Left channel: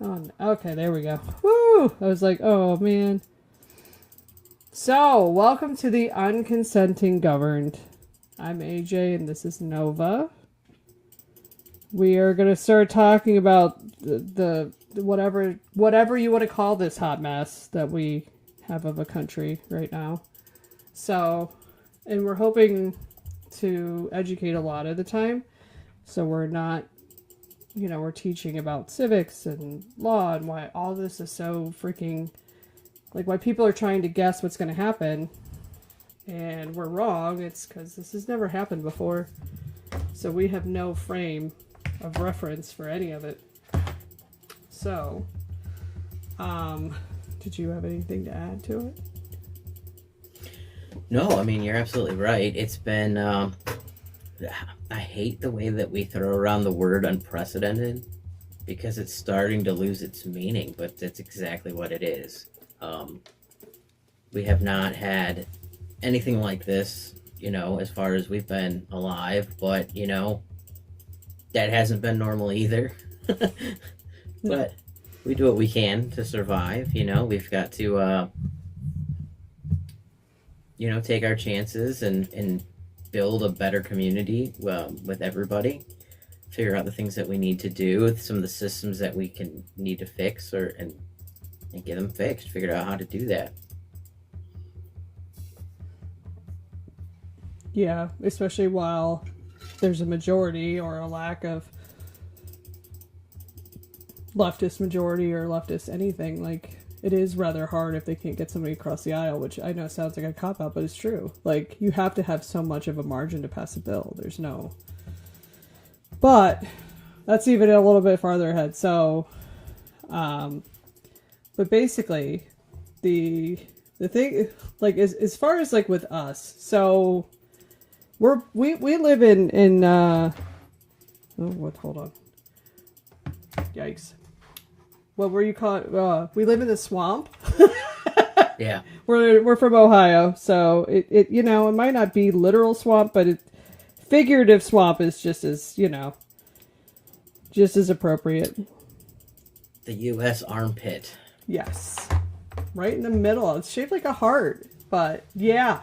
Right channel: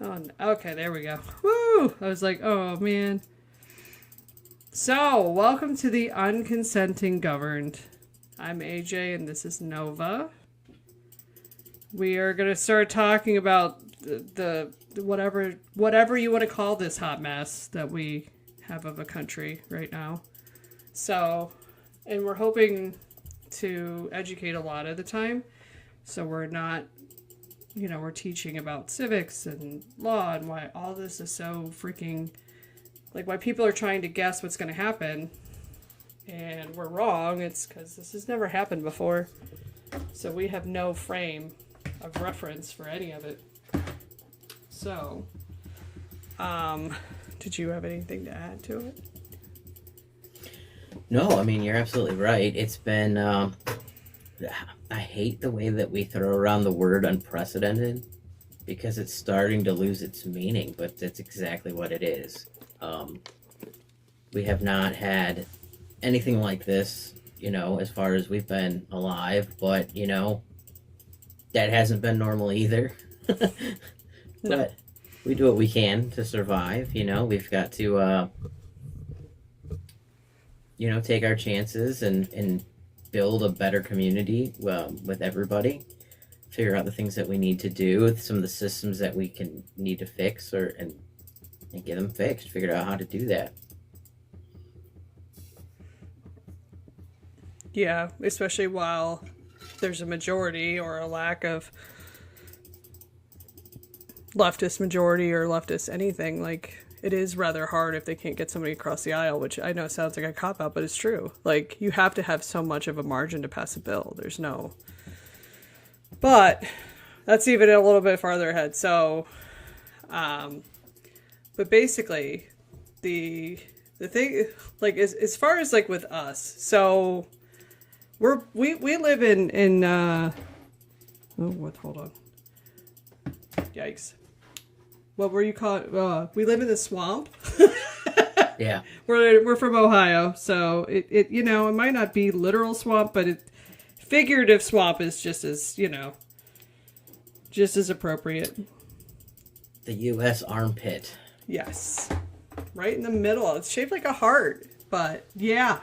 Oh, okay, there we go. Woo! I was like, oh man. So, welcome to the Unconsenting Governed. I'm AJ and this is Nova. We are going to start talking about the whatever you want to call this hot mess that we have of a country right now. So, and we're hoping to educate a lot of the time. So we're not, we're teaching about civics and law and why all this is so freaking, like why people are trying to guess what's going to happen. And we're wrong. It's because this has never happened before. So we have no frame of reference for any of it. So, did you have anything to add to it? No, I mean, you're absolutely right. It's been, I hate the way that we throw around the word unprecedented because it's starting to lose its meaning, but that's exactly what it is. We have not had anything like this, as far as we've been alive, but, that hasn't been normal either. But we do what we can to survive, we've got to, take our chances and build a better community with everybody, figure out the things that we need to do, some of the systems that we need to fix and get them fixed, figure out how to do that. Yeah, especially while there's a majority or a lack of leftist majority or leftist anything, like it is rather hard if they can't get somebody across the aisle, which I know sounds like a cop-out, but it's true. Like, you have to have so much of a margin to pass a bill. There's no... But that's even a little bit farther ahead. So, but basically, the thing, like, as far as, like, with us, so we live in hold on. Yikes. What were you called? We live in the swamp. Yeah. We're from Ohio, so it might not be literal swamp, but figurative swamp is just as appropriate. The U.S. armpit. Yes. Right in the middle. It's shaped like a heart, but yeah.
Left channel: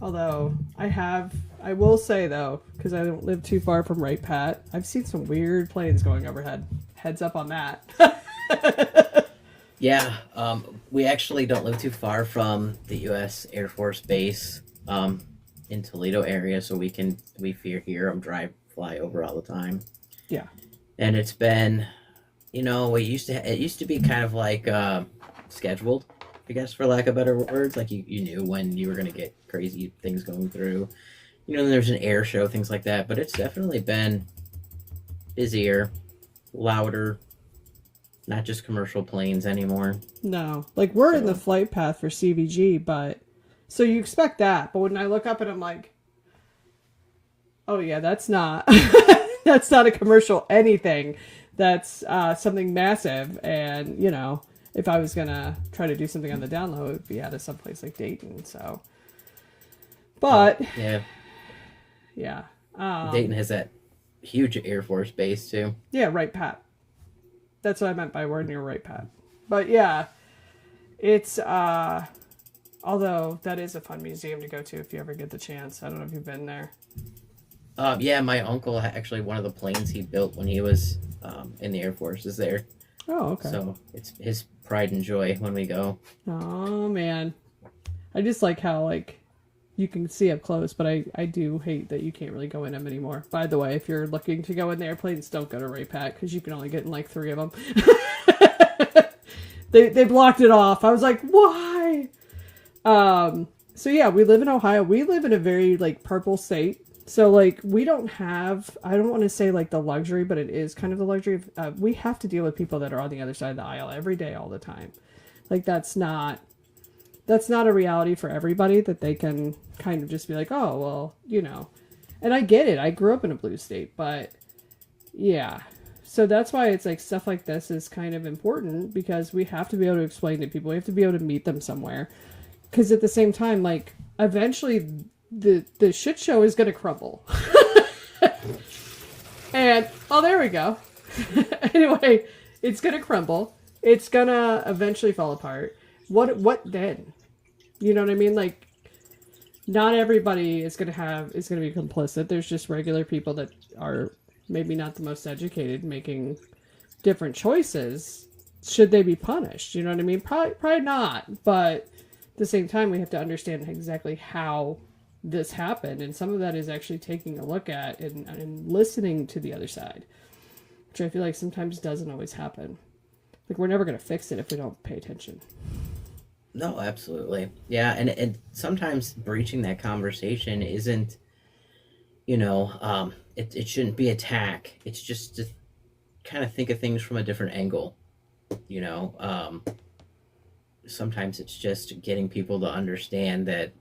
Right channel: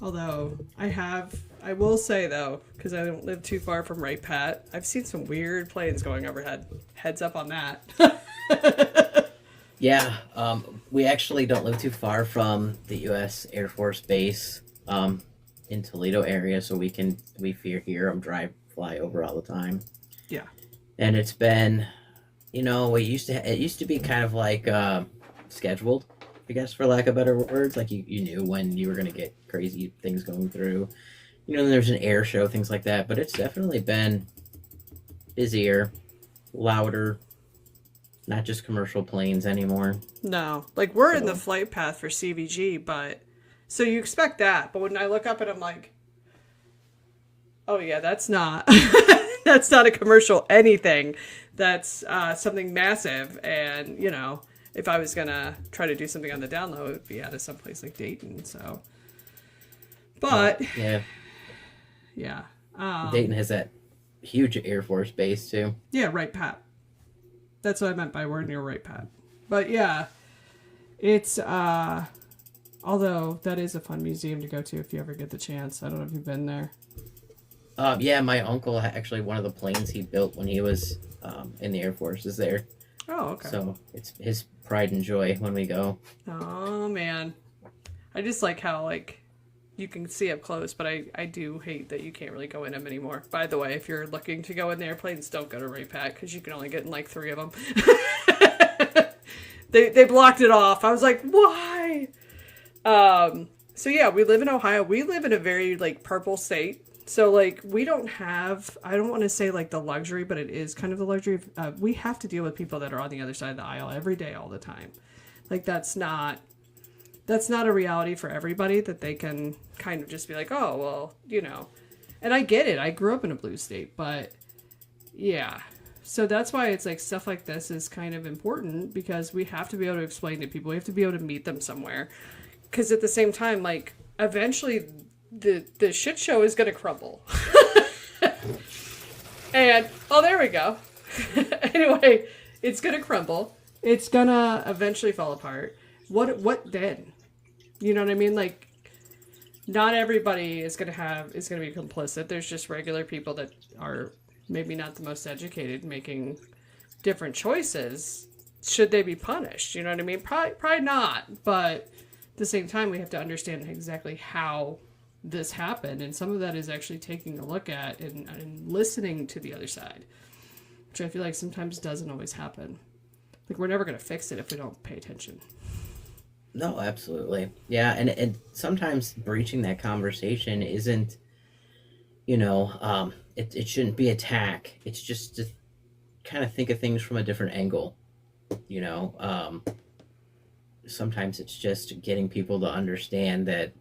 Although I will say though, because I don't live too far from Right Pat, I've seen some weird planes going overhead. Heads up on that. Yeah, we actually don't live too far from the U.S. Air Force Base in Toledo area, so we hear them fly over all the time. Yeah, and it's been, it used to be kind of like scheduled, I guess, for lack of better words. Like you knew when you were going to get crazy things going through. There's an air show, things like that. But it's definitely been busier, louder, not just commercial planes anymore. No, like we're in the flight path for CVG, but so you expect that. But when I look up and I'm like, oh yeah, that's not that's not a commercial anything. That's something massive, and if I was gonna try to do something on the down low, it would be out of someplace like Dayton. So, but yeah. Dayton has that huge Air Force base too. Yeah, Right Pat. That's what I meant by we're near Right Pat. But yeah, it's although that is a fun museum to go to if you ever get the chance. I don't know if you've been there. Yeah, my uncle actually, one of the planes he built when he was in the Air Force is there. Oh, okay. So it's his pride and joy when we go. Oh man, I just like how you can see up close, but I do hate that you can't really go in them anymore. By the way, if you're looking to go in the airplanes, don't go to Ray Pat because you can only get in like 3 of them. They blocked it off. I was like, why? So yeah, we live in Ohio. We live in a very purple state. So we don't have, I don't want to say the luxury, but it is kind of the luxury of, we have to deal with people that are on the other side of the aisle every day, all the time. That's not a reality for everybody that they can kind of just be like, oh, well, and I get it. I grew up in a blue state, but yeah. So that's why it's stuff like this is kind of important because we have to be able to explain to people. We have to be able to meet them somewhere. Because at the same time, eventually the shit show is going to crumble. And, oh, there we we go. Anyway, it's gonna crumble. It's gonna eventually fall apart. What then? You know what I mean? Like, not everybody is gonna be complicit. There's just regular people that are maybe not the most educated making different choices. Should they be punished? You know what I mean? Probably not. But at the same time, we have to understand exactly how this happened, and some of that is actually taking a look at and listening to the other side, which I feel like sometimes doesn't always happen. Like, we're never going to fix it if we don't pay attention. No, absolutely. Yeah, and sometimes breaching that conversation isn't, it shouldn't be attack. It's just to kind of think of things from a different angle, you know. Sometimes it's just getting people to understand that,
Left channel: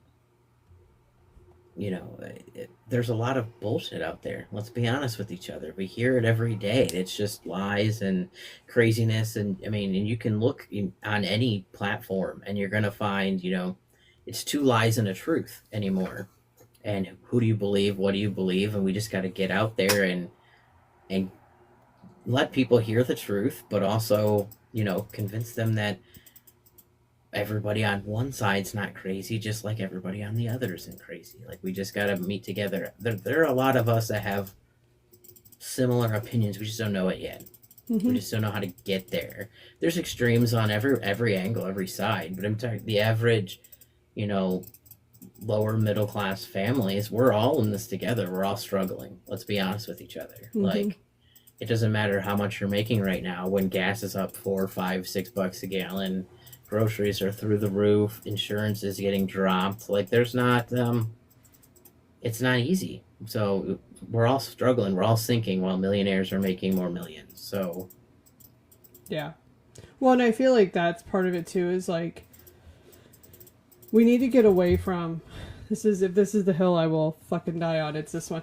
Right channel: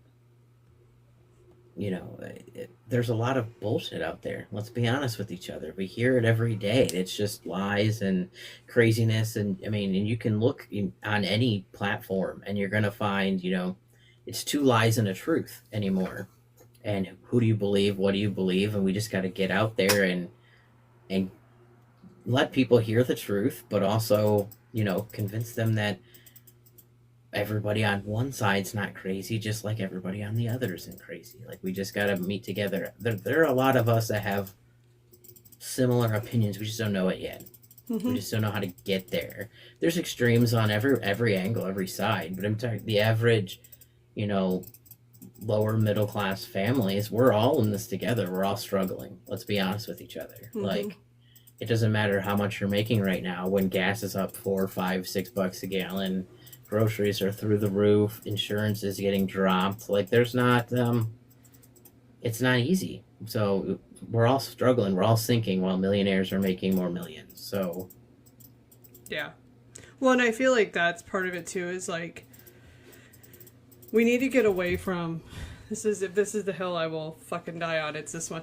there's a lot of bullshit out there. Let's be honest with each other. We hear it every day. It's just lies and craziness. And I mean, and you can look on any platform and you're going to find, it's two lies and a truth anymore. And who do you believe? What do you believe? And we just got to get out there and let people hear the truth, but also, convince them that everybody on one side's not crazy, just like everybody on the other isn't crazy. Like, we just got to meet together. There are a lot of us that have similar opinions. We just don't know it yet. Mm-hmm. We just don't know how to get there. There's extremes on every angle, every side. But I'm talking the average, lower middle class families. We're all in this together. We're all struggling. Let's be honest with each other. Mm-hmm. Like, it doesn't matter how much you're making right now when gas is up $4, $5, $6 a gallon. Groceries are through the roof. Insurance is getting dropped. Like, there's not, it's not easy. So we're all struggling. We're all sinking while millionaires are making more millions. So. Yeah. Well, and I feel like that's part of it too, is like, we need to get away from, if this is the hill I will fucking die on, it's this one.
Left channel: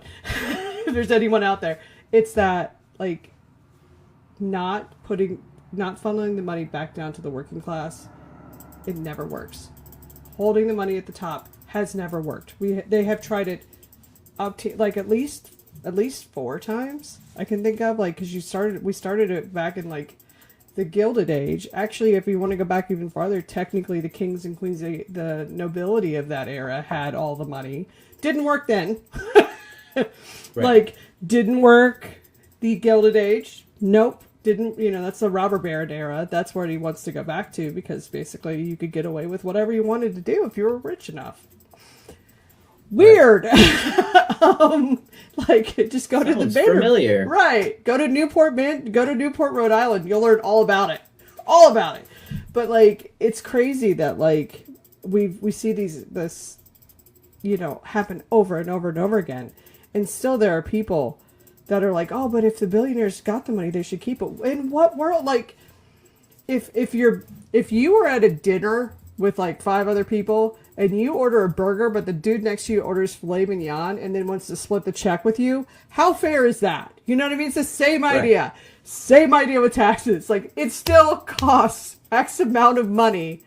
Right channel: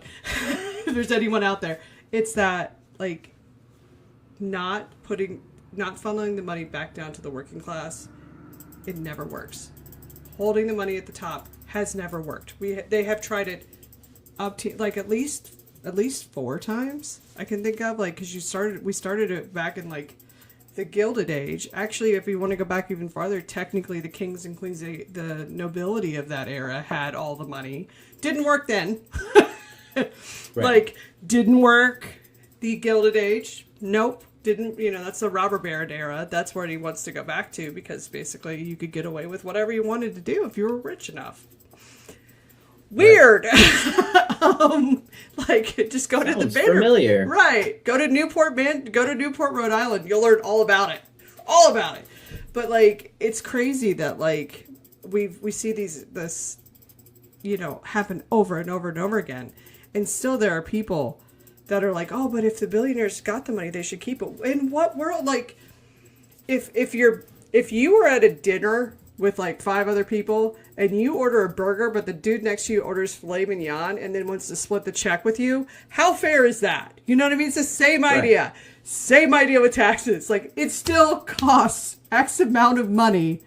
If there's anyone out there, it's that, like, not funneling the money back down to the working class. It never works. Holding the money at the top has never worked. They have tried it up to, like, at least 4 times I can think of, like, because we started it back in, like, the Gilded Age. Actually, if you want to go back even farther, technically the kings and queens, the nobility of that era had all the money. Didn't work then. Right. Like, didn't work the Gilded Age. Nope. Didn't, that's the robber baron era. That's where he wants to go back to, because basically you could get away with whatever you wanted to do if you were rich enough. Weird. Right. Like, just go to the banner. Familiar. Right. Go to Newport, Rhode Island. You'll learn all about it. All about it. But, like, it's crazy that, like, we see this happen over and over and over again. And still there are people that are like, oh, but if the billionaires got the money, they should keep it. In what world? Like, if you were at a dinner with like 5 other people and you order a burger, but the dude next to you orders filet mignon and then wants to split the check with you, how fair is that? You know what I mean? It's the same idea. Right. Same idea with taxes. Like, it still costs X amount of money.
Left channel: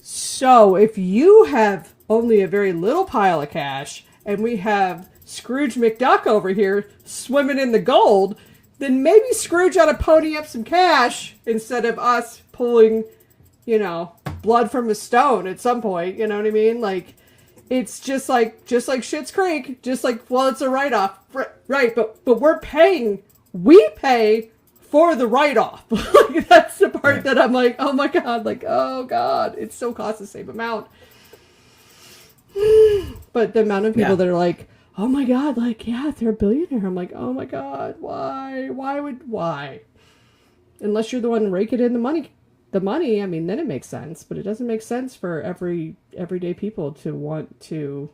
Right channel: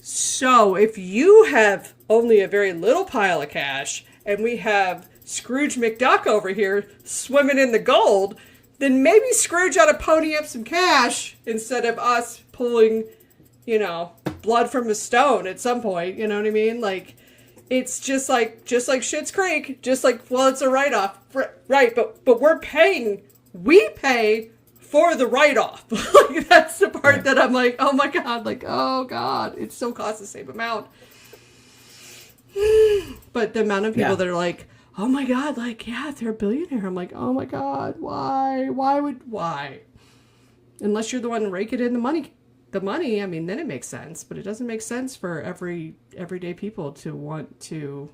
So if you have only a very little pile of cash and we have Scrooge McDuck over here swimming in the gold, then maybe Scrooge ought to pony up some cash instead of us pulling, blood from a stone at some point. You know what I mean? Like, it's just like Schitt's Creek, just like, well, it's a write-off. Right, but we pay for the write-off. Like, that's the part right. That I'm like, oh my God, it still costs the same amount. But the amount of people that are like, oh my God, like, yeah, they're a billionaire. I'm like, oh my God, why? Why? Unless you're the one raking in the money, I mean, then it makes sense. But it doesn't make sense for everyday people to want to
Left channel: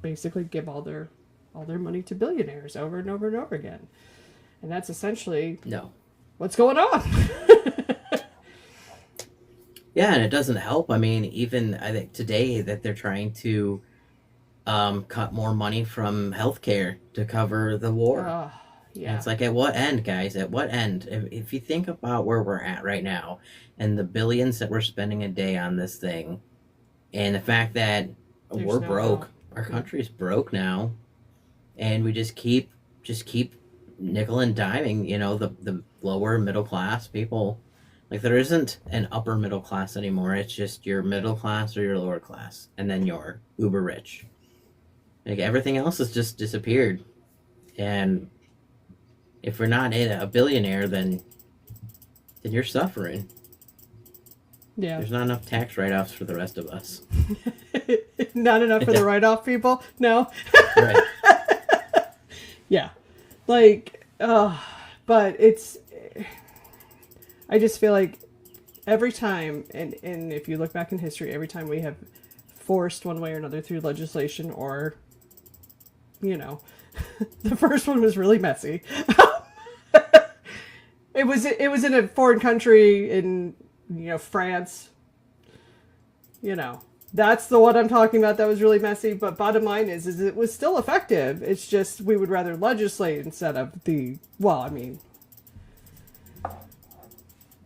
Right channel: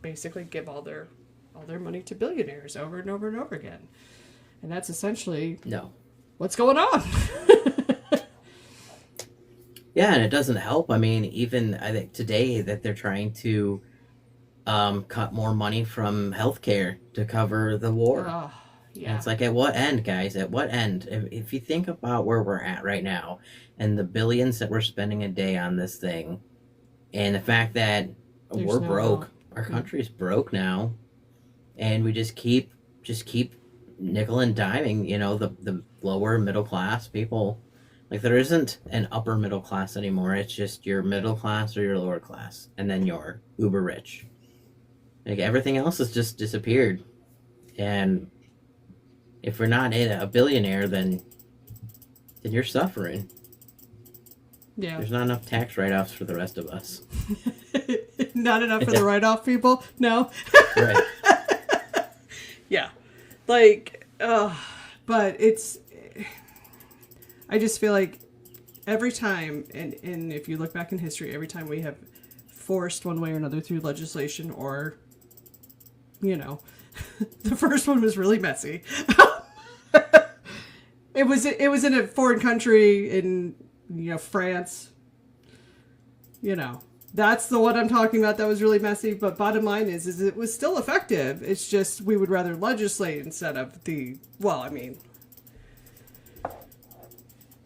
basically give all their money to billionaires over and over and over again. And that's essentially what's going on. Yeah, and it doesn't help. I mean, even I think today that they're trying to cut more money from healthcare to cover the war. Yeah. And it's like, at what end, guys? At what end? If you think about where we're at right now and the billions that we're spending a day on this thing, and the fact that we're broke, our country's broke now, and we just keep nickel and diming, the lower middle class people. Like, there isn't an upper middle class anymore. It's just your middle class or your lower class, and then you're uber rich. Like, everything else has just disappeared. And if we're not a billionaire, then you're suffering. Yeah. There's not enough tax write-offs for the rest of us. Not enough for the write-off people? No. Right. Yeah. Like, but it's, I just feel like every time, and if you look back in history, every time we have forced one way or another through legislation or, the first one was really messy. It was in a foreign country in, France. That's the one I'm talking about that was really messy. But bottom line is it was still effective. It's just we would rather legislate instead of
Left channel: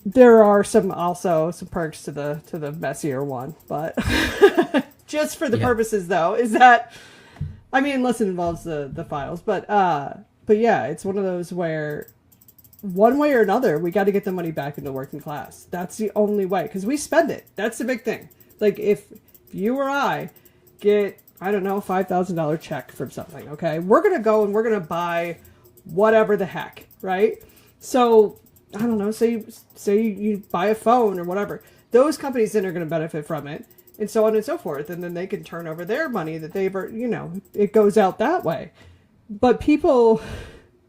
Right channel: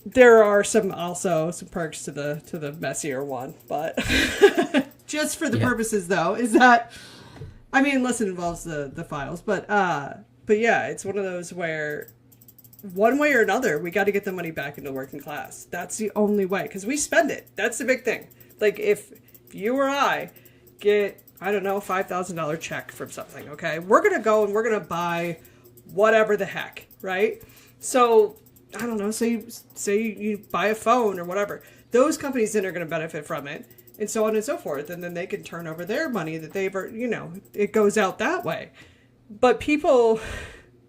there are some perks to the messier one, but just for the purposes though, is that, unless it involves the files, but yeah, it's one of those where one way or another, we got to get the money back into working class. That's the only way, because we spend it. That's the big thing. Like, if you or I get, I don't know, $5,000 check from something, okay? We're going to go and we're going to buy whatever the heck, right? So, I don't know, say you buy a phone or whatever. Those companies then are going to benefit from it, and so on and so forth. And then they can turn over their money that they've, it goes out that way. But people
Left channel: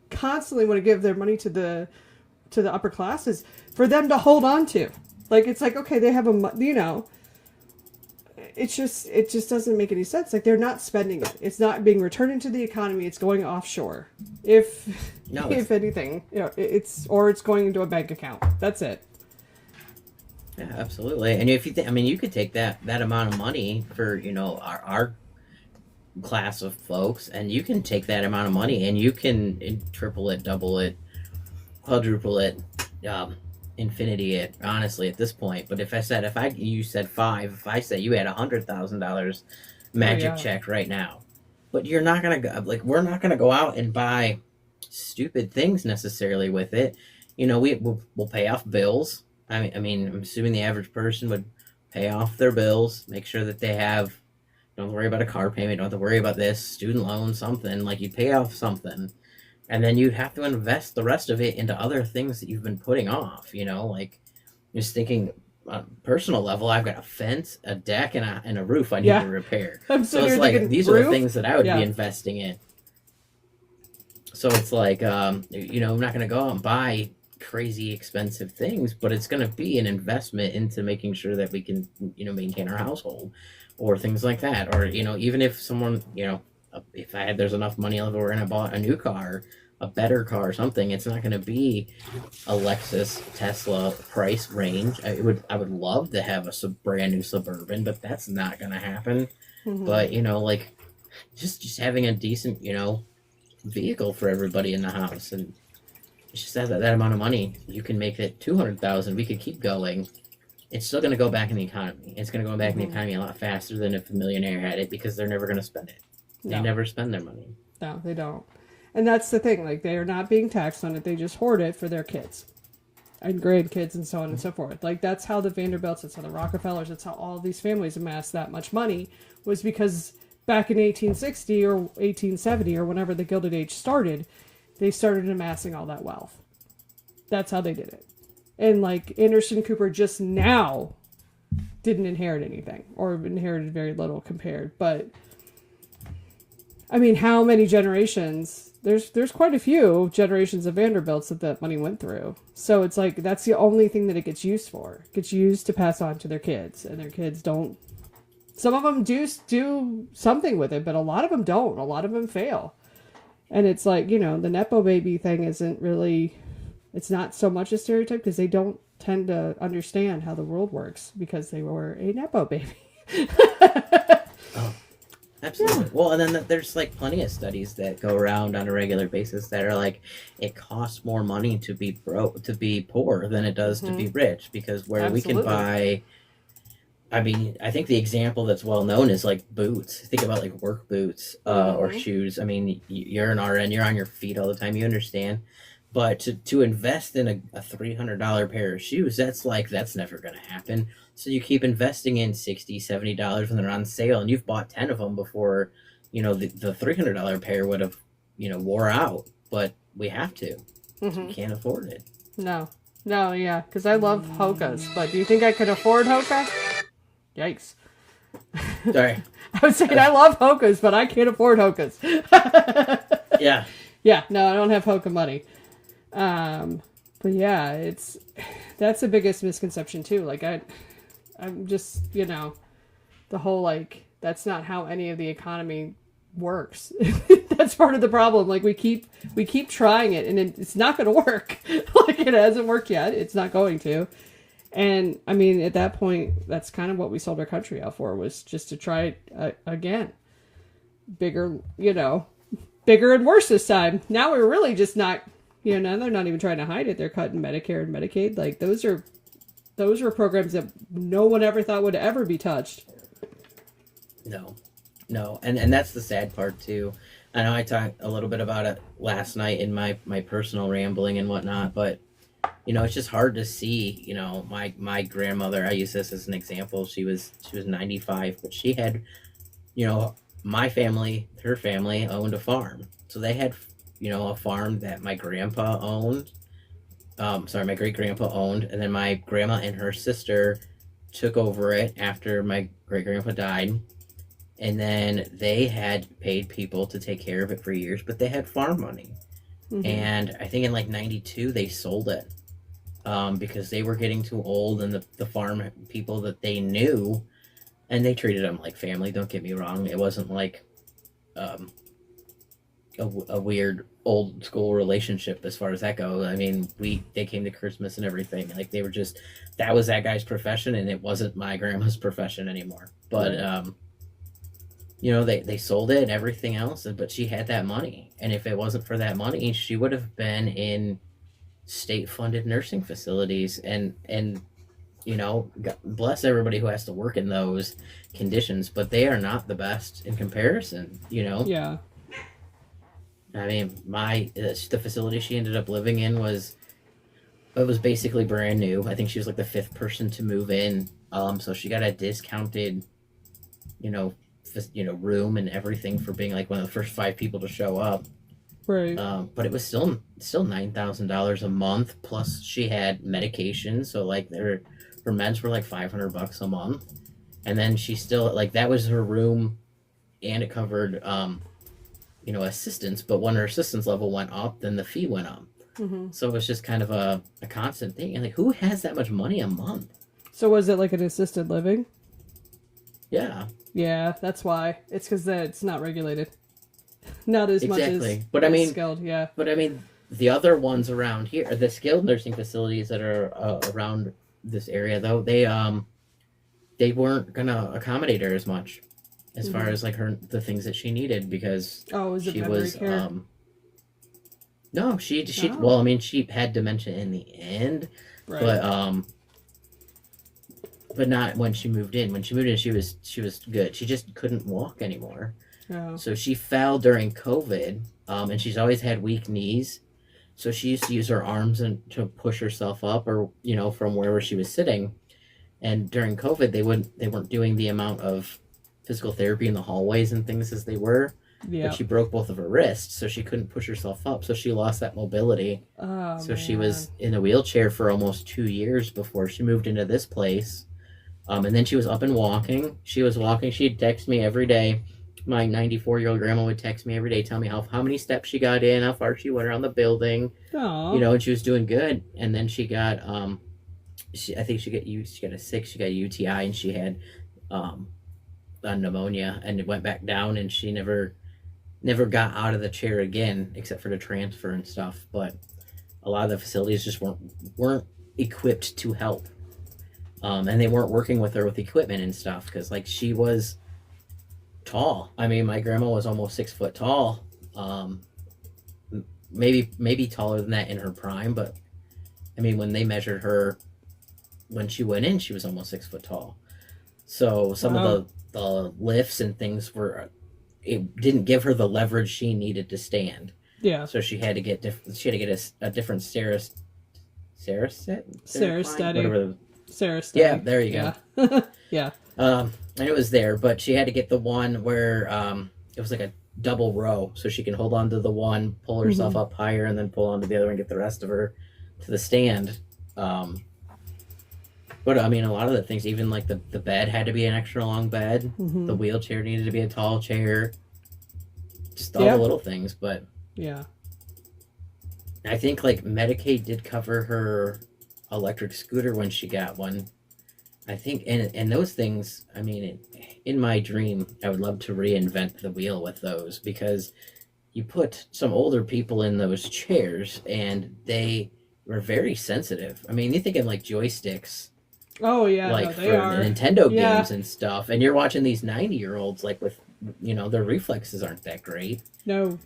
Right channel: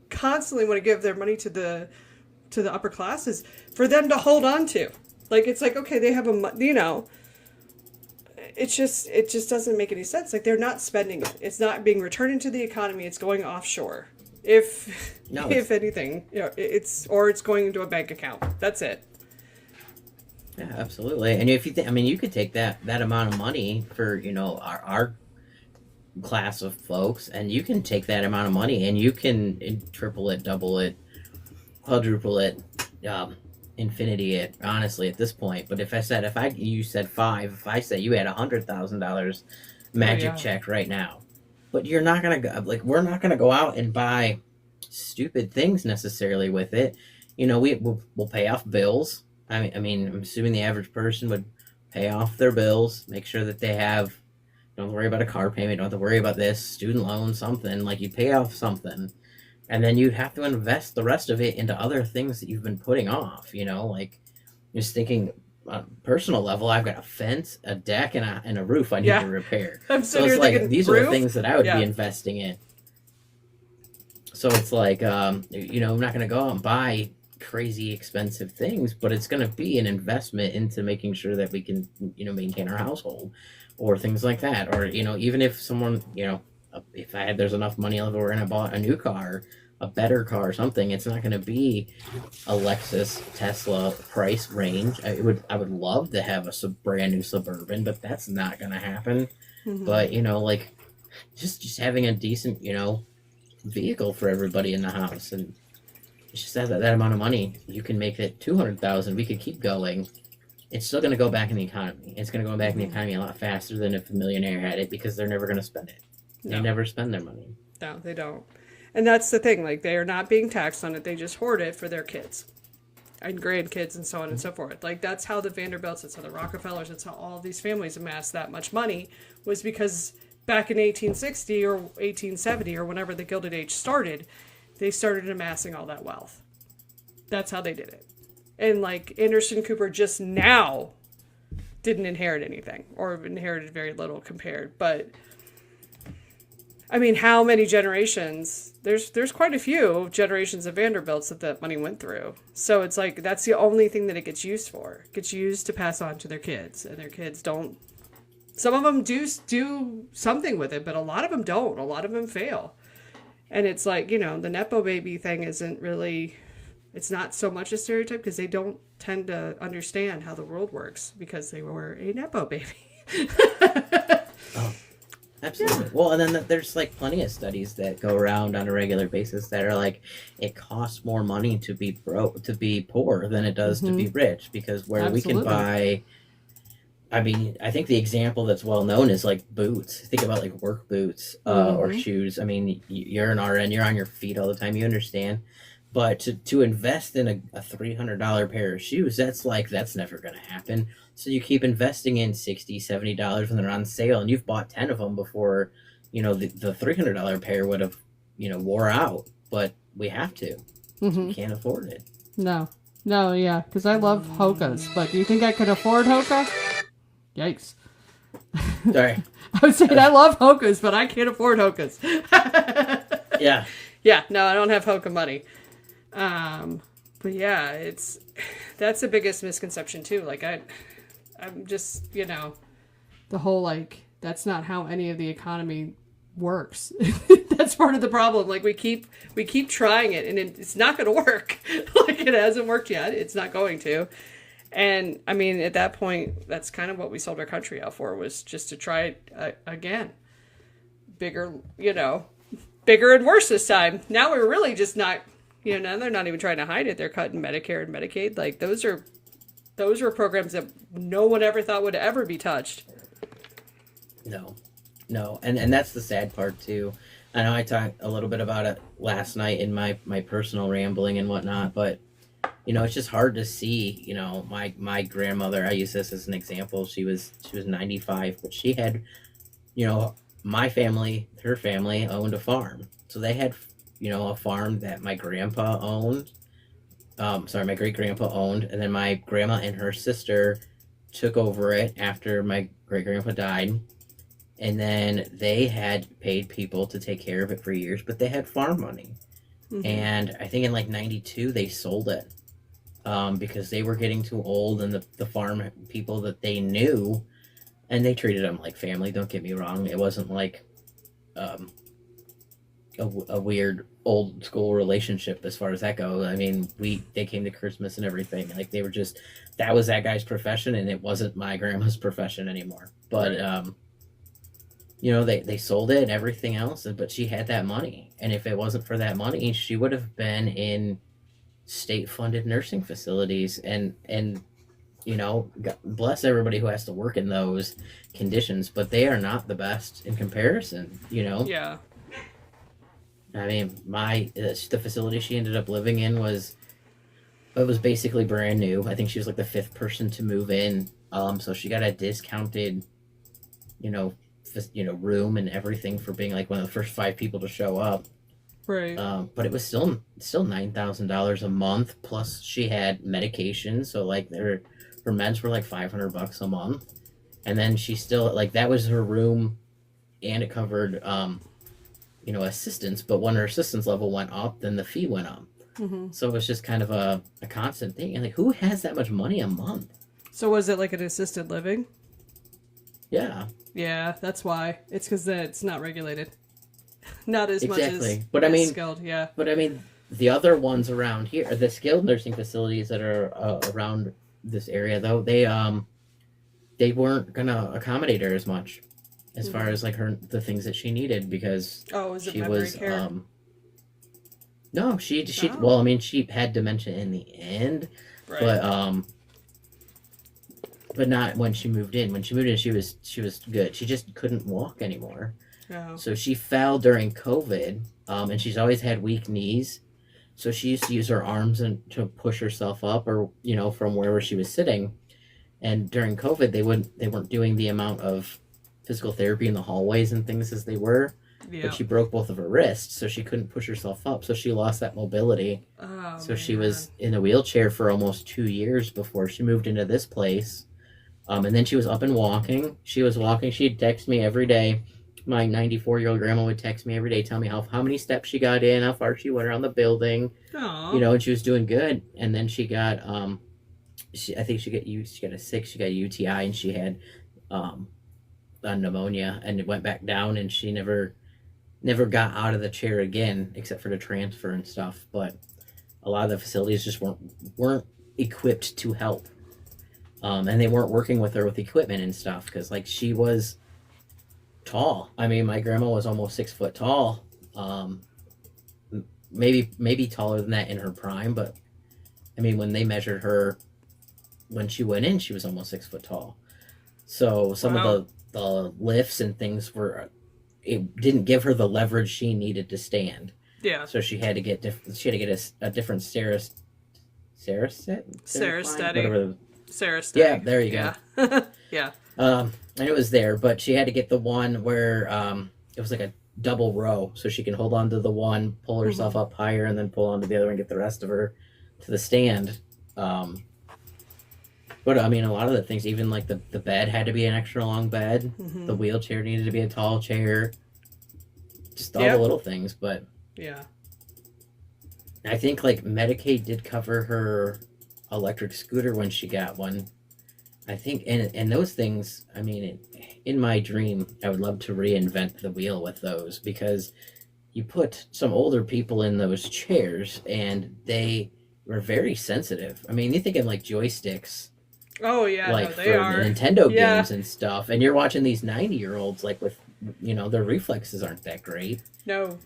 constantly want to give their money to the upper classes for them to hold on to. Like, it's like, okay, they have it just doesn't make any sense. Like, they're not spending it. It's not being returned into the economy. It's going offshore. If anything, it's going into a bank account. That's it. Yeah, absolutely. And if you you could take that amount of money for, our class of folks, and you can take that amount of money and you can triple it, double it, quadruple it, infinity it, honestly, at this point. But if you said five, if I said you had $100,000 magic check right now, but you're not gonna go, like, we're not gonna go out and buy stupid things necessarily with it. We'll pay off bills. I'm assuming the average person would pay off their bills, make sure that they have, don't have to worry about a car payment, don't have to worry about this, student loan, something. Like, you pay off something, and then you'd have to invest the rest of it into other things that you've been putting off, like, just thinking on a personal level, I've got a fence, a deck, and a roof I need to repair. So it's like, these are the things that I would be investing in. So it's like, I'm not going to go out and buy crazy expensive things, but it's going to be an investment into making sure that we can, maintain our household, or things like that. Or, even if someone, if there's enough money left over and I bought a new car, a better car or something, it's not going to be a Lexus, Tesla price range. I would love to have a brand new Suburban, but that's not going to happen. Mm-hmm. But, like, just having a decent, vehicle for everybody in the house, and it's just that amount of money, you can make it 200,000. We could keep going. It's still going to go back in the economy. It's going to go back in the economy a lot faster than if a millionaire had it, because they're never going to spend it. They never spend their money. No, they don't. And that's the thing. Like, they are not being taxed on it. They just hoard it for their kids and grandkids and so on and so forth. Like, that's how the Vanderbilts, that's how the Rockefellers, that's how all these families amassed that much money, was because back in 1860 or 1870 or whenever the Gilded Age started, they started amassing all that wealth. That's how they did it. And, like, Anderson Cooper just now didn't inherit anything, or inherited very little compared. But, how many generations? There's quite a few generations of Vanderbilts that money went through. So it's like, that's the only thing that it gets used for. It gets used to pass on to their kids, and their kids don't. Some of them do something with it, but a lot of them don't. A lot of them fail. And it's like, the Nepo baby thing isn't really, it's not so much a stereotype, because they don't tend to understand how the world works because they were a Nepo baby. Oh, absolutely. Yeah. Well, and then there's, like, plenty of studies that go around on a regular basis that are like, it costs more money to be poor than it does to be rich, because where we can buy I mean, I think the example that's well known is like boots. Think about like work boots or Mm-hmm. shoes. I mean, you're an RN, you're on your feet all the time, you understand. But to invest in a $300 pair of shoes, that's never going to happen. So you keep investing in $60, $70 when they're on sale, and you've bought 10 of them before, the $300 pair would have, wore out. But we have to. We Mm-hmm. can't afford it. No. No, yeah, because I love Hokas, but do you think I could afford Hoka? Yikes. Sorry. I was saying I love Hokas, but I can't afford Hokas. Yeah. Yeah, no, I don't have Hoka money. But yeah, that's the biggest misconception too. Like I'm just, the whole like that's not how any of the economy works. That's part of the problem. Like we keep trying it and it's not going to work. Like it hasn't worked yet. It's not going to. And I mean, at that point, that's kind of what we sold our country out for, was just to try it again. Bigger, bigger and worse this time. Now we're really just not, now they're not even trying to hide it. They're cutting Medicare and Medicaid. Like those were programs that no one ever thought would ever be touched. No, and that's the sad part too. I know I talked a little bit about it last night in my personal rambling and whatnot, but it's just hard to see. My grandmother. I use this as an example. She was 95, but she had, my family, her family owned a farm, so they had, a farm that my grandpa owned. Sorry, my great grandpa owned, and then my grandma and her sister took over it after my great grandpa died. And then they had paid people to take care of it for years, but they had farm money. Mm-hmm. And I think in like 92, they sold it because they were getting too old, and the farm people that they knew, and they treated them like family, don't get me wrong. It wasn't like a weird old school relationship as far as that goes. I mean, they came to Christmas and everything. Like they were just, that was that guy's profession, and it wasn't my grandma's profession anymore. But, they sold it and everything else, but she had that money. And if it wasn't for that money, she would have been in state-funded nursing facilities. And God bless everybody who has to work in those conditions, but they are not the best in comparison, Yeah. I mean, the facility she ended up living in was basically brand new. I think she was like the fifth person to move in. So she got a discounted, room and everything for being like one of the first 5 people to show up. Right. But it was still $9,000 a month, plus she had medication. So like her meds were like $500 a month, and then she still, like, that was her room, and it covered assistance. But when her assistance level went up, then the fee went up. Mm-hmm. So it was just kind of a constant thing. And like, who has that much money a month? So was it like an assisted living? Yeah. Yeah, that's why. It's because it's not regulated. Not as much as, but I mean, skilled, yeah. But I mean, the other ones around here, the skilled nursing facilities that are around this area, though, they weren't gonna accommodate her as much, as far as like the things that she needed, because she was care? No, she Oh. well, I mean, she had dementia in the end, Right. but not when she moved in. When she moved in, she was good. She just couldn't walk anymore. Oh. So she fell during COVID, and she's always had weak knees. So she used to use her arms to push herself up, or from wherever she was sitting. And during COVID, they weren't doing the amount of physical therapy in the hallways and things as they were. Yeah. But she broke both of her wrists, so she couldn't push herself up. So she lost that mobility. Oh, so she was in a wheelchair for almost 2 years before she moved into this place. And then she was up and walking. She was walking. She'd text me every day. My 94-year-old grandma would text me every day, tell me how many steps she got in, how far she went around the building. Aww. And she was doing good. And then she got I think she got a UTI, and she had a pneumonia, and it went back down, and she never got out of the chair again, except for the transfer and stuff. But a lot of the facilities just weren't equipped to help. And they weren't working with her with equipment and stuff, because like she was tall. I mean, my grandma was almost 6 foot tall. Maybe taller than that in her prime, but I mean, when they measured her when she went in, she was almost 6 foot tall. So some Wow. of the lifts and things were, it didn't give her the leverage she needed to stand. Yeah. So she had to get a different Sarah Line, Steady. whatever. Sarah Steady. Yeah, there you go. Yeah. Yeah. And it was there, but she had to get the one where it was like a double row, so she can hold on to the one, pull herself up higher, and then pull onto the other one, and get the rest of her to the stand. But I mean, a lot of the things, even like the bed had to be an extra long bed. The wheelchair needed to be a tall chair. Just all the little things, but yeah. I think like Medicaid did cover her electric scooter when she got one. I think, and those things, I mean, in my dream, I would love to reinvent the wheel with those, because you put some older people in those chairs and they were very sensitive. I mean, you're thinking like joysticks, Oh yeah. like No, they for are. Nintendo Yeah. games and stuff, and you're watching these 90-year-olds like with, their reflexes aren't that great, No.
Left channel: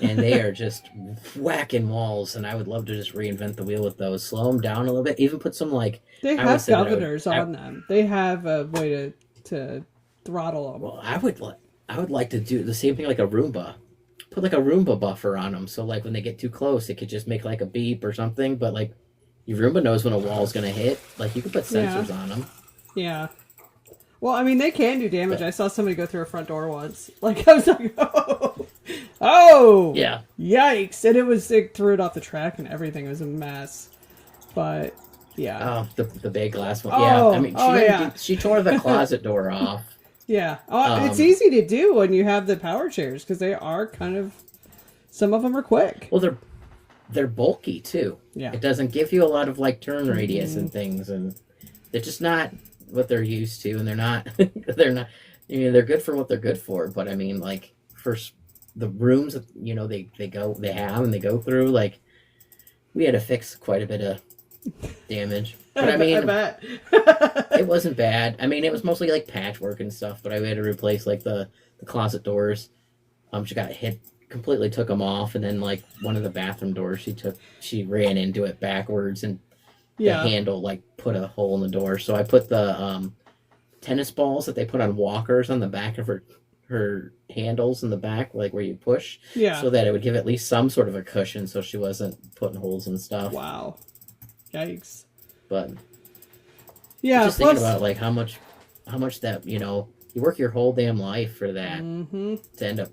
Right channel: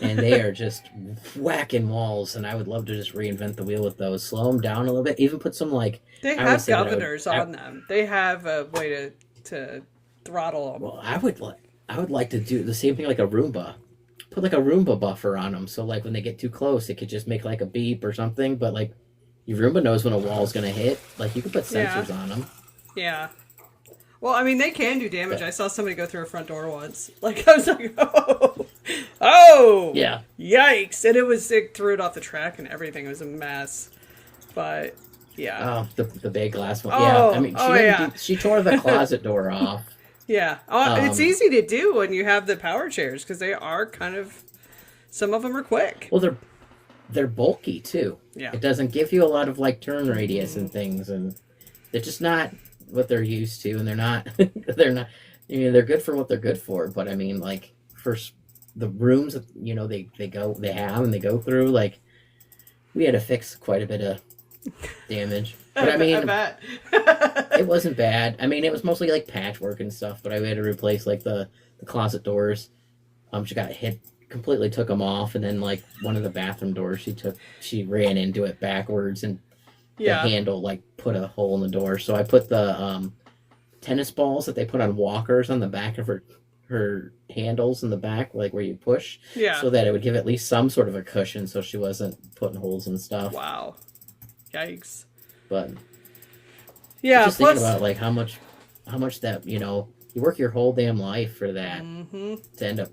and they are just whacking walls. And I would love to just reinvent the wheel with those, slow them down a little bit, even put some like. They I would have say that I would- governors on them. They have a way to throttle them. Well, I would like to do the same thing like a Roomba. Put like a Roomba buffer on them, so like when they get too close, it could just make like a beep or something. But like your Roomba knows when a wall's gonna hit. Like you could put sensors on them. Yeah. Well, I mean, they can do damage. I saw somebody go through a front door once. Like, I was like, oh, Yeah. yikes! And it threw it off the track and everything. It was a mess. But yeah, Oh, the big glass one. Oh, Yeah, I mean, yeah. she tore the closet door off. yeah. Oh, it's easy to do when you have the power chairs, because they are kind of. Some of them are quick. Well, they're bulky too. Yeah. It doesn't give you a lot of like turn radius and things, and they're just not what they're used to, and they're not. They're not. I mean, they're good for what they're good for, but I mean, like for the rooms that they go through, like we had to fix quite a bit of damage. But I mean, bet. it wasn't bad. I mean, it was mostly like patchwork and stuff, but I had to replace like the closet doors. She got hit, completely took them off, and then like one of the bathroom doors, she ran into it backwards, and the handle like put a hole in the door. So I put the tennis balls that they put on walkers on the back of her handles in the back, like where you push, so that it would give at least some sort of a cushion, so she wasn't putting holes and stuff. Wow. Yikes. But yeah, just thinking about like how much that you work your whole damn life for that to end up.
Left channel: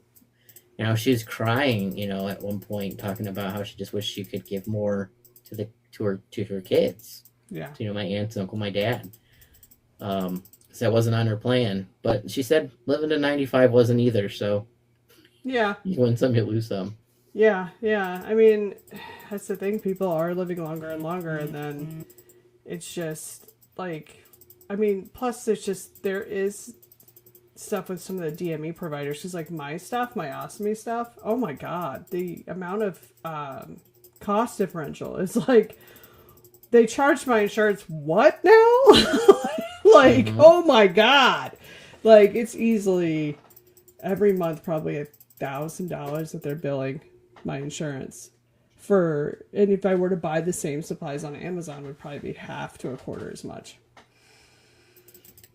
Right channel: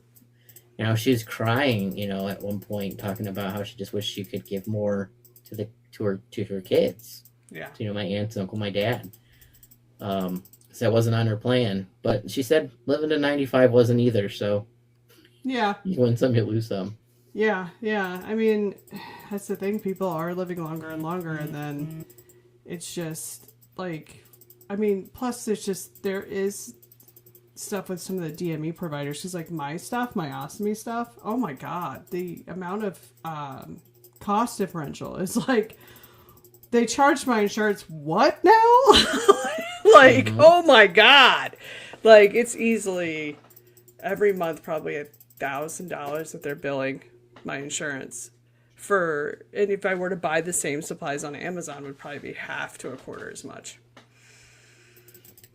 She's crying, at one point, talking about how she just wished she could give more to her kids. Yeah. To, my aunts, uncle, my dad. So that wasn't on her plan. But she said living to 95 wasn't either. So yeah, you win some, you lose some. Yeah. I mean, that's the thing. People are living longer and longer, and then it's just like, I mean, plus there is stuff with some of the DME providers, because like my ostomy stuff, oh my god, the amount of cost differential is like, they charged my insurance what now? Like, oh my god, like it's easily every month probably $1,000 that they're billing my insurance for, and if I were to buy the same supplies on Amazon, it would probably be half to a quarter as much.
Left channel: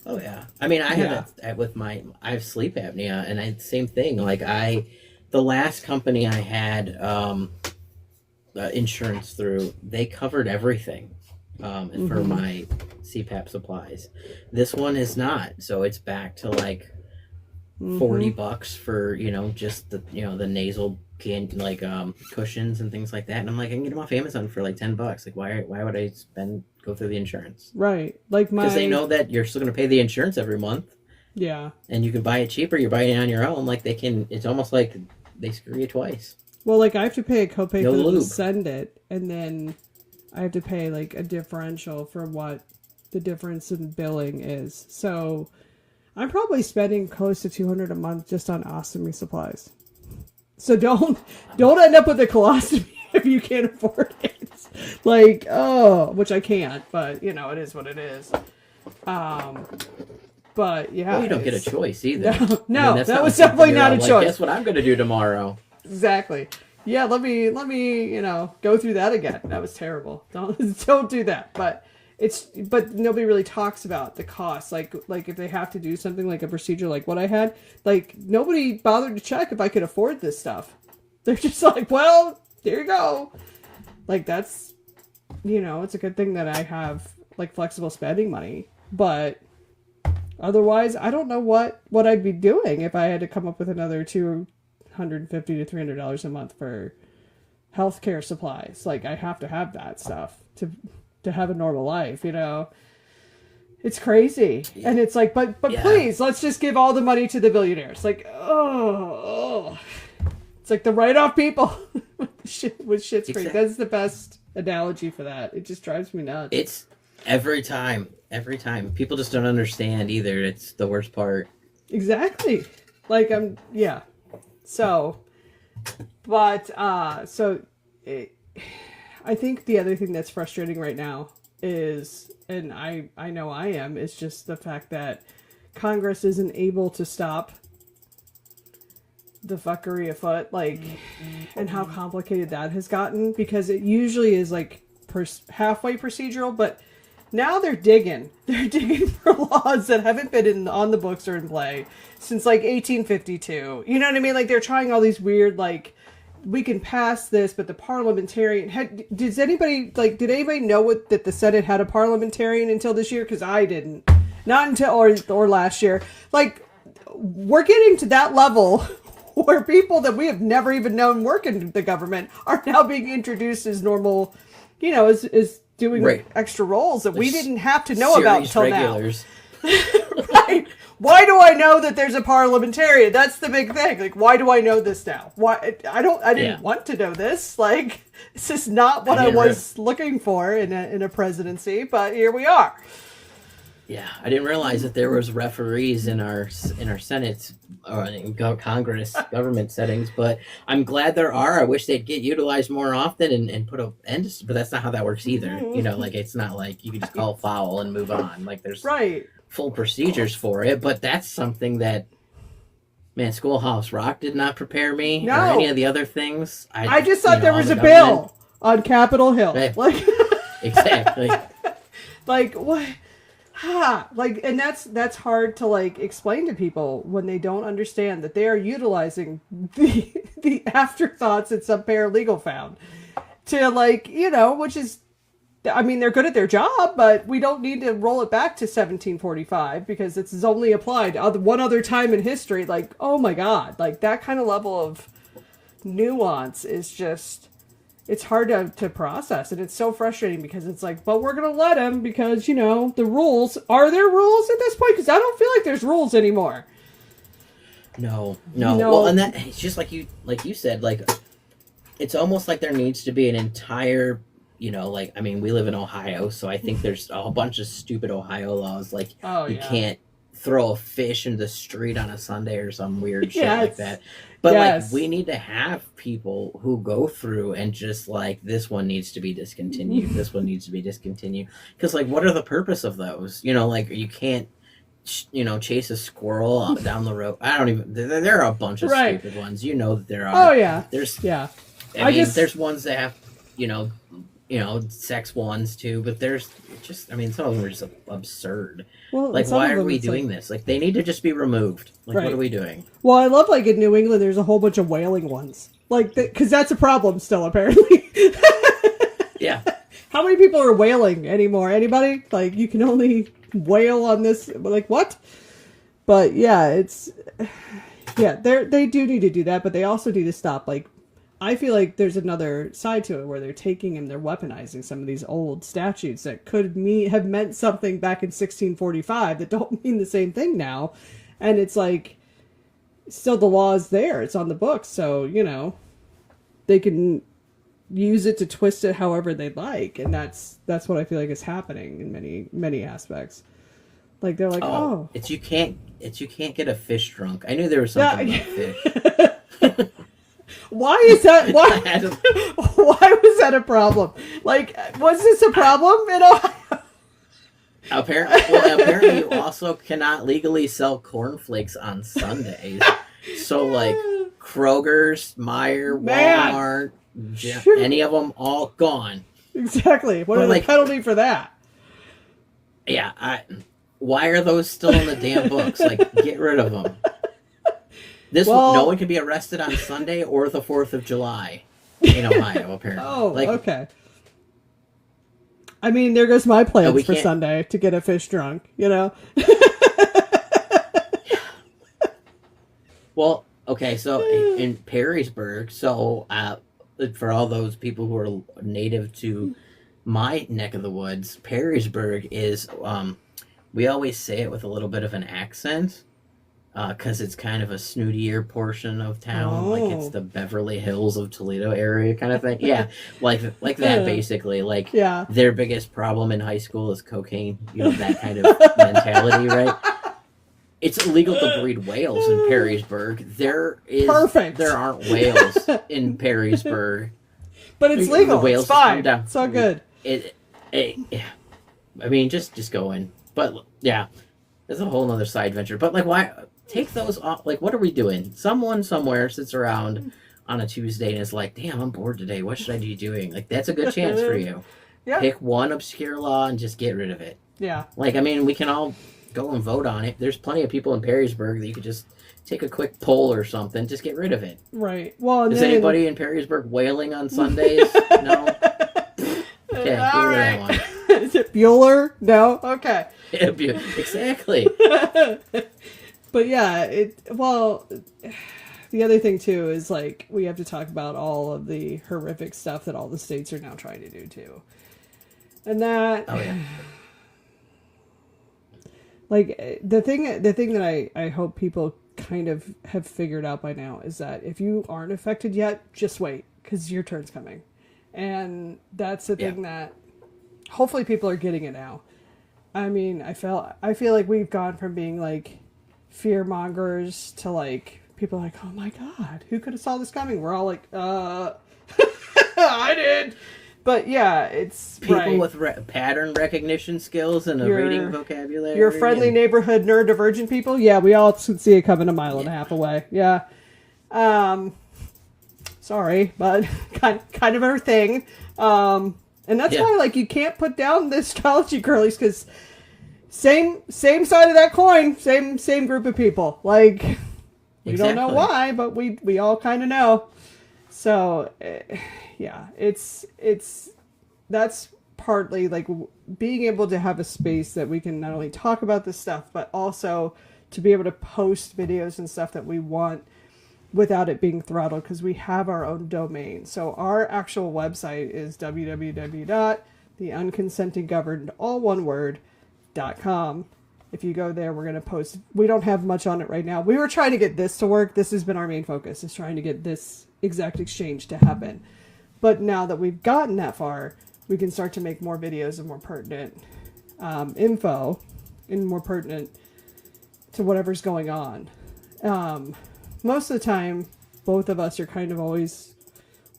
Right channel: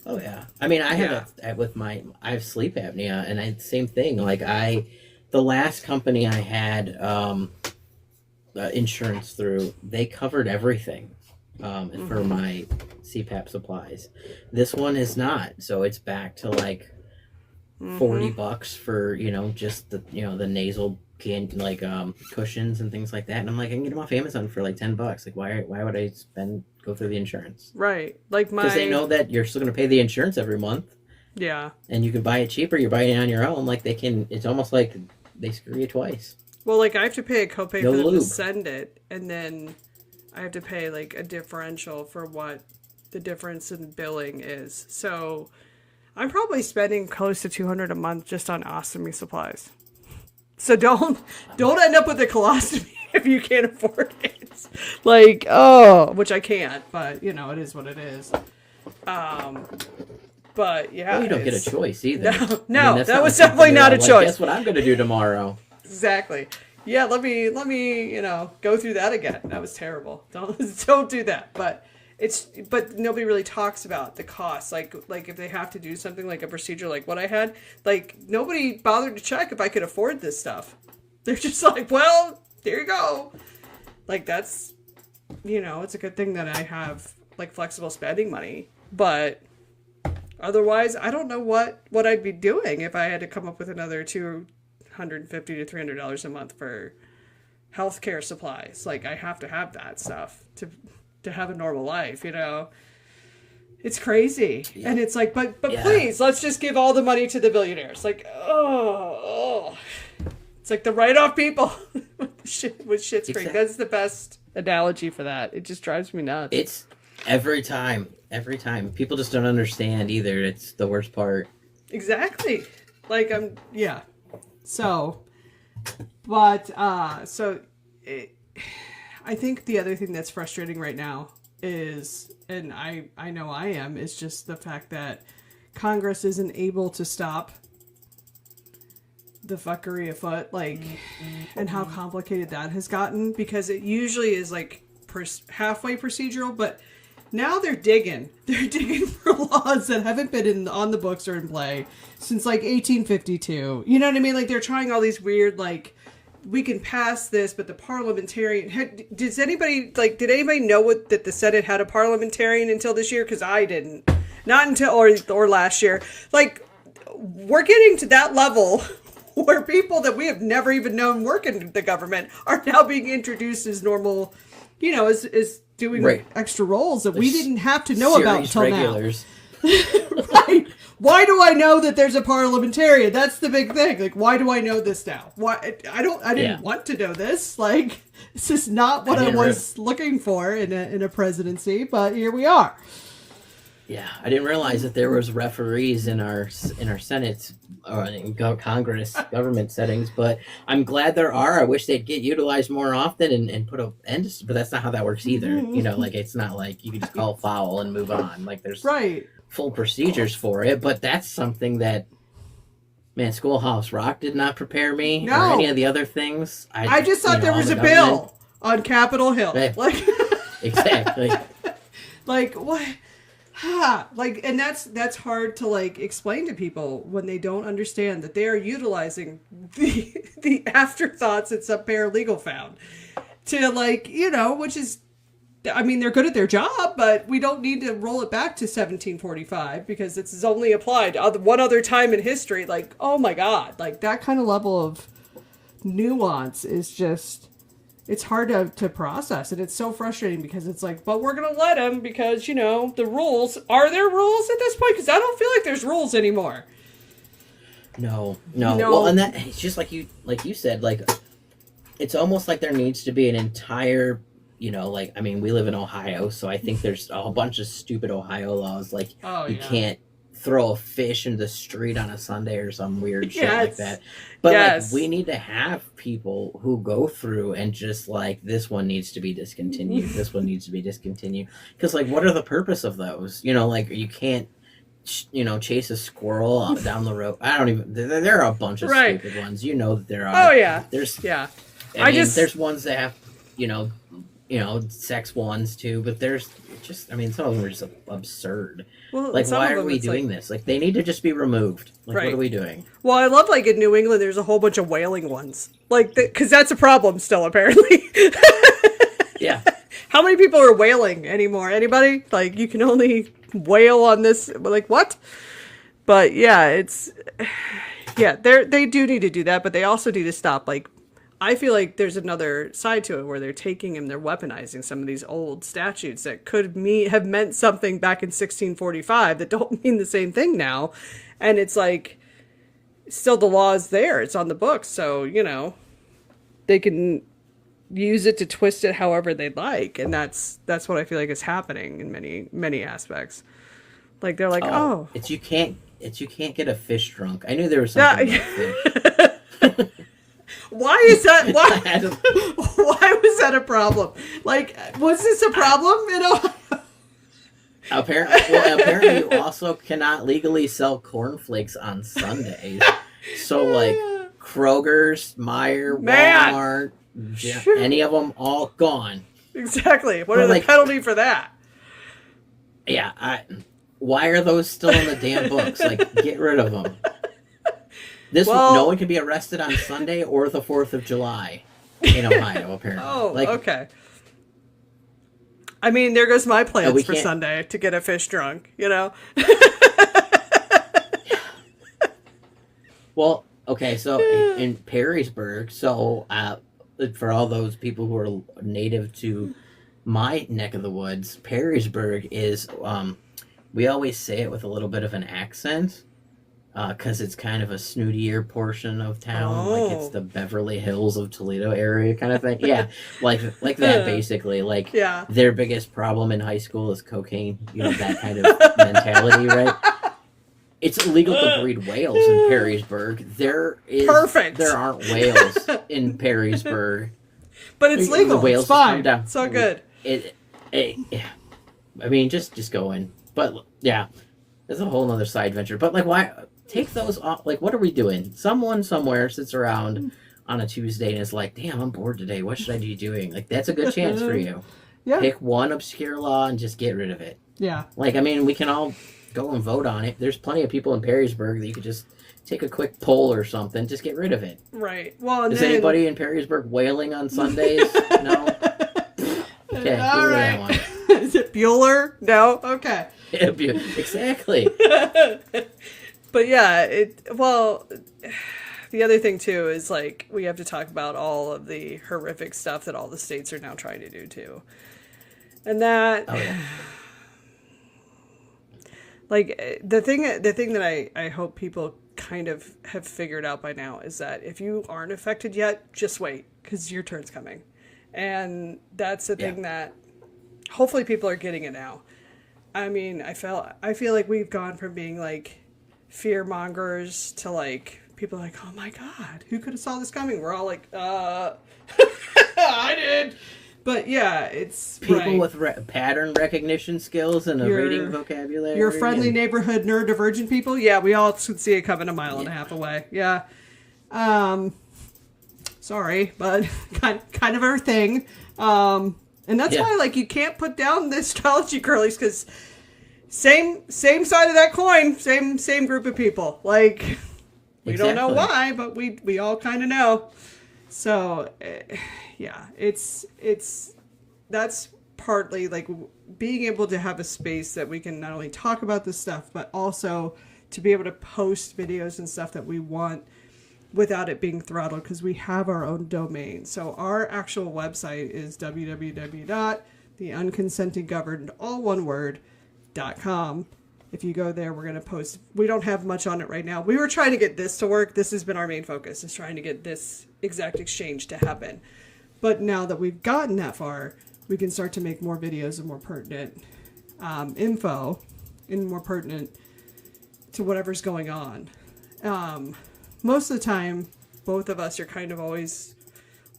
Oh yeah, I mean, I have that with I have sleep apnea, and same thing. Like the last company I had insurance through, they covered everything for my CPAP supplies. This one is not, so it's back to like $40 for just the nasal cushions and things like that. And I'm like, I can get them off Amazon for like $10. Like, why would I go through the insurance? Right. Like because they know that you're still going to pay the insurance every month. Yeah. And you can buy it cheaper. You're buying it on your own. Like it's almost like they screw you twice. Well, like I have to pay a copay No for them lube. to send it, and then I have to pay like a differential for what the difference in billing is. So I'm probably spending close to $200 a month just on ostomy supplies. So don't end up with a colostomy if you can't afford it. Like, which I can't, but it is what it is. But yeah, Well, you don't get a choice either. No, that's that was like definitely not a choice. Guess what I'm going to do tomorrow? Exactly. Yeah, let me go through that again. That was terrible. Don't do that. But but nobody really talks about the cost. Like if they have to do something like a procedure like what I had, like nobody bothered to check if I could afford this stuff. They're just like, well, there you go. Like that's, it's a good thing that I have like flexible spending money, but otherwise I don't know what I'd be doing if I had to come up with another $250 to $300 a month for healthcare supplies. Like I have to have that stuff to have a normal life, It's crazy. Yeah. And it's like, but please, let's just give all the money to the billionaires. Like, oh. It's like the write-off people with shit screen. Exactly. That's the best analogy for that. It just drives me nuts. It's every time. People just don't understand either. It's the worst part. Exactly. Like, So, but, I think the other thing that's frustrating right now is, and I know I am, is just the fact that Congress isn't able to stop the fuckery afoot, like, and how complicated that has gotten, because it usually is like halfway procedural, but now they're digging for laws that haven't been on the books or in play since like 1852. You know what I mean? Like they're trying all these weird, like, we can pass this, but the parliamentarian did anybody know that the Senate had a parliamentarian until this year? Because I didn't, not until or last year. Like, we're getting to that level where people that we have never even known work in the government are now being introduced as normal, as doing extra roles that we didn't have to know about until regulars. Now. Right. Why do I know that there's a parliamentarian? That's the big thing. Like, why do I know this now? Why I didn't want to know this. Like, this is not what I was looking for in a presidency, but here we are. Yeah, I didn't realize that there was referees in our Senate or in Congress government settings, but I'm glad there are. I wish they'd get utilized more often and put an end to, but that's not how that works either. Like it's not like you can just call foul and move on. Like there's full procedures for it, but that's something that, man, Schoolhouse Rock did not prepare me or any of the other things. I just thought there was a bill on Capitol Hill. Like exactly. Like what? Like, and that's hard to like explain to people when they don't understand that they are utilizing the afterthoughts that some paralegal found to like, which is, I mean, they're good at their job, but we don't need to roll it back to 1745 because it's only applied one other time in history. Like, oh my God, like that kind of level of nuance is just, it's hard to process, and it's so frustrating because it's like, but we're going to let him because, the rules. Are there rules at this point? Because I don't feel like there's rules anymore. No. Well, and that, it's just like you said, like, it's almost like there needs to be an entire, we live in Ohio, so I think there's a whole bunch of stupid Ohio laws, like you can't throw a fish into the street on a Sunday or some weird shit like that. But like we need to have people who go through and just like, this one needs to be discontinued. This one needs to be discontinued. Because like, what are the purpose of those? Like you can't, chase a squirrel down the road. I don't even. There are a bunch of stupid ones. That there are. Oh yeah. There's ones that have, sex ones too, but there's just, some of them are just absurd. Well, like, why are we doing this? Like, they need to just be removed. Like, what are we doing? Well, I love, like, in New England, there's a whole bunch of whaling ones. Like, because that's a problem still, apparently. Yeah. How many people are whaling anymore? Anybody? Like, you can only whale on this. Like, what? But, yeah, they do need to do that, but they also need to stop, like, I feel like there's another side to it where they're taking and they're weaponizing some of these old statutes that could have meant something back in 1645 that don't mean the same thing now. And it's like, still the law is there. It's on the books. So, they can use it to twist it however they like. And that's what I feel like is happening in many, many aspects. Like, they're like, It's you can't get a fish drunk. I knew there was something about fish. Why is that? Why was that a problem? Like, was this a problem in Ohio? Apparently you also cannot legally sell cornflakes on Sundays. So, like, Kroger's, Walmart, any of them, all gone. Exactly. What are the penalty for that? Yeah, why are those still in the damn books? Like, get rid of them. No one can be arrested on Sunday or the 4th of July in Ohio, apparently. Oh, Like, okay. I mean, there goes my we plans for can't. Sunday to get a fish drunk, you know? Well, okay, so in Perrysburg, for all those people who are native to my neck of the woods, Perrysburg is, we always say it with a little bit of an accent, because it's kind of a snootier portion of town, like it's Oh. the Beverly Hills of Toledo area kind of thing. Yeah, like that basically. Like Yeah. their biggest problem in high school is cocaine. You know, that kind of mentality, right? It's illegal to breed whales in Perrysburg. Perfect. There aren't whales in Perrysburg. But it's The legal. whales It's just come fine. down. It's all good. I mean, just go in. But yeah, there's a whole nother side venture. But like, why take those off? Like, what are we doing? Someone somewhere sits around on a Tuesday and is like, "Damn, I'm bored today. What should I be doing?" Like, that's a good chance for you. Yeah. Pick one obscure law and just get rid of it. Yeah. Like, I mean, we can all go and vote on it. There's plenty of people in Perrysburg that you could just take a quick poll or something. Just get rid of it. Right. Well, and Is then... anybody in Perrysburg whaling on Sundays? No? Okay, get All rid right. of that one. Is it Bueller? No? Okay. Exactly. But yeah, the other thing too is like we have to talk about all of the horrific stuff that all the states are now trying to do too. And that Oh yeah. like the thing that I hope people kind of have figured out by now is that if you aren't affected yet, just wait because your turn's coming. And that's the thing that hopefully people are getting it now. I mean, I feel like we've gone from being like fear mongers to like people are like, oh my god, who could have saw this coming? We're all like, I did. But yeah, it's people with pattern recognition skills and a reading vocabulary. Your friendly neighborhood neurodivergent people, yeah, we all could see it coming a mile and a half away. Yeah. Sorry, but kind of our thing. And that's why, like, you can't put down the astrology girlies because same side of that coin, same group of people. Like, we don't know why, but we all kind of know. So, yeah, it's that's partly like being able to have a space that we can not only talk about this stuff, but also to be able to post videos and stuff that we want without it being throttled because we have our own domain. So our actual website is www.theunconsentinggoverned, all one word, .com. If you go there, we're going to post. We don't have much on it right now. We were trying to get this to work. This has been our main focus, is trying to get this exact exchange to happen. But now that we've gotten that far, we can start to make more videos and more pertinent info and more pertinent to whatever's going on. Most of the time, both of us are kind of always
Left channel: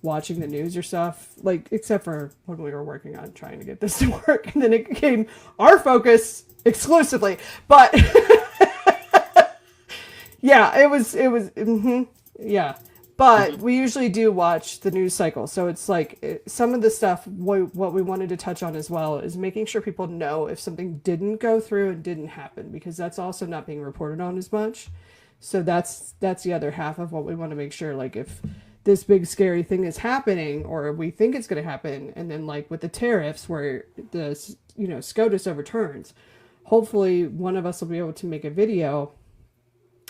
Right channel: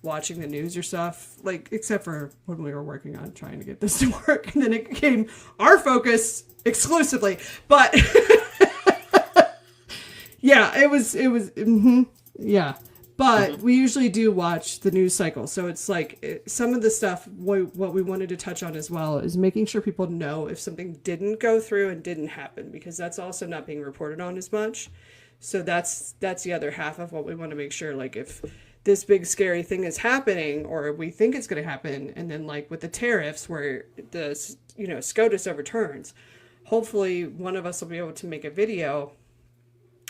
watching the news or stuff, like, except for when we were working on trying to get this to work, and then it became our focus exclusively. But yeah, it was, yeah. But we usually do watch the news cycle. So it's like some of the stuff, what we wanted to touch on as well is making sure people know if something didn't go through and didn't happen, because that's also not being reported on as much. So that's the other half of what we want to make sure, like if this big scary thing is happening or we think it's going to happen, and then like with the tariffs where the SCOTUS overturns, hopefully one of us will be able to make a video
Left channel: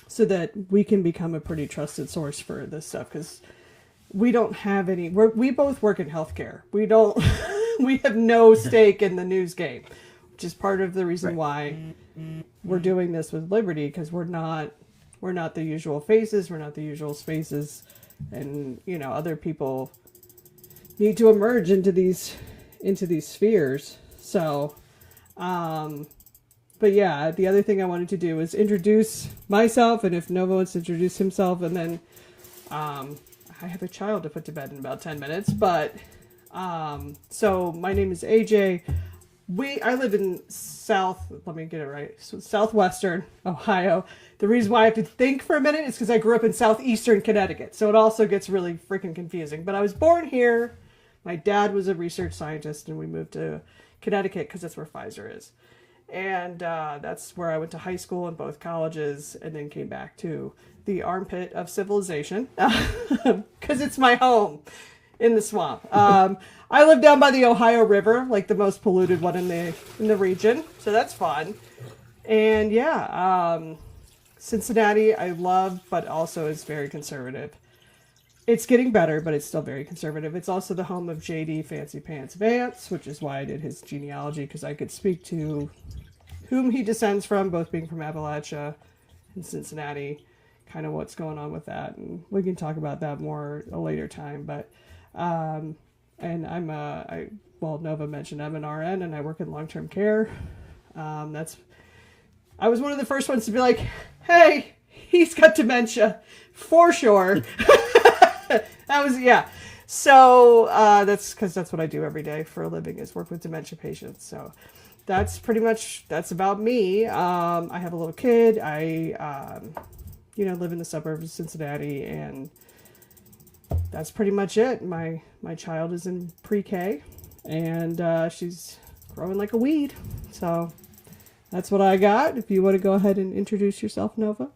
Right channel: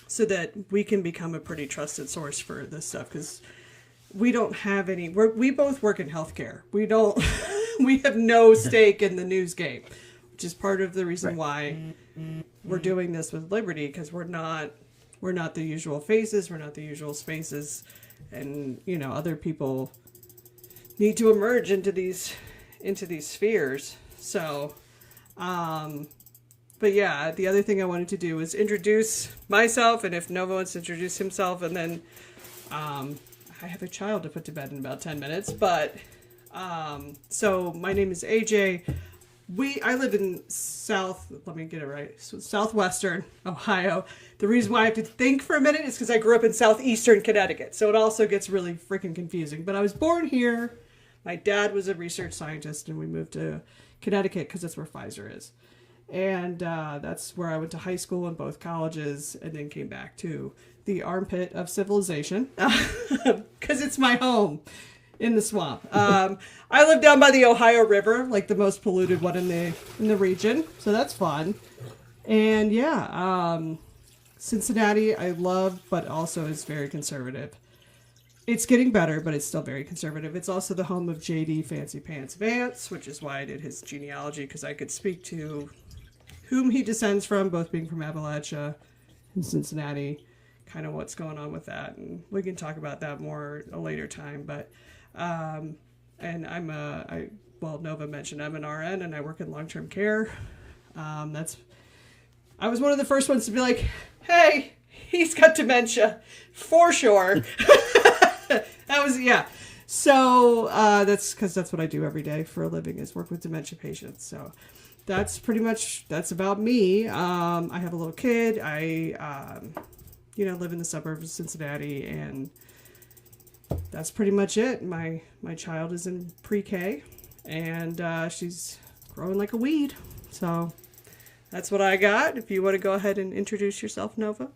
so that we can become a pretty trusted source for this stuff, because we don't have any, we both work in healthcare. We don't, we have no stake in the news game, which is part of the reason why we're doing this with Liberty, because we're not the usual faces, we're not the usual spaces, and other people need to emerge into these spheres. So, but yeah, the other thing I wanted to do is introduce myself, and if Nova wants to introduce himself, and then I have a child to put to bed in about 10 minutes. But so my name is AJ. I live in southwestern Ohio. The reason why I have to think for a minute is because I grew up in southeastern Connecticut. So it also gets really freaking confusing. But I was born here. My dad was a research scientist, and we moved to Connecticut because that's where Pfizer is. And that's where I went to high school and both colleges, and then came back to the armpit of civilization because it's my home in the swamp. I live down by the Ohio River, like the most polluted one in the region, so that's fun. And yeah, Cincinnati I love, but also is very conservative. It's getting better, but it's still very conservative. It's also the home of J.D. Fancy Pants Vance, which is why I did his genealogy, because I could speak to whom he descends from, both being from Appalachia and Cincinnati, kind of what's going on with that. And we can talk about that more a later time. But, and Nova mentioned I'm an RN and I work in long-term care. I was one of the first ones to be like, hey, he's got dementia for sure. Yeah. So that's because that's what I do every day for a living, is work with dementia patients. So that's about me. I have a little kid. I live in the suburbs of Cincinnati, and that's pretty much it. My child is in pre-K, and she's growing like a weed. So that's what I got. If you want to go ahead and introduce yourself, Nova.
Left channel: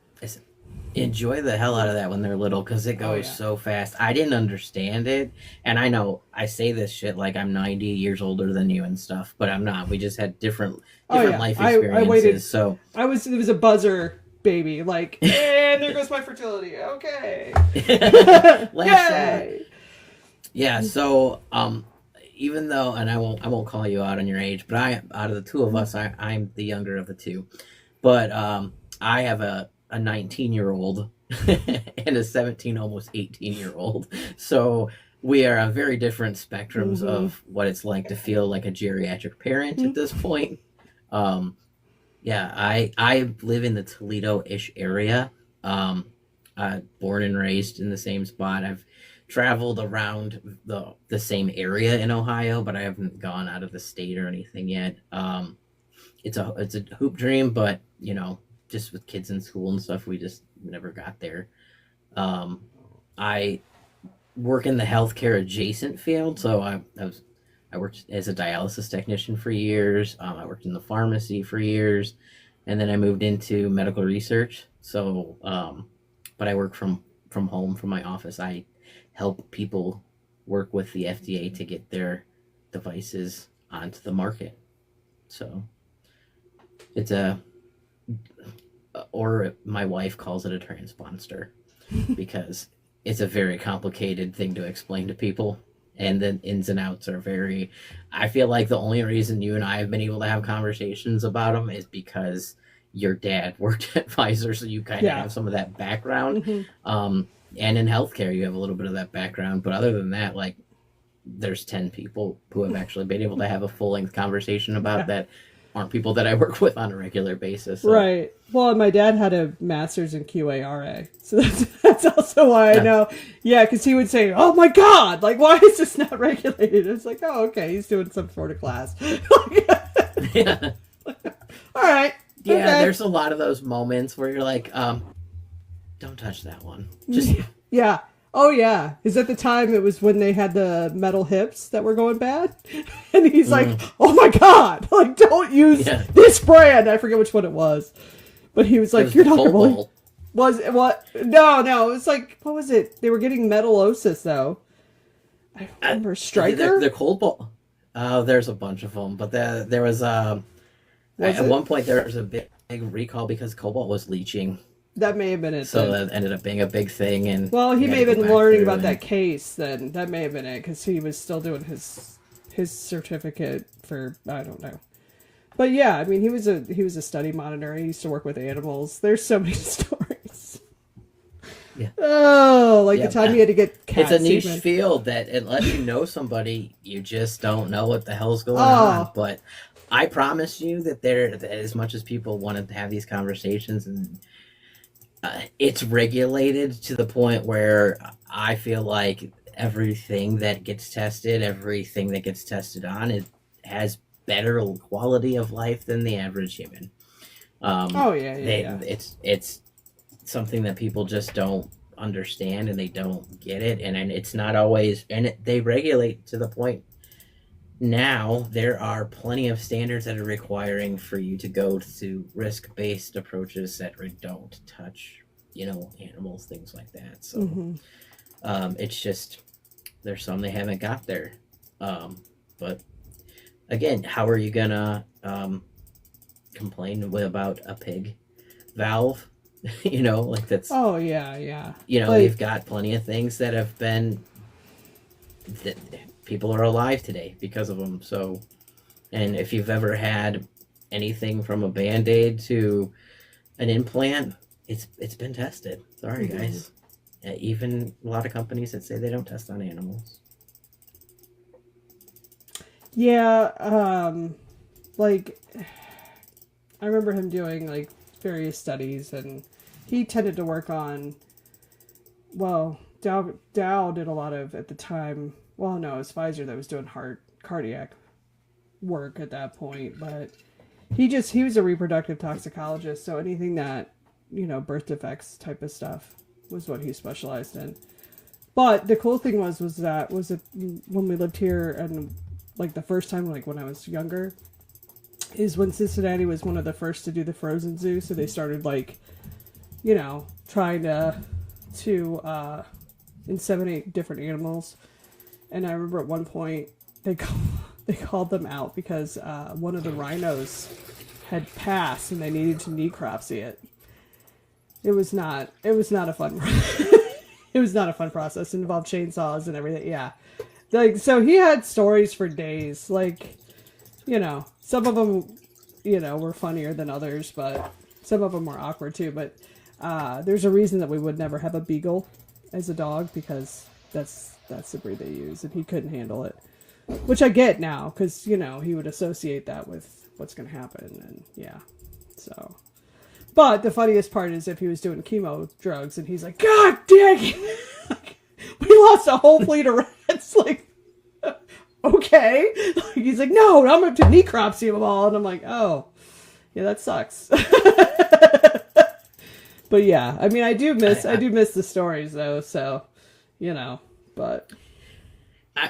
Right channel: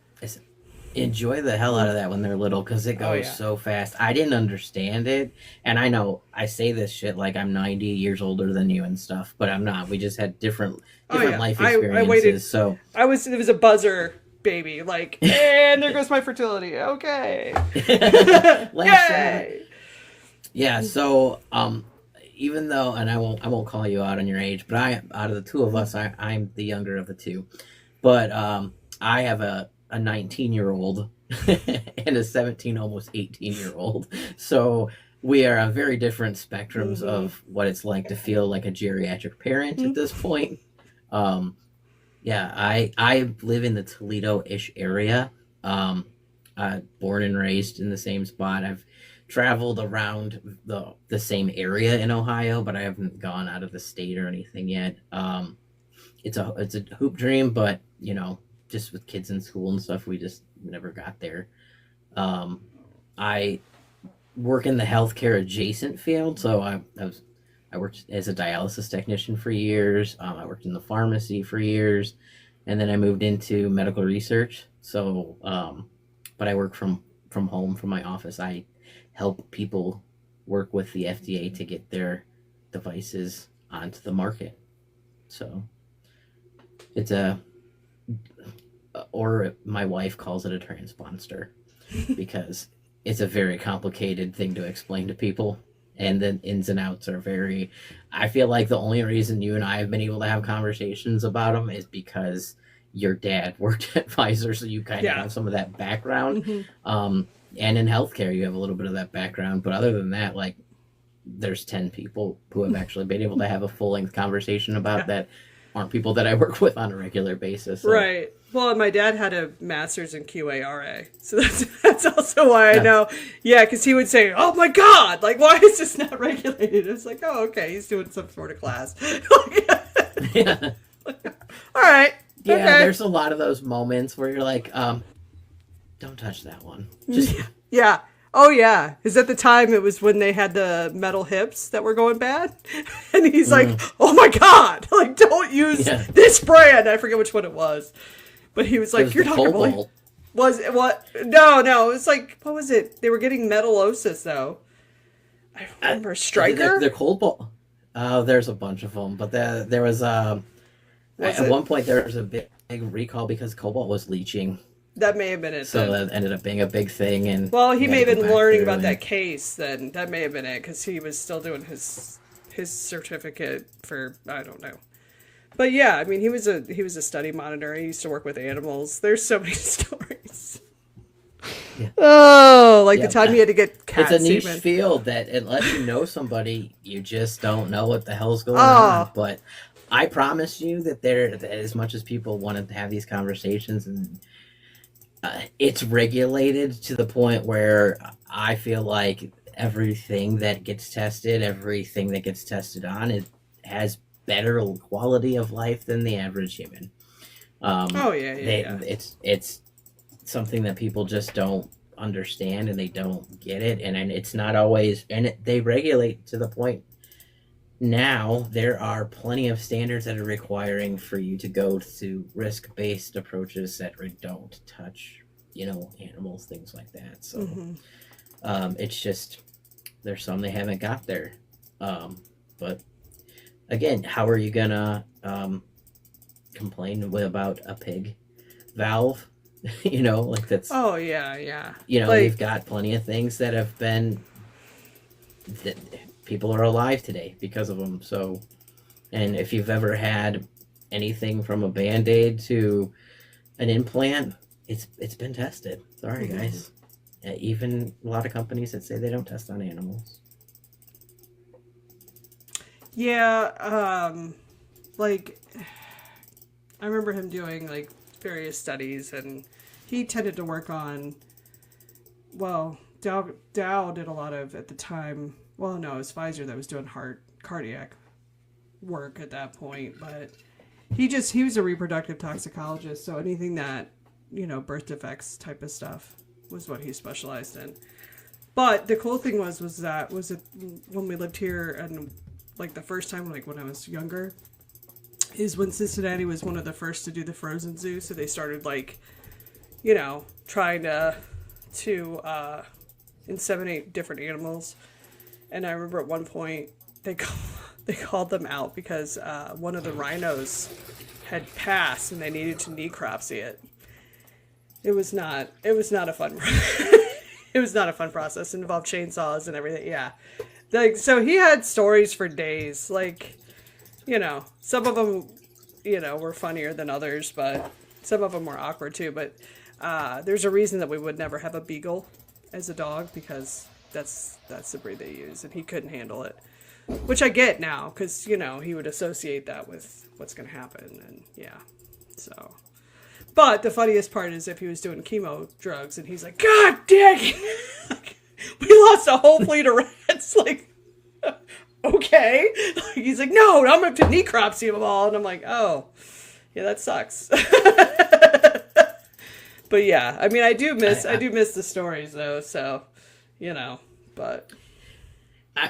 Enjoy the hell out of that when they're little, because it goes so fast. I didn't understand it, and I know I say this shit like I'm 90 years older than you and stuff, but I'm not. We just had different life experiences. I waited, so it was a buzzer baby, like, and there goes my fertility. Okay. Last shot. Yeah. So even though, and I won't call you out on your age, but out of the two of us, I'm the younger of the two, but I have a 19-year-old and a 17, almost 18-year-old. So we are on very different spectrums of what it's like to feel like a geriatric parent at this point. I live in the Toledo-ish area. Born and raised in the same spot. I've traveled around the same area in Ohio, but I haven't gone out of the state or anything yet. It's a hoop dream, but just with kids in school and stuff, we just never got there. I work in the healthcare adjacent field, so I worked as a dialysis technician for years. I worked in the pharmacy for years, and then I moved into medical research. So, but I work from home, from my office. I help people work with the FDA to get their devices onto the market. So it's or my wife calls it a transponder, because it's a very complicated thing to explain to people, and the ins and outs are very. I feel like the only reason you and I have been able to have conversations about them is because your dad worked at Pfizer, so you kind of have some of that background. And in healthcare, you have a little bit of that background, but other than that, like, there's 10 people who have actually been able to have a full-length conversation about that aren't people that I work with on a regular basis. So. Right. Well, and my dad had a master's in QARA, so that's also why I know. Yeah, because he would say, "Oh my God, like, why is this not regulated?" It's like, "Oh, okay, he's doing some sort of class." Yeah. All right. Yeah, okay. There's a lot of those moments where you're like, don't touch that one. Just yeah. Oh yeah, is at the time it was when they had the metal hips that were going bad, and he's like, "Oh my God, like, don't use this brand." I forget which one it was, but he was like, "You're not really." Was it what? No, it was like, what was it? They were getting metallosis though. I remember Stryker. They're Cobalt. There's a bunch of them, but there was at one point there was a big recall because Cobalt was leaching. That may have been it. So that ended up being a big thing, and he may have been learning about that case. Then that may have been it, because he was still doing his certificate for, I don't know. But yeah, I mean, he was a study monitor. He used to work with animals. There's so many stories. Yeah. Oh, the time he had to get cat It's a niche semen. field that unless you know somebody, you just don't know what the hell's going on. But I promise you that that as much as people want to have these conversations, and it's regulated to the point where I feel like everything that gets tested on, it has better quality of life than the average human. It's something that people just don't understand, and they don't get it, and it's not always, and they regulate to the point now there are plenty of standards that are requiring for you to go to risk-based approaches that don't touch, animals, things like that. So it's just there's some they haven't got there. But again, how are you gonna complain about a pig valve? Like that's. Oh yeah. You've got plenty of things that have been that people are alive today because of them. So, and if you've ever had anything from a Band-Aid to an implant, it's been tested. Sorry, guys. Even a lot of companies that say they don't test on animals. Yeah, like I remember him doing like various studies, and he tended to work on. Well, Dow did a lot of at the time. Well, no, it was Pfizer that was doing cardiac work at that point, but he was a reproductive toxicologist, so anything that birth defects type of stuff was what he specialized in. But the cool thing was it when we lived here, and like the first time, like when I was younger, is when Cincinnati was one of the first to do the frozen zoo, so they started like trying to inseminate different animals. And I remember at one point they called them out because one of the rhinos had passed and they needed to necropsy it. It was not a fun it was not a fun process. It involved chainsaws and everything. Yeah. Like, so he had stories for days. Like, some of them, were funnier than others, but some of them were awkward too. But there's a reason that we would never have a beagle as a dog, because that's the breed they use, and he couldn't handle it. Which I get now, because, he would associate that with what's going to happen, and yeah. So, but the funniest part is if he was doing chemo drugs, and he's like, God dang it! We lost a whole fleet of rats. Like, okay. He's like, no, I'm going to have to necropsy them all. And I'm like, oh, yeah, that sucks. But yeah, I mean, I do miss the stories though. So, but.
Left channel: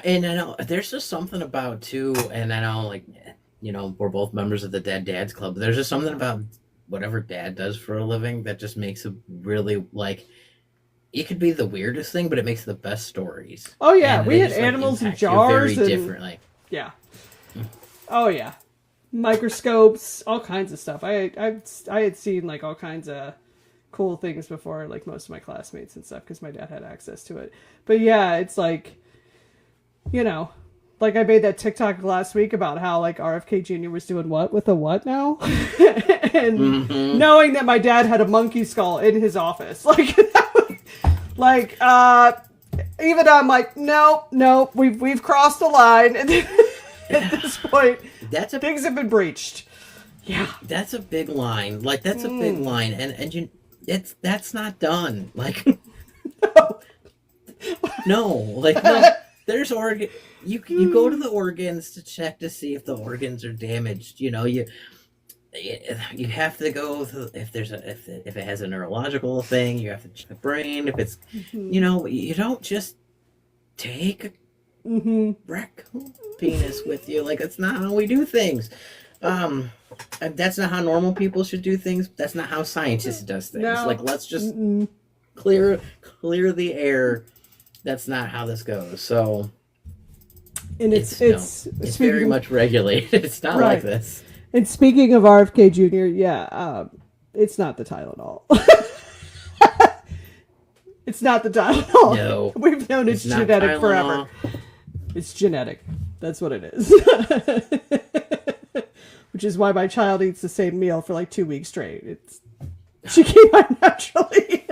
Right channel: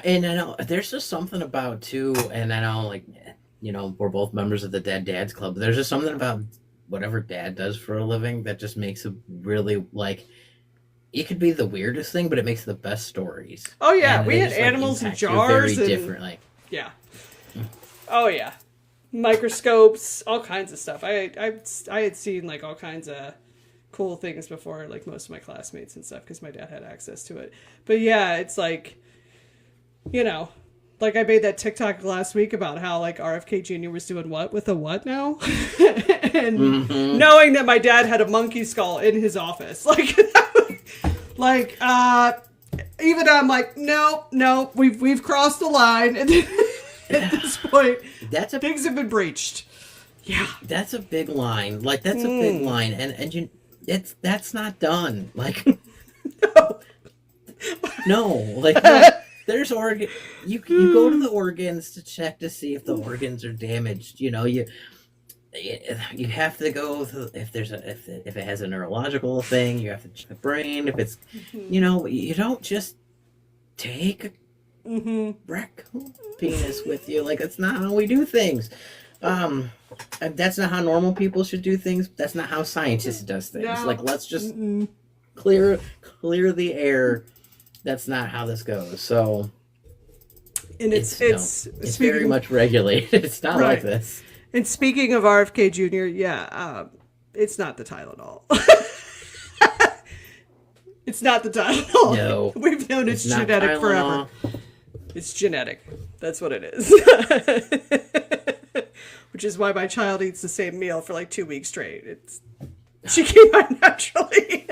And I know there's just something about too, and I know like, we're both members of the Dead Dads Club. But there's just something about whatever dad does for a living that just makes it really like. It could be the weirdest thing, but it makes the best stories. Oh yeah, we had animals in jars very differently. Yeah. Oh yeah, microscopes, all kinds of stuff. I had seen like all kinds of cool things before, like most of my classmates and stuff, because my dad had access to it. But yeah, it's like, like I made that TikTok last week about how like RFK Jr. was doing what with a what now, and knowing that my dad had a monkey skull in his office, like, even I'm like, no, we've crossed the line, and at this point, things have been breached. Yeah, that's a big line. Like that's a big line, and that's not done. Like, no, like no. There's organ. You go to the organs to check to see if the organs are damaged. You have to go if it has a neurological thing. You have to check the brain. If it's, you don't just take a raccoon penis with you. Like, that's not how we do things. That's not how normal people should do things. That's not how scientists does things. No. Like, let's just clear the air. That's not how this goes. So, and it's very much regulated. It's not like this. And speaking of RFK Jr., it's not the Tylenol. It's not the Tylenol. No. We've known it's genetic forever. It's genetic. That's what it is. Which is why my child eats the same meal for like 2 weeks straight. She came out naturally.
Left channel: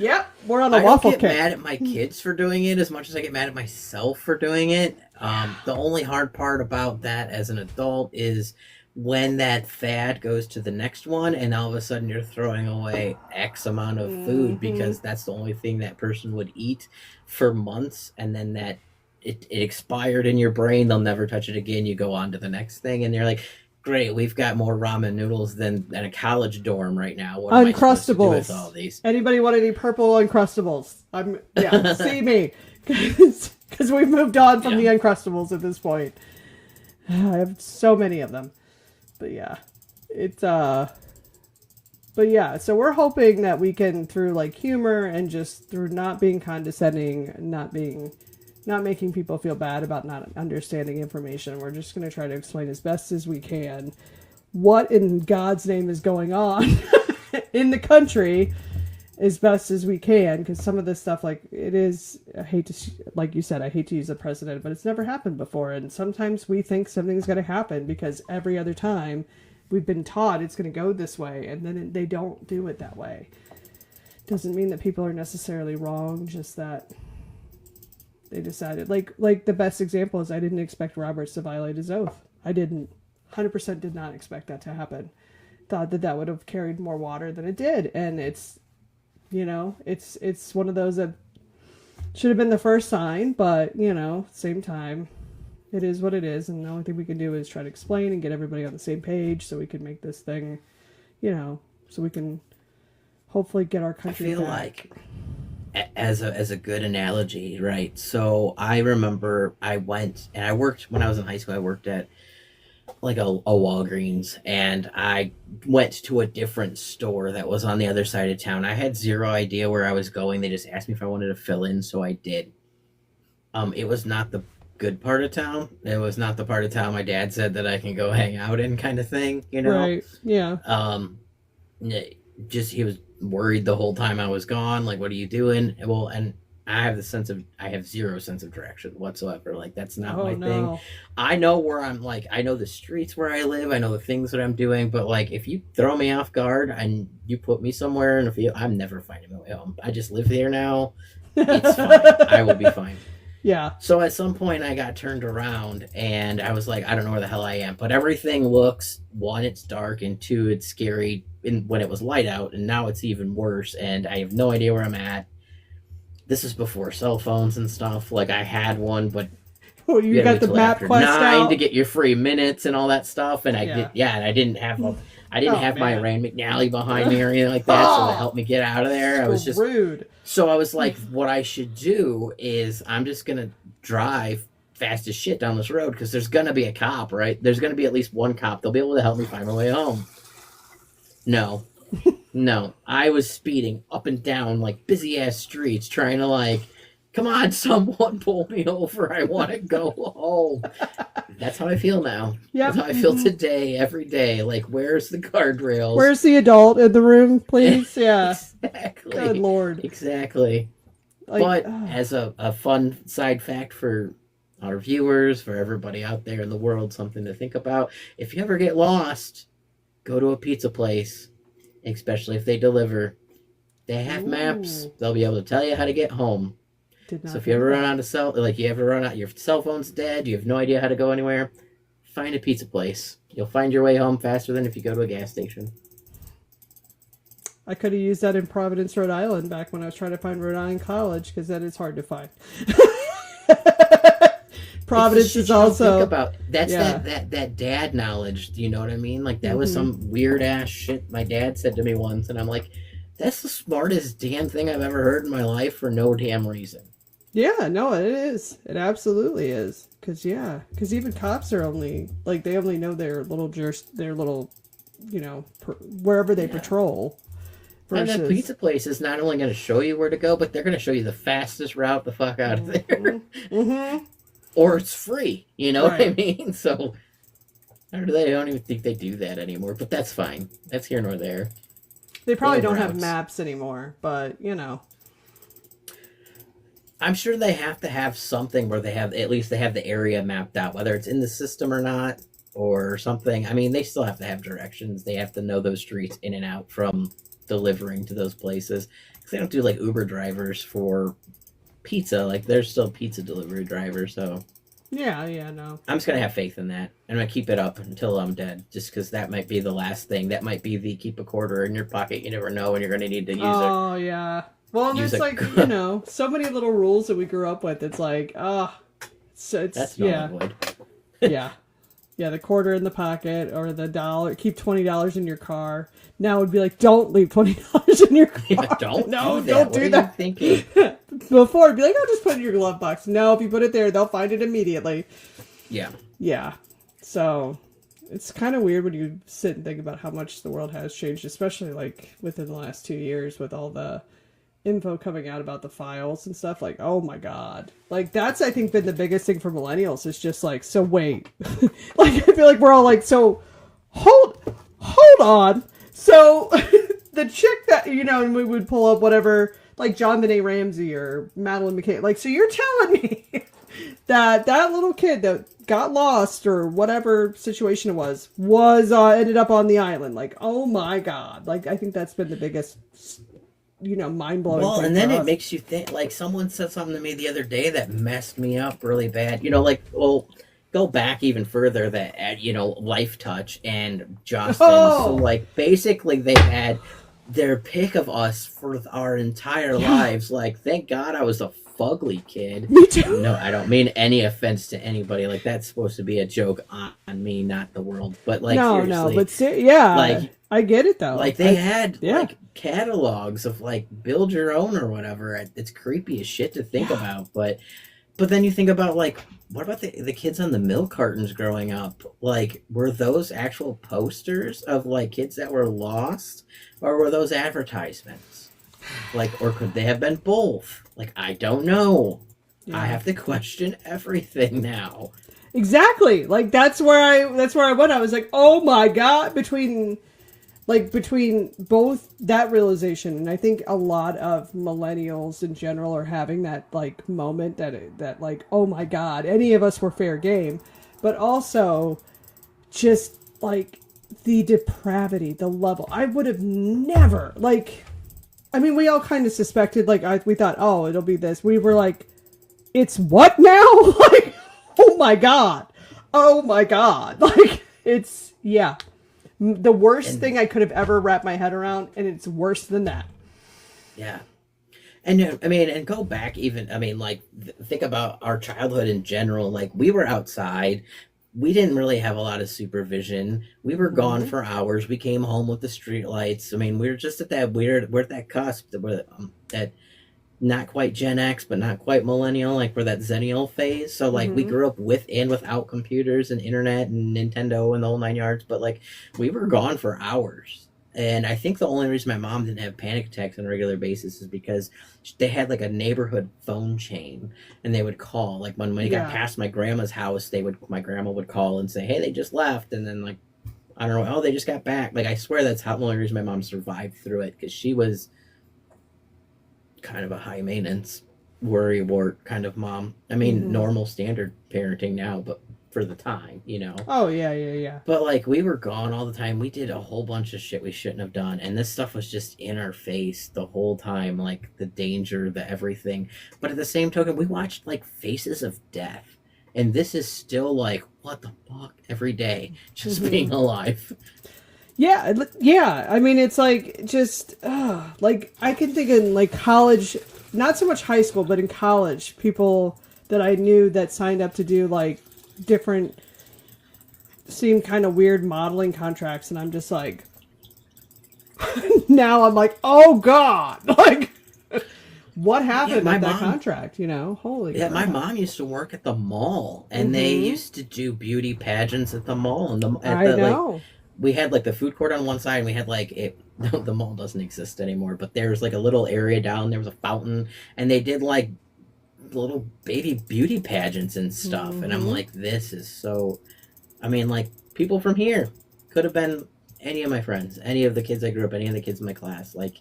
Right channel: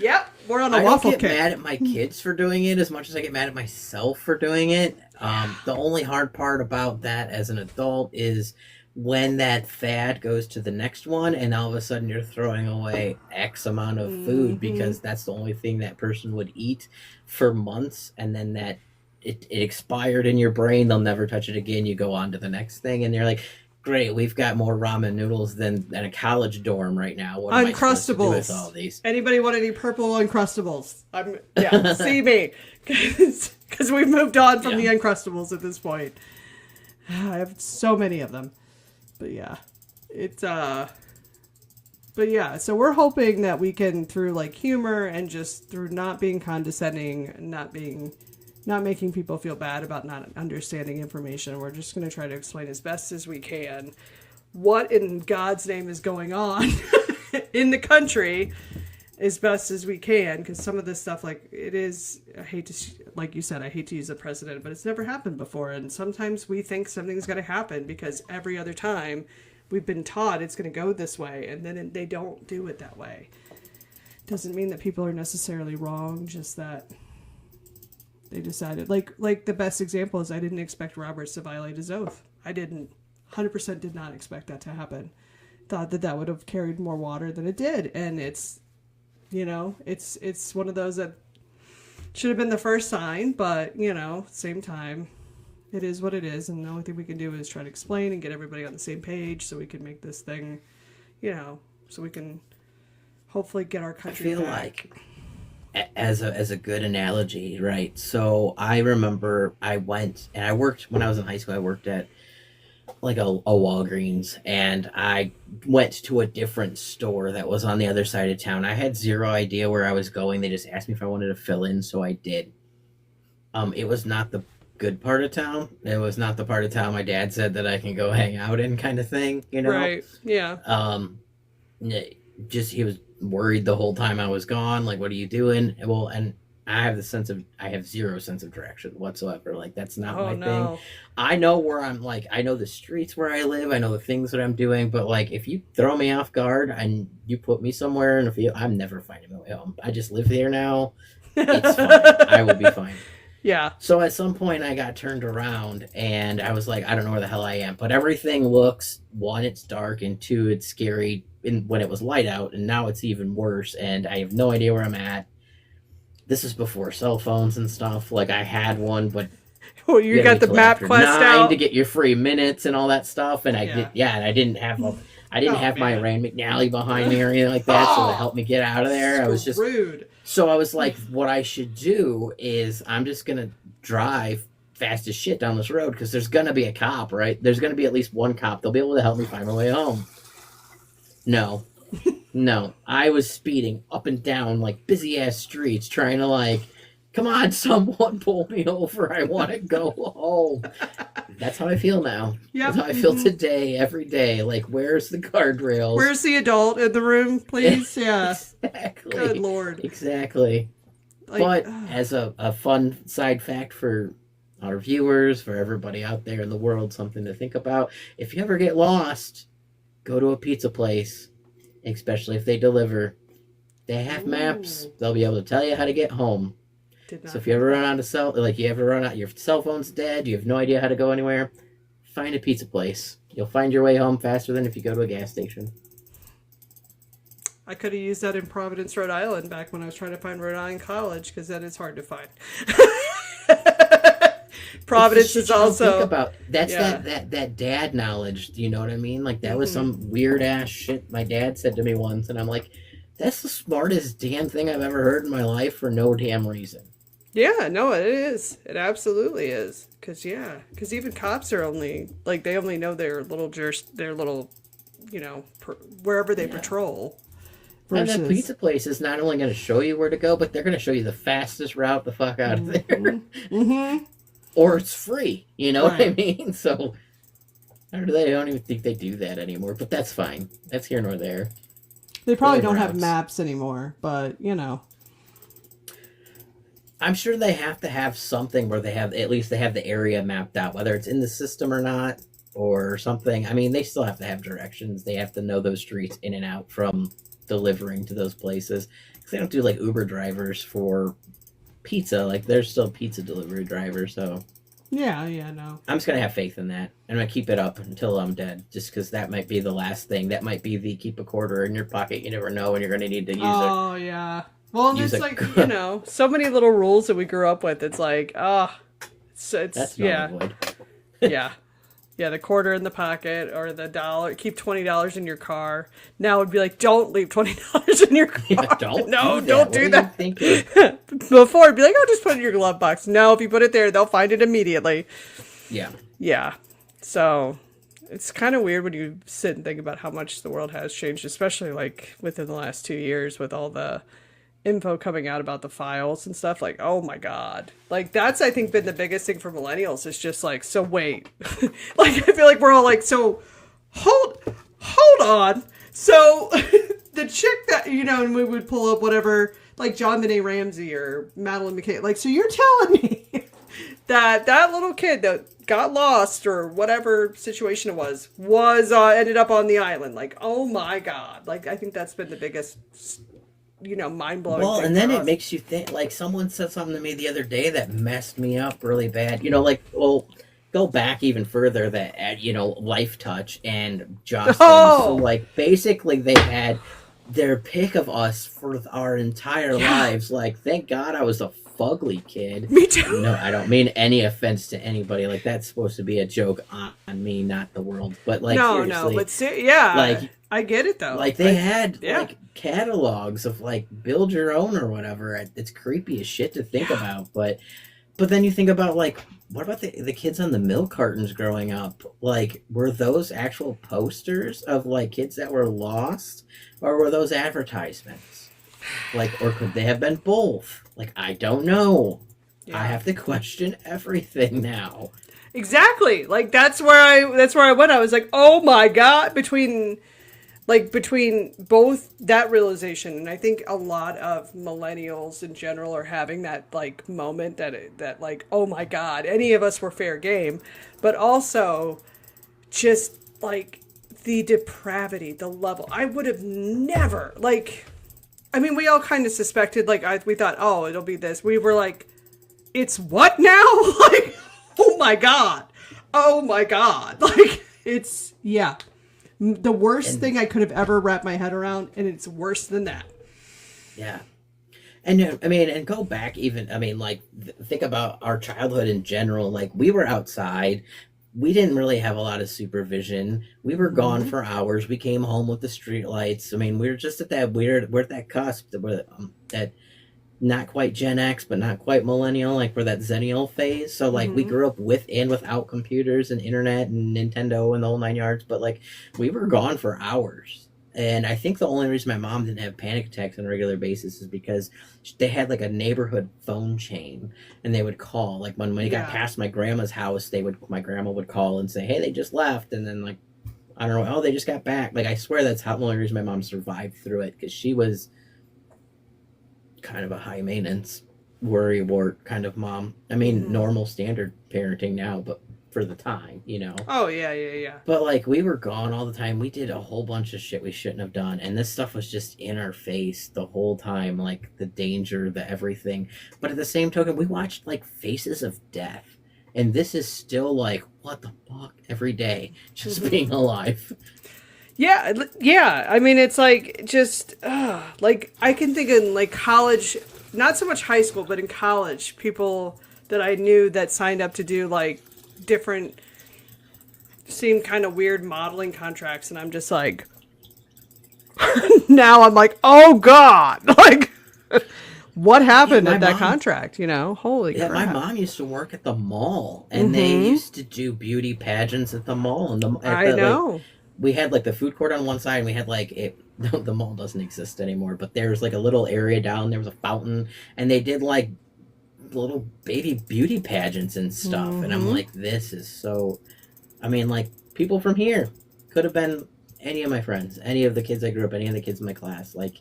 Yep. We're on a waffle cake. I don't get mad at my kids for doing it as much as I get mad at myself for doing it. The only hard part about that as an adult is when that fad goes to the next one, and all of a sudden you're throwing away X amount of food because that's the only thing that person would eat for months, and then that it expired in your brain. They'll never touch it again. You go on to the next thing, and you're like, great, we've got more ramen noodles than a college dorm right now. What am I supposed to do with all these? Anybody want any purple Uncrustables? See me. because we've moved on from Yeah. the Uncrustables at this point. I have so many of them. But yeah, it's but yeah, so we're hoping that we can, through like humor and just through not being condescending, not making people feel bad about not understanding information, we're just going to try to explain as best as we can what in God's name is going on in the country as best as we can, because some of this stuff, like, it is, like you said, I hate to use a precedent, but it's never happened before, and sometimes we think something's going to happen because every other time we've been taught it's going to go this way, and then they don't do it that way. Doesn't mean that people are necessarily wrong, just that they decided, like the best example is I didn't expect Roberts to violate his oath. I didn't. 100% did not expect that to happen. Thought that would have carried more water than it did, and it's, you know, it's one of those that should have been the first sign, but, you know, same time, it is what it is, and the only thing we can do is try to explain and get everybody on the same page so we can make this thing, you know, so we can hopefully get our country I feel back. like, as a good analogy, right? So I remember I went and I worked when I was in high school. I worked at like a Walgreens, and I went to a different store that was on the other side of town. I had zero idea where I was going. They just asked me if I wanted to fill in, so I did. It was not the good part of town. It was not the part of town my dad said that I can go hang out in, kind of thing, you know? Right, yeah. Just he was worried the whole time I was gone. Like, what are you doing? Well, and I have zero sense of direction whatsoever. Like, that's not my thing. I know where I'm, like, I know the streets where I live. I know the things that I'm doing. But, like, if you throw me off guard and you put me somewhere in a field, I'm never finding my way home. I just live here now. It's fine. I will be fine. Yeah. So at some point I got turned around and I was like, I don't know where the hell I am. But everything looks, one, it's dark, and two, it's scary when it was light out, and now it's even worse, and I have no idea where I'm at. This is before cell phones and stuff. Like, I had one, but Oh, you got the map after quest 9 out? to get your free minutes and all that stuff. And Yeah. and I didn't have my man. Rand McNally behind me or anything like that, so to help me get out of there. I was just rude. So I was like, what I should do is I'm just gonna drive fast as shit down this road, because there's gonna be a cop, right? There's gonna be at least one cop. They'll be able to help me find my way home. No. No. I was speeding up and down like busy ass streets trying to, like, come on, someone pull me over. I want to go home. That's how I feel now. Yep. That's how I feel today, every day. Like, where's the guardrails? Where's the adult in the room, please? Yeah. Exactly. Good Lord. Exactly. Like, But as a fun side fact for our viewers, for everybody out there in the world, something to think about, if you ever get lost, go to a pizza place, especially if they deliver. They have maps. They'll be able to tell you how to get home. So if you ever run out of your cell phone's dead, you have no idea how to go anywhere, find a pizza place. You'll find your way home faster than if you go to a gas station. I could have used that in Providence, Rhode Island back when I was trying to find Rhode Island College, because that is hard to find. Providence is also think about. That's that dad knowledge. Do you know what I mean? Like, that was some weird ass shit my dad said to me once, and I'm like, that's the smartest damn thing I've ever heard in my life for no damn reason. Yeah, no, it is. It absolutely is. Because even cops are only, like, they only know their little, you know, wherever they patrol. And that pizza place is not only going to show you where to go, but they're going to show you the fastest route the fuck out of there. Or it's free. You know what I mean? So, I don't even think they do that anymore, but that's fine. That's here nor there. They probably don't have maps anymore, but, you know. I'm sure they have to have something where they have the area mapped out, whether it's in the system or not, or something. I mean, they still have to have directions. They have to know those streets in and out from delivering to those places. Because they don't do, like, Uber drivers for pizza. Like, they're still pizza delivery drivers, so. Yeah, no. I'm just going to have faith in that. I'm going to keep it up until I'm dead, just because that might be the last thing. That might be the keep a quarter in your pocket. You never know when you're going to need to use it. Oh, yeah. Well, there's, like, you know, so many little rules that we grew up with. It's like, it's that's not avoid. Yeah. Yeah, the quarter in the pocket or the dollar. Keep $20 in your car. Now it would be like, don't leave $20 in your car. Yeah, don't No, do that. don't What do are that. you thinking? Before it'd be like, oh, just put it in your glove box. No, if you put it there, they'll find it immediately. Yeah. Yeah. So it's kind of weird when you sit and think about how much the world has changed, especially like within the last 2 years with all the info coming out about the files and stuff. Like, oh my god, like that's I think been the biggest thing for millennials is just like, so wait. Like I feel like we're all like, so hold on. So the chick that, you know, and we would pull up whatever, like John Benet Ramsey or Madeline McKay, like, so you're telling me that little kid that got lost or whatever situation it was ended up on the island. Like, oh my god. Like I think that's been the biggest, you know, mind-blowing Well, thing and then for it us. makes you think, like, someone said something to me the other day that messed me up really bad. You know, like, well, go back even further that, you know, Life Touch and Justin. So, Oh like, basically they had their pick of us for our entire yeah, lives. Like, thank God I was a fugly kid. me too. No, I don't mean any offense to anybody. Like, that's supposed to be a joke on me, not the world. But, like, No, seriously, but yeah, like, I get it though. like they had Yeah. like catalogs of like build your own or whatever. It's creepy as shit to think about, but then you think about like what about the kids on the milk cartons growing up? Like were those actual posters of like kids that were lost or were those advertisements? Like or could they have been both? Like I don't know. Yeah. I have to question everything now. Exactly. Like that's where I went. I was like, oh my god, between both that realization, and I think a lot of millennials in general are having that like moment that like, oh my god, any of us were fair game, but also just like the depravity, the level. I would have never like. I mean, we all kind of suspected. Like, we thought, oh, it'll be this. We were like, it's what now? Like, oh my god, oh my god. Like, it's yeah. The worst And thing I could have ever wrapped my head around, and it's worse than that. yeah. And I mean, and go back even, I mean, like, think about our childhood in general. Like, we were outside. We didn't really have a lot of supervision. We were gone Mm-hmm. for hours. We came home with the street lights. I mean, we were just at that we're at that cusp that we're that not quite Gen X, but not quite millennial. Like, we're that Zennial phase. So, like, we Mm-hmm. grew up with and without computers and internet and Nintendo and the whole nine yards. But, like, we were gone for hours. And I think the only reason my mom didn't have panic attacks on a regular basis is because they had like a neighborhood phone chain, and they would call. Like when he got Yeah. past my grandma's house, my grandma would call and say, "Hey, they just left," and then like I don't know, oh, they just got back. Like I swear that's how the only reason my mom survived through it because she was kind of a high maintenance, worry wart kind of mom. I mean, Mm-hmm. normal standard parenting now, but for the time, you know. Oh yeah. But like we were gone all the time. We did a whole bunch of shit we shouldn't have done. And this stuff was just in our face the whole time, like the danger, the everything. But at the same token, we watched like Faces of Death. And this is still like, what the fuck every day, just Mm-hmm. being alive. Yeah. I mean, it's like just like I can think in like college, not so much high school, but in college, people that I knew that signed up to do like different, seemed kind of weird modeling contracts, and I'm just like, now I'm like, oh god, like what happened my at that mom- contract? You know, holy Yeah, my crap. mom used to work at the mall, and they Mhm. used to do beauty pageants at the mall. And I like know. we had like the food court on one side, and we had like it. The mall doesn't exist anymore, but there was like a little area down. There was a fountain, and they did like little baby beauty pageants and stuff. And I'm Mhm. like, this is so. I mean, like people from here could have been any of my friends, any of the kids I grew up, any of the kids in my class. Like,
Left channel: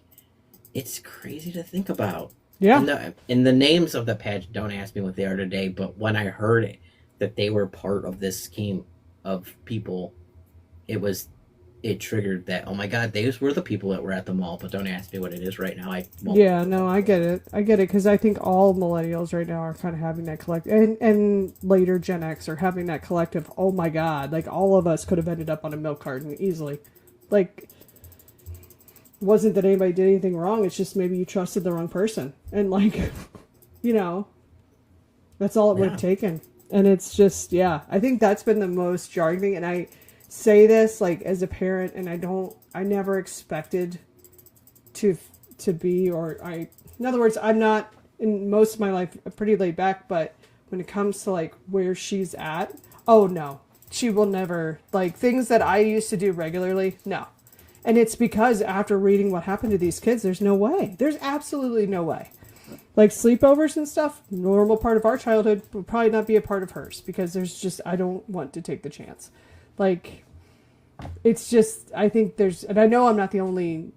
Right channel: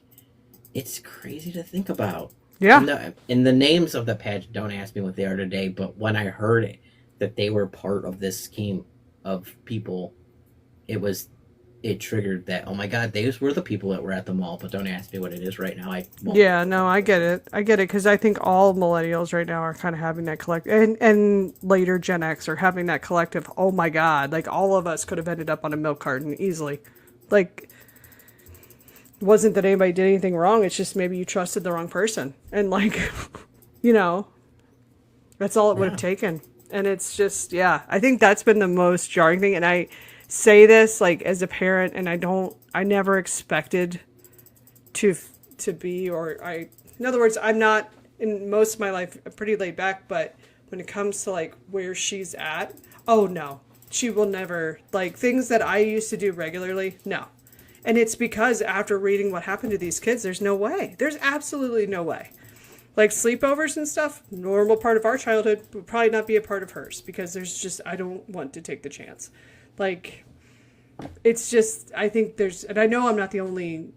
it's crazy to think about. Yeah. And the names of the pageant, don't ask me what they are today, but when I heard it, that they were part of this scheme of people, it triggered that, oh my god, those were the people that were at the mall, but don't ask me what it is right now. I won't. Yeah, no, I get it. I get it because I think all millennials right now are kind of having that and later Gen X are having that collective. Oh my god, like all of us could have ended up on a milk carton easily. Like, it wasn't that anybody did anything wrong. It's just maybe you trusted the wrong person, and like, you know, that's all it would have Yeah. taken. And it's just, yeah, I think that's been the most jarring thing. And I say this like as a parent, and I never expected to be, in other words, I'm not, in most of my life, pretty laid back, but when it comes to like where she's at, oh no, she will never, like things that I used to do regularly, no. And it's because after reading what happened to these kids, there's no way. There's absolutely no way. Like sleepovers and stuff, normal part of our childhood, would probably not be a part of hers, because there's just, I don't want to take the chance. Like, it's just, I think there's, and I know I'm not the only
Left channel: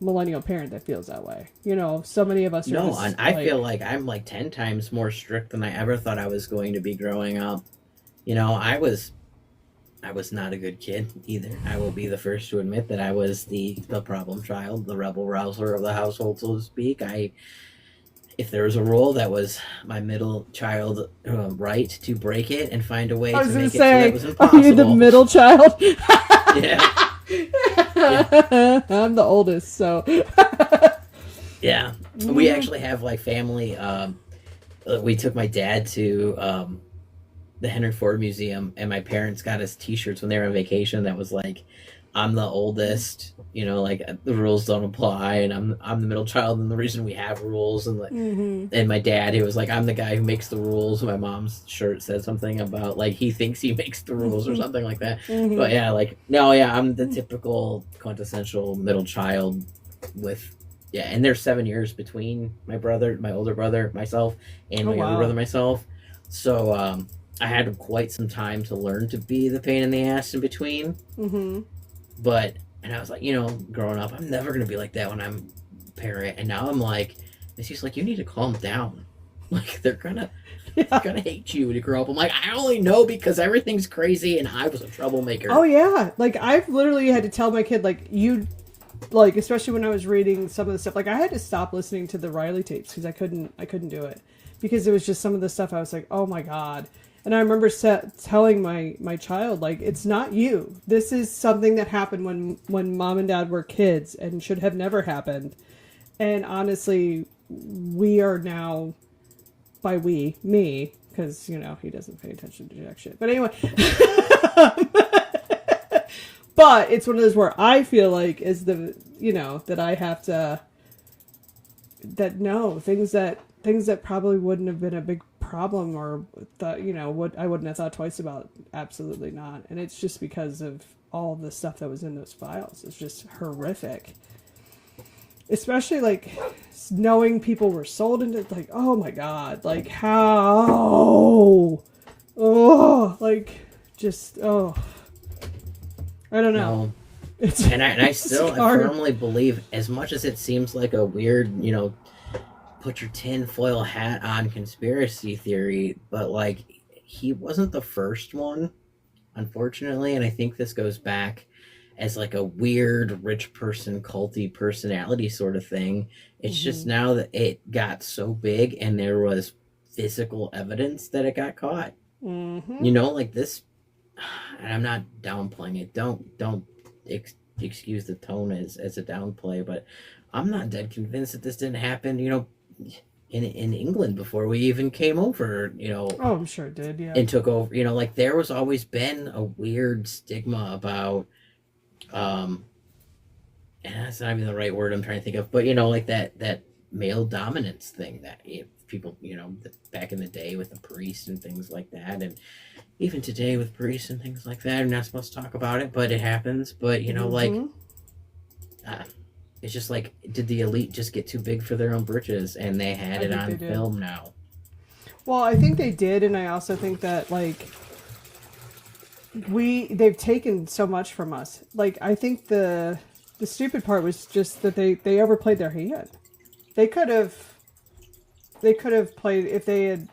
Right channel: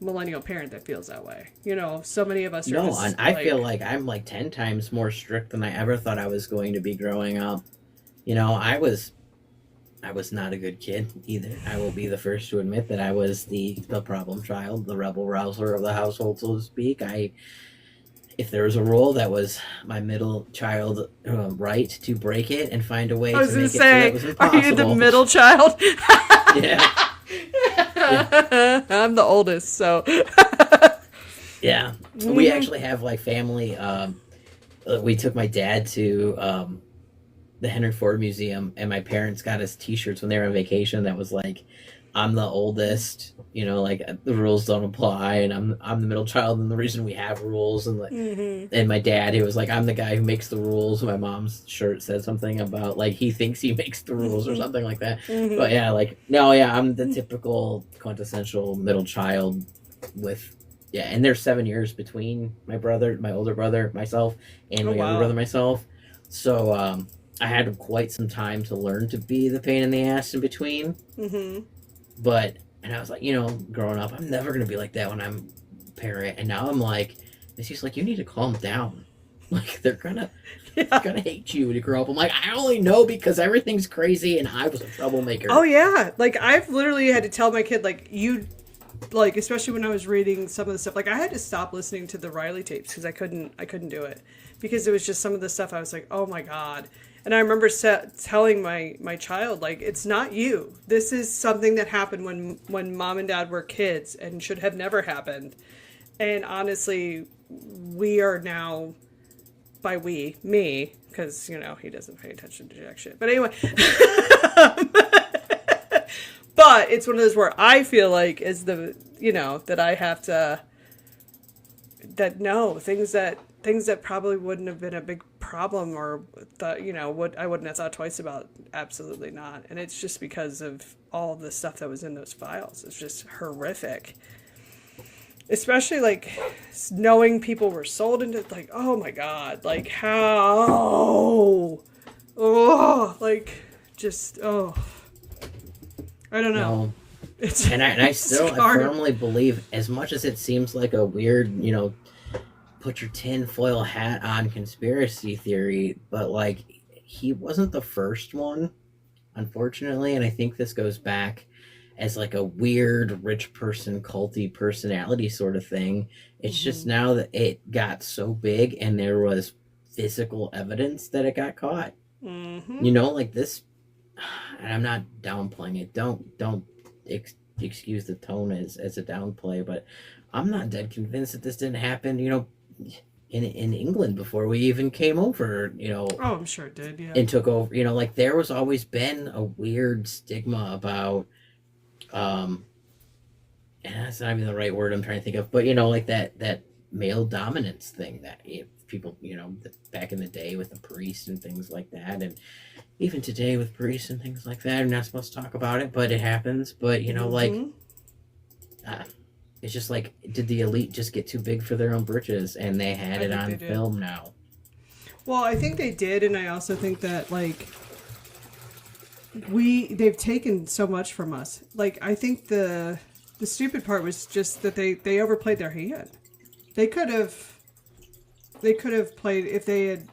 millennial parent that feels that way. You know, so many of us are. No, and I feel like I'm like 10 times more strict than I ever thought I was going to be growing up. You know, I was not a good kid either. I will be the first to admit that I was the problem child, the rebel rouser of the household, so to speak. If there was a rule, that was my middle child right to break it and find a way to make it so that was impossible. Are you the middle child? Yeah. Yeah. I'm the oldest, so. Yeah. We actually have like family. We took my dad to the Henry Ford Museum, and my parents got us T-shirts when they were on vacation that was like, I'm the oldest, you know, like the rules don't apply, and I'm the middle child, and the reason we have rules, and like, and my dad, he was like, I'm the guy who makes the rules. My mom's shirt said something about like he thinks he makes the rules or something like that. But yeah, like no, yeah, I'm the typical quintessential middle child with. Yeah, and there's 7 years between my older brother, myself, and my younger brother, myself. So I had quite some time to learn to be the pain in the ass in between. But, and I was like, you know, growing up, I'm never going to be like that when I'm a parent. And now I'm like, it's just like, you need to calm down. Like, they're gonna hate you when you grow up. I'm like, I only know because everything's crazy and I was a troublemaker. Oh, yeah. Like, I've literally had to tell my kid, like, like, especially when I was reading some of the stuff, like, I had to stop listening to the Riley tapes because I couldn't do it. Because it was just some of the stuff I was like, oh my God. And I remember telling my child, like, it's not you. This is something that happened when mom and dad were kids and should have never happened. And honestly, we are now, by me, because, you know, he doesn't pay attention to jack shit. But anyway. But it's one of those where I feel like is the, you know, that I have to, that no, things that probably wouldn't have been a big problem or thought, you know, I wouldn't have thought twice about. Absolutely not. And it's just because of all the stuff that was in those files. It's just horrific. Especially like knowing people were sold into, like, oh my God, like how, like just, I don't know. No. And I still I firmly believe, as much as it seems like a weird, you know, put your tinfoil hat on conspiracy theory, but like he wasn't the first one, unfortunately. And I think this goes back as like a weird rich person culty personality sort of thing. It's just now that it got so big and there was physical evidence that it got caught. You know, like this, and I'm not downplaying it. Don't excuse the tone as a downplay, but I'm not dead convinced that this didn't happen, you know, in England before we even came over, you know. Oh, I'm sure it did, yeah. And took over, you know, like there was always been a weird stigma about, and that's not even the right word I'm trying to think of, but you know, like that male dominance thing that people, you know, back in the day with the priest and things like that, and even today with priests and things like that. I'm not supposed to talk about it, but it happens. But you know, like, it's just like, did the elite just get too big for their own britches, and they had it on film now? Well, I think they did, and I also think that like they've taken so much from us. Like, I think the stupid part was just that they overplayed their hand. They could have played, if they had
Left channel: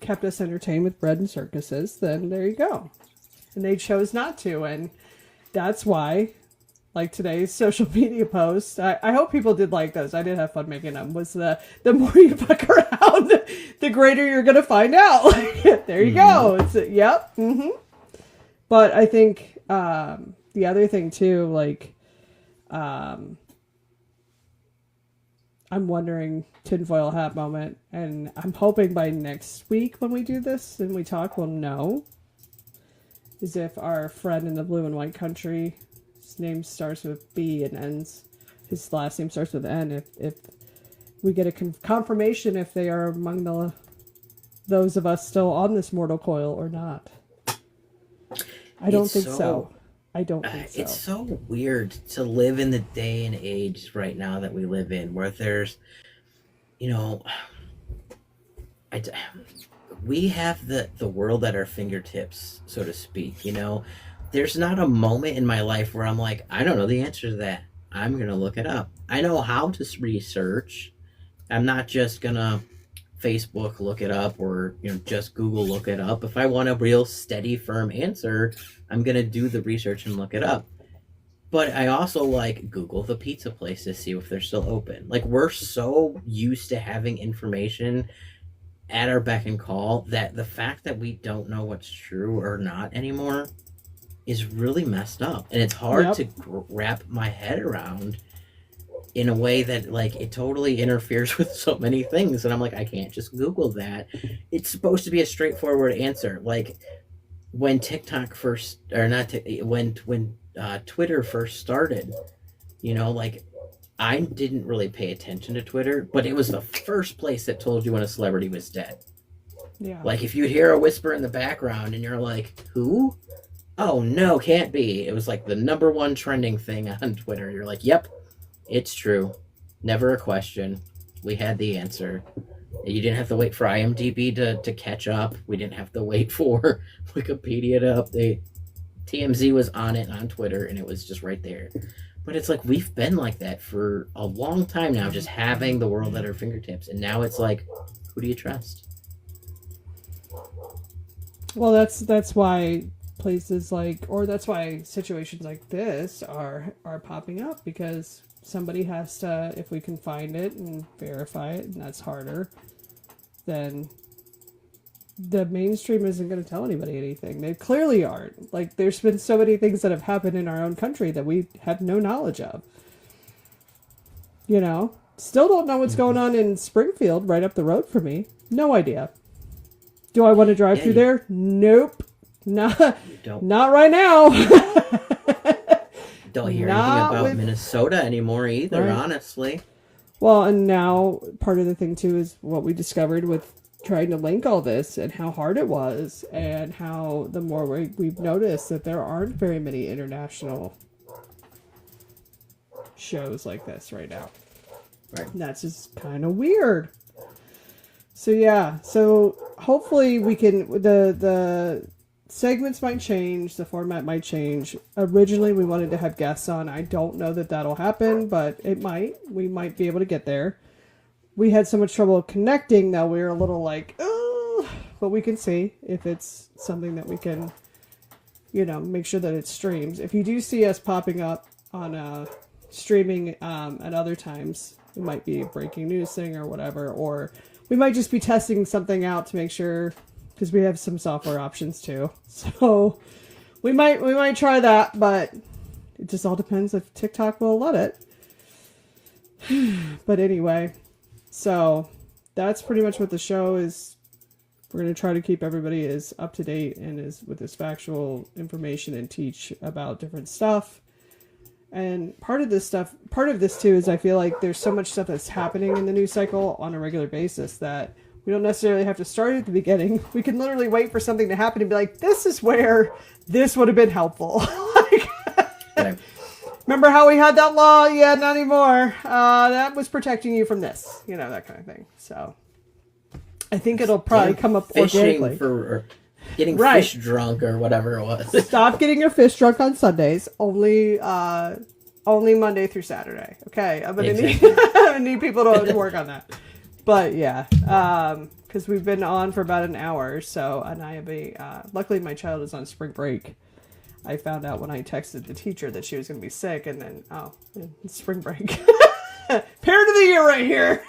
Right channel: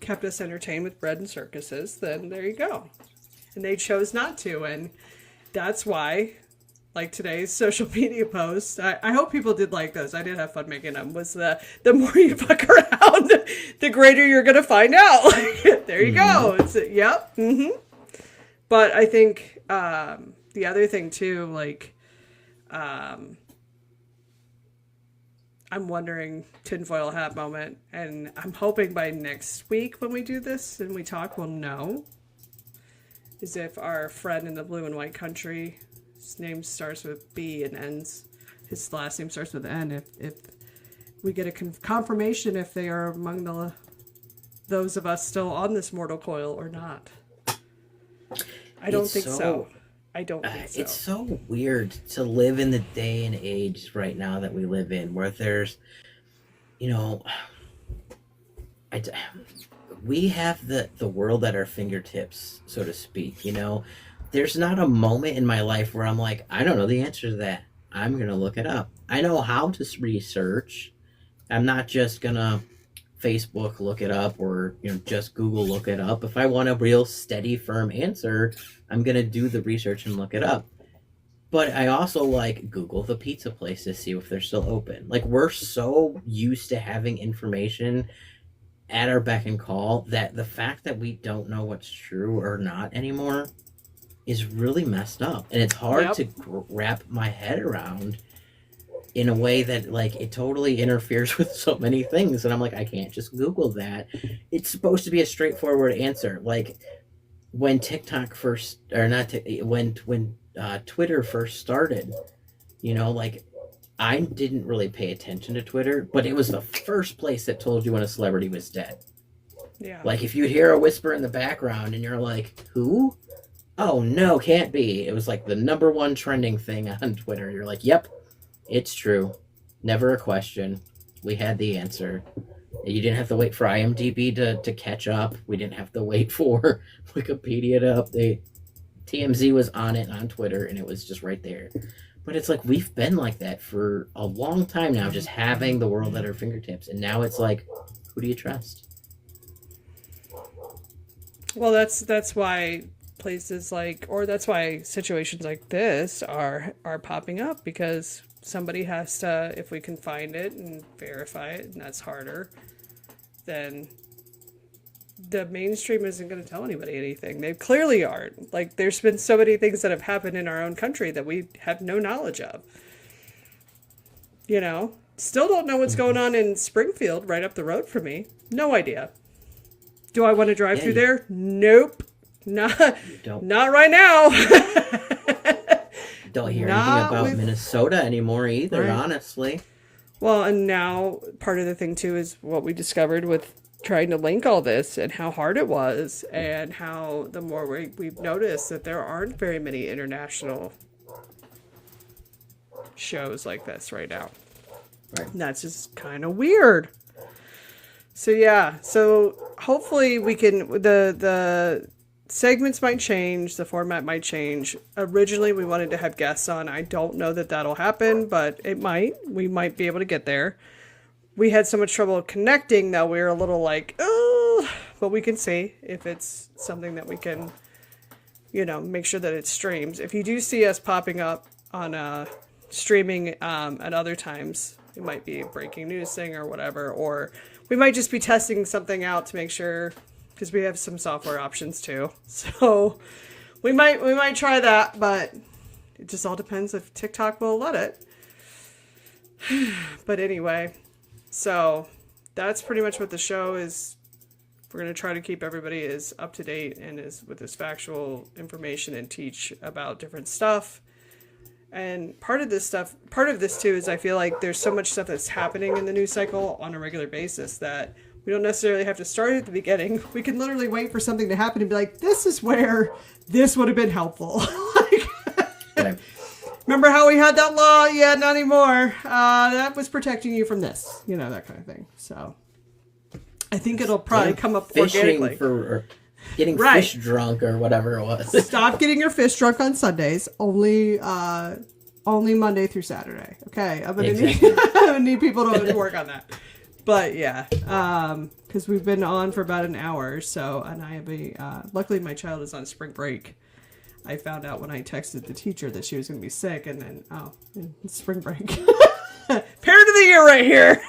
kept us entertained with bread and circuses, then there you go. And they chose not to, and that's why, like today's social media post, I hope people did like those. I did have fun making them. Was the more you fuck around, the greater you're gonna find out. Like, there you go. It's yep. But I think the other thing too, like, I'm wondering, tinfoil hat moment, and I'm hoping by next week when we do this and we talk, we'll know, is if our friend in the blue and white country, his name starts with B and ends, his last name starts with N, if we get a confirmation if they are among those of us still on this mortal coil or not. I don't think so. I don't think so. It's so weird to live in the day and age right now that we live in, where there's, we have the world at our fingertips, so to speak. There's not a moment in my life where I'm like, I don't know the answer to that. I'm gonna look it up. I know how to research. I'm not just gonna Facebook look it up, or just Google look it up. If I want a real steady, firm answer, I'm gonna do the research and look it up. But I also Google the pizza place to see if they're still open. We're so used to having information at our beck and call that the fact that we don't know what's true or not anymore is really messed up, and it's hard to wrap my head around in a way that it totally interferes with so many things, and I'm like, I can't just Google that. It's supposed to be a straightforward answer. When TikTok first, or not, when Twitter first started, I didn't really pay attention to Twitter, but it was the first place that told you when a celebrity was dead. Yeah. If you'd hear a whisper in the background and you're like, who? Oh no, can't be. It was the number one trending thing on Twitter. You're like, yep. It's true. Never a question. We had the answer. You didn't have to wait for IMDb to catch up. We didn't have to wait for Wikipedia to update. TMZ was on it on Twitter, and it was just right there. But it's we've been like that for a long time now, just having the world at our fingertips. And now it's who do you trust? Well, that's why places that's why situations like this are popping up, because somebody has to, if we can find it and verify it, and that's harder, then the mainstream isn't going to tell anybody anything. They clearly aren't. There's been so many things that have happened in our own country that we have no knowledge of. Still don't know what's going on in Springfield, right up the road from me. No idea. Do I want to drive through there? Nope. Not right now. Don't hear anything about Minnesota anymore either, right. Honestly. Well, and now part of the thing too is what we discovered with trying to link all this, and how hard it was, and how the more we've noticed that there aren't very many international shows like this right now. Right. And that's just kind of weird. So yeah, hopefully we can, the segments might change, the format might change. Originally we wanted to have guests on. I don't know that that'll happen, but it might. We might be able to get there. We had so much trouble connecting that we were a little oh, but we can see if it's something that we can, make sure that it streams. If you do see us popping up on streaming at other times, it might be a breaking news thing or whatever, or we might just be testing something out to make sure, because we have some software options too. So we might try that, but it just all depends if TikTok will let it. But anyway, so that's pretty much what the show is. We're going to try to keep everybody as up to date and with this factual information, and teach about different stuff. And part of this too is I feel like there's so much stuff that's happening in the news cycle on a regular basis that we don't necessarily have to start at the beginning. We can literally wait for something to happen and be like, this is where this would have been helpful. Right. Remember how we had that law? Yeah, not anymore. That was protecting you from this, that kind of thing. So I think it'll probably come up organically. For getting fish drunk or whatever it was. Stop getting your fish drunk on Sundays. Only Monday through Saturday. Okay, I'm gonna need people to work on that. But yeah, because we've been on for about an hour, so, and I have luckily my child is on spring break. I found out when I texted the teacher that she was going to be sick, and then, it's spring break. Parent of the year right here.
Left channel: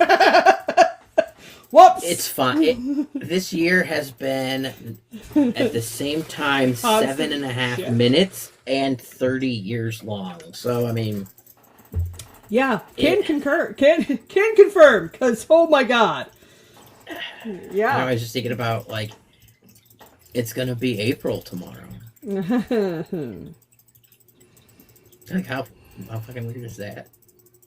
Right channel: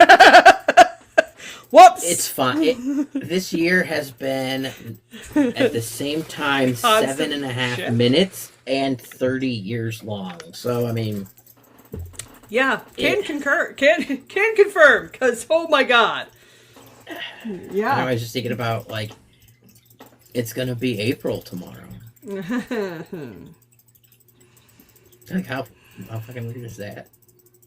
Whoops. It's fine. This year has been, at the same time, 7.5 minutes and 30 years long. So, I mean... Yeah, can concur. Can confirm, because, oh my god. Yeah. I was just thinking about, like, it's going to be April tomorrow. Like, how fucking weird is that?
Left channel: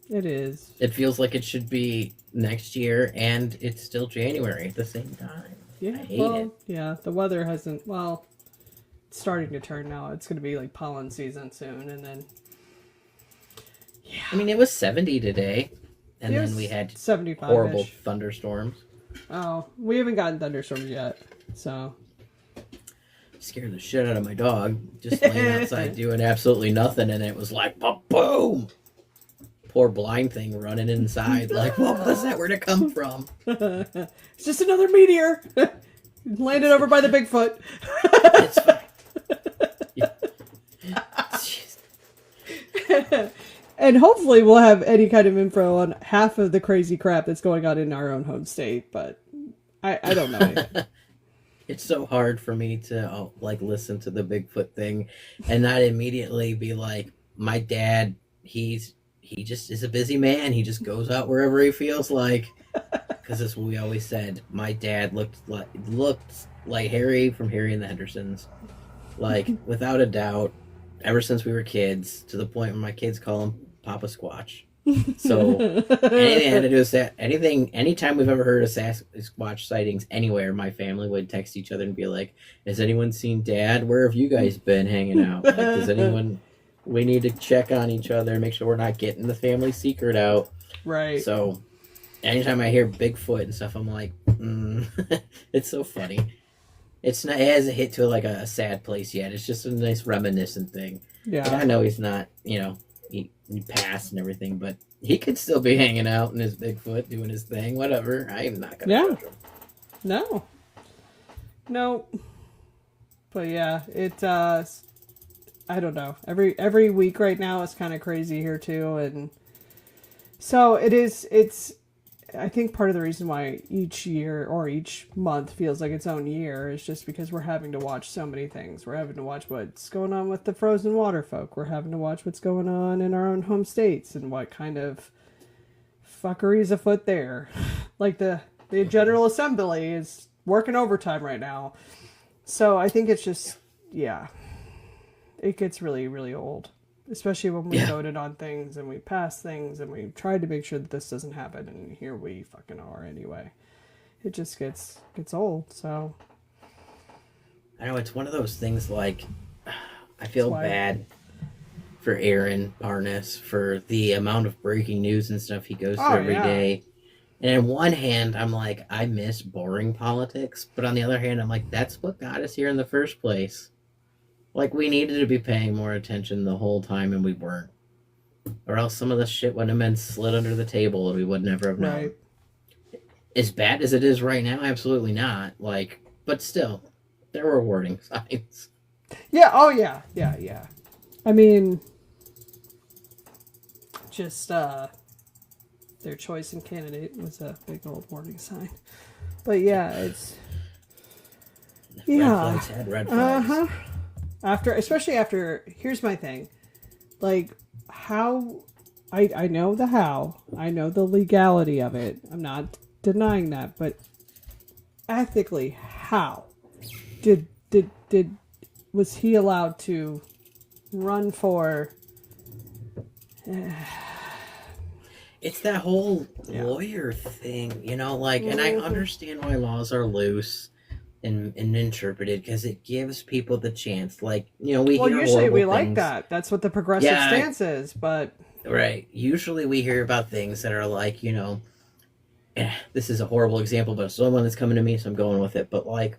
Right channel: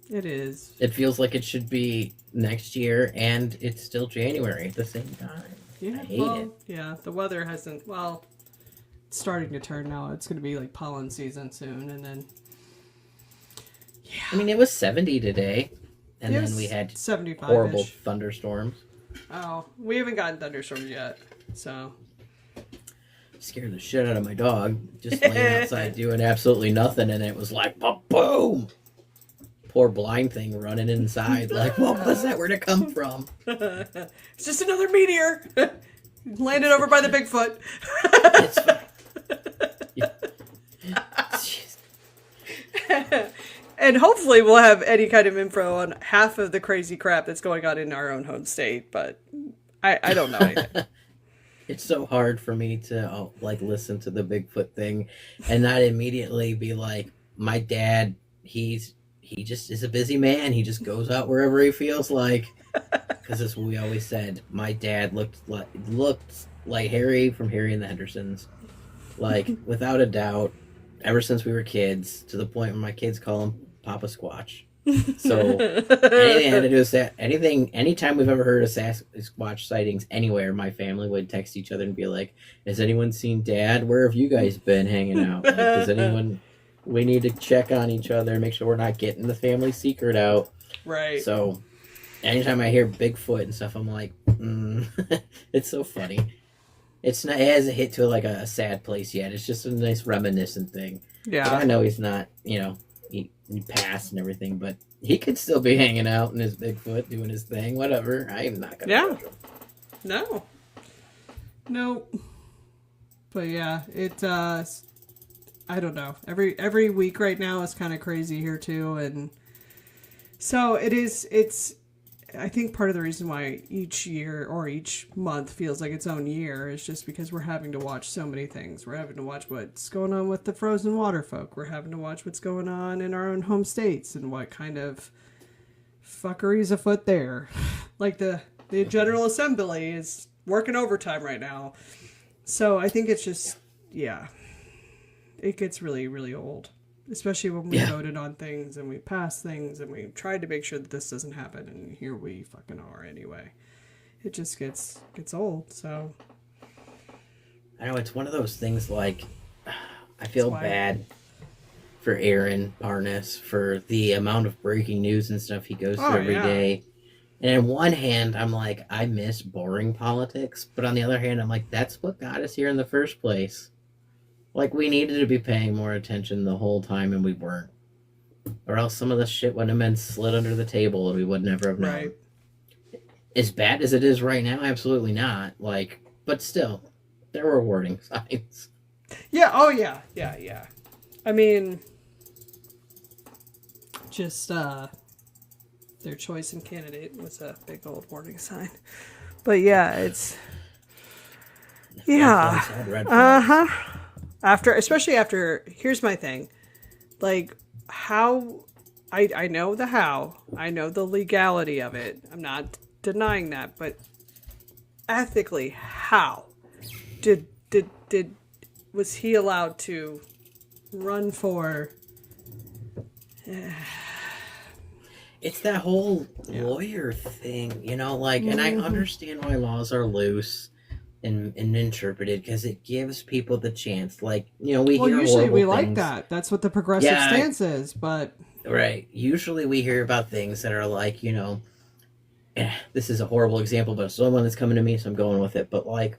It is. It feels like it should be next year, and it's still January at the same time. Yeah, I hate it. Yeah, the weather hasn't, it's starting to turn now. It's going to be like pollen season soon, and then, yeah. I mean, it was 70 today, and then we had 75-ish. Horrible thunderstorms. Oh, we haven't gotten thunderstorms yet, so. Scared the shit out of my dog, just laying outside doing absolutely nothing, and it was like, boom! Poor blind thing running inside, like, what was that? Where'd it come from? It's just another meteor. Landed over by the Bigfoot. It's fine. And hopefully we'll have any kind of info on half of the crazy crap that's going on in our own home state, but I don't know yet. It's so hard for me to like listen to the Bigfoot thing and not immediately be like, my dad, he just is a busy man. He just goes out wherever he feels like. Because as we always said, my dad looked like Harry from Harry and the Hendersons. Like, without a doubt, ever since we were kids, to the point where my kids call him Papa Squatch. So anything I had to do with that, anytime we've ever heard of Sasquatch sightings anywhere, my family would text each other and be like, has anyone seen Dad? Where have you guys been hanging out? Like, does anyone... We need to check on each other, make sure we're not getting the family secret out. Right. So, anytime I hear Bigfoot and stuff, I'm like, it's so funny. It hasn't hit to like a sad place yet. It's just a nice reminiscent thing. Yeah. Like, I know he's not, he passed and everything, but he could still be hanging out in his Bigfoot, doing his thing, whatever. I'm not going to judge him. No. But yeah, I don't know. Every week right now is kind of crazy here too, and so it's I think part of the reason why each year or each month feels like its own year is just because we're having to watch so many things. We're having to watch what's going on with the frozen water folk. We're having to watch what's going on in our own home states and what kind of fuckery is afoot there. Like the General Assembly is working overtime right now. So I think it's just, yeah. It gets really, really old. Especially when we voted on things and we passed things and we tried to make sure that this doesn't happen, and here we fucking are anyway. It just gets old, so. I know, it's one of those things like, I feel bad for Aaron Parnas for the amount of breaking news and stuff he goes through every day. And on one hand, I'm like, I miss boring politics. But on the other hand, I'm like, that's what got us here in the first place. Like, we needed to be paying more attention the whole time, and we weren't. Or else some of the shit wouldn't have been slid under the table, and we would never have known. Right. As bad as it is right now, absolutely not. Like, but still, there were warning signs. Yeah, oh yeah. I mean, just, their choice in candidate was a big old warning sign. But yeah, it's... Yeah. Red flags, red flags. Uh-huh. Especially after, here's my thing. Like, how, I know the how. I know the legality of it. I'm not denying that. But ethically, how was he allowed to run for... It's that whole lawyer thing, like, and I understand why laws are loose and interpreted, because it gives people the chance, like, we hear usually we things. like that. That's what the progressive stance is, but... Right. Usually we hear about things that are like, this is a horrible example, but it's the one that's coming to me, so I'm going with it, but like,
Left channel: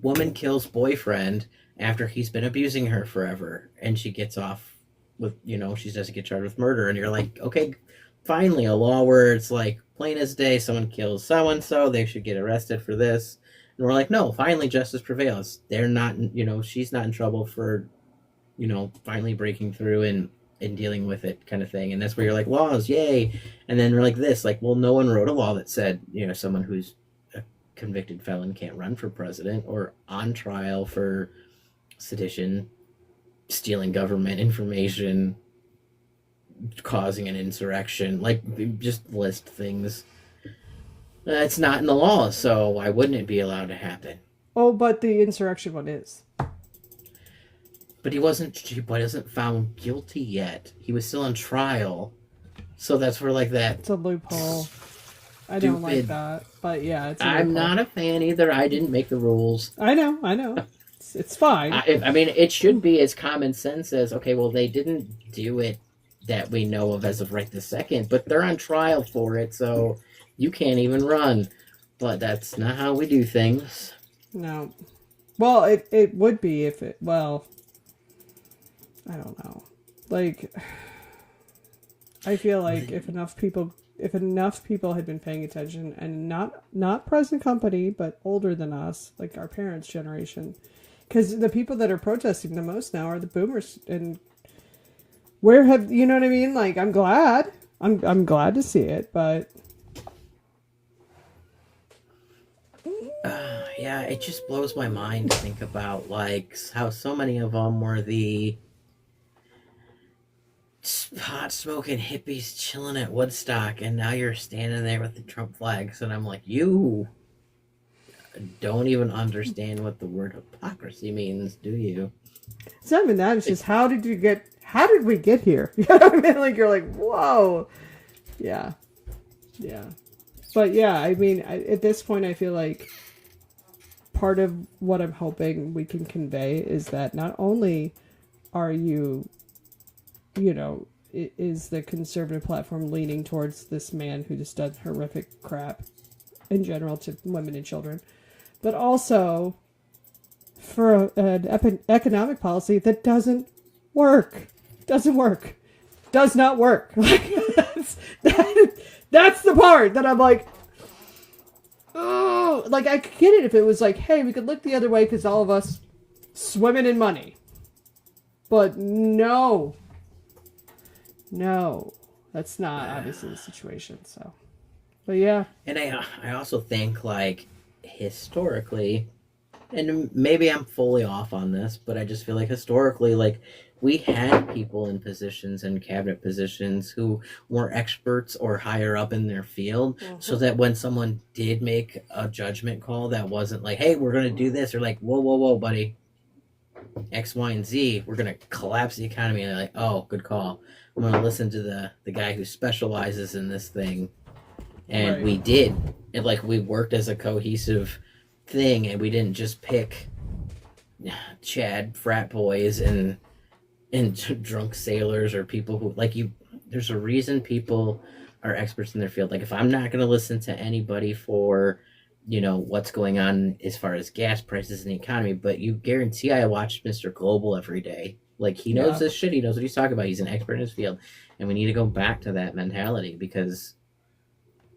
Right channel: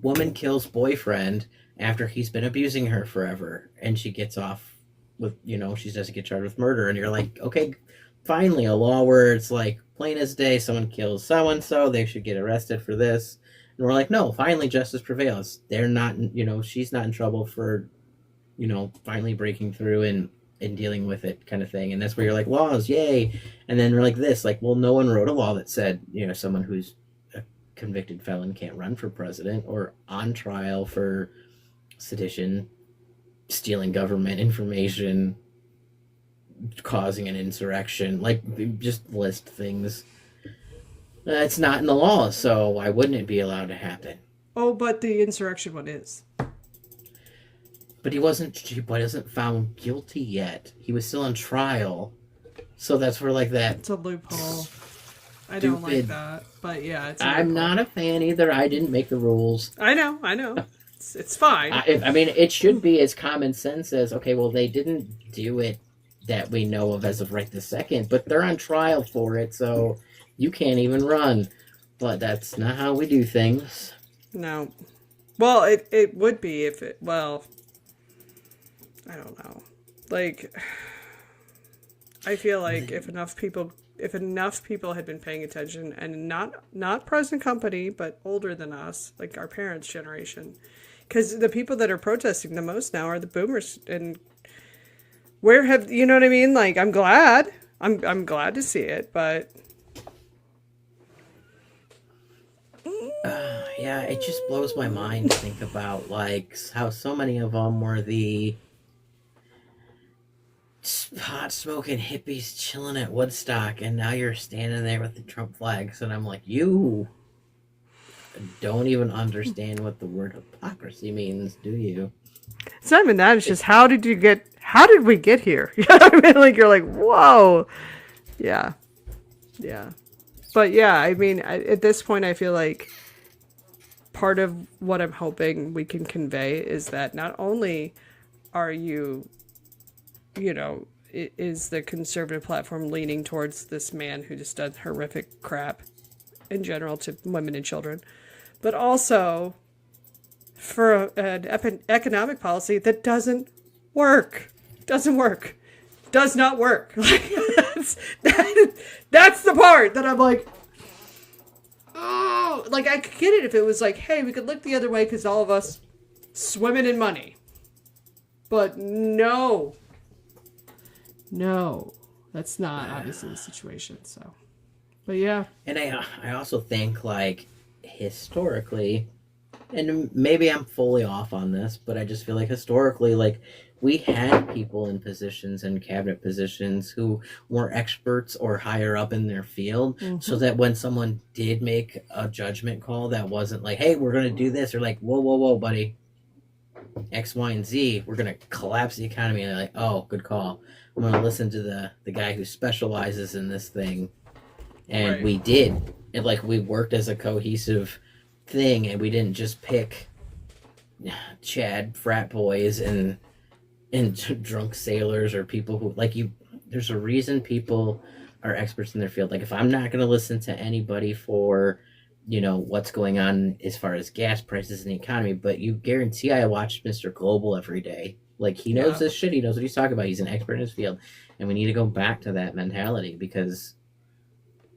woman kills boyfriend after he's been abusing her forever, and she gets off with, she doesn't get charged with murder, and you're like, okay, finally a law where it's like plain as day, someone kills so-and-so, they should get arrested for this. And we're like, no, finally justice prevails. They're not, she's not in trouble for, finally breaking through and dealing with it, kind of thing. And that's where you're like, laws, yay. And then we're like this, like, well, no one wrote a law that said, someone who's a convicted felon can't run for president or on trial for sedition, stealing government information, causing an insurrection. Like, just list things. It's not in the law, so why wouldn't it be allowed to happen? Oh, but the insurrection one is. But he wasn't found guilty yet. He was still on trial. So that's where, like, that It's a loophole. I don't like stupid. that, but yeah, it's a I'm loophole. not a fan either. I didn't make the rules. I know. It's fine. I mean, it should be as common sense as, okay, well, they didn't do it that we know of as of right this second, but they're on trial for it, so you can't even run. But that's not how we do things. No. Well, it would be if it. Well, I don't know. Like, I feel like if enough people had been paying attention, and not present company, but older than us, like our parents' generation, because the people that are protesting the most now are the boomers. And where have you know what I mean? Like, I'm glad to see it, but Yeah, it just blows my mind to think about, like, how so many of them were the pot smoking hippies chilling at Woodstock, and now you're standing there with the Trump flags, and I'm like, you don't even understand what the word hypocrisy means, do you? it's not even that. It's just how did we get here? You know what I mean? Like, you're like, whoa, yeah. But yeah, I mean, at this point, I feel like part of what I'm hoping we can convey is that not only are you know, is the conservative platform leaning towards this man who just does horrific crap in general to women and children, but also for an economic policy that does not work. Does not work. Like, that's the part that I'm like, oh, like, I could get it if it was like, hey, we could look the other way because all of us swimming in money. But no, that's not obviously the situation. So, but yeah. And I also think, like, historically, and maybe I'm fully off on this, but I just feel like historically, like, we had people in positions and cabinet positions who were experts or higher up in their field, so that when someone did make a judgment call that wasn't like, hey, we're going to do this, or like, whoa, buddy, X, Y, and Z, we're going to collapse the economy. And they're like, oh, good call. I'm going to listen to the guy who specializes in this thing. And we did. And, like, we worked as a cohesive thing, and we didn't just pick Chad frat boys and drunk sailors or people who, like, there's a reason people are experts in their field. Like, if I'm not going to listen to anybody for, you know, what's going on as far as gas prices in the economy, but you guarantee I watch Mr. Global every day. Like, he knows this shit. He knows what he's talking about. He's an expert in his field. And we need to go back to that mentality, because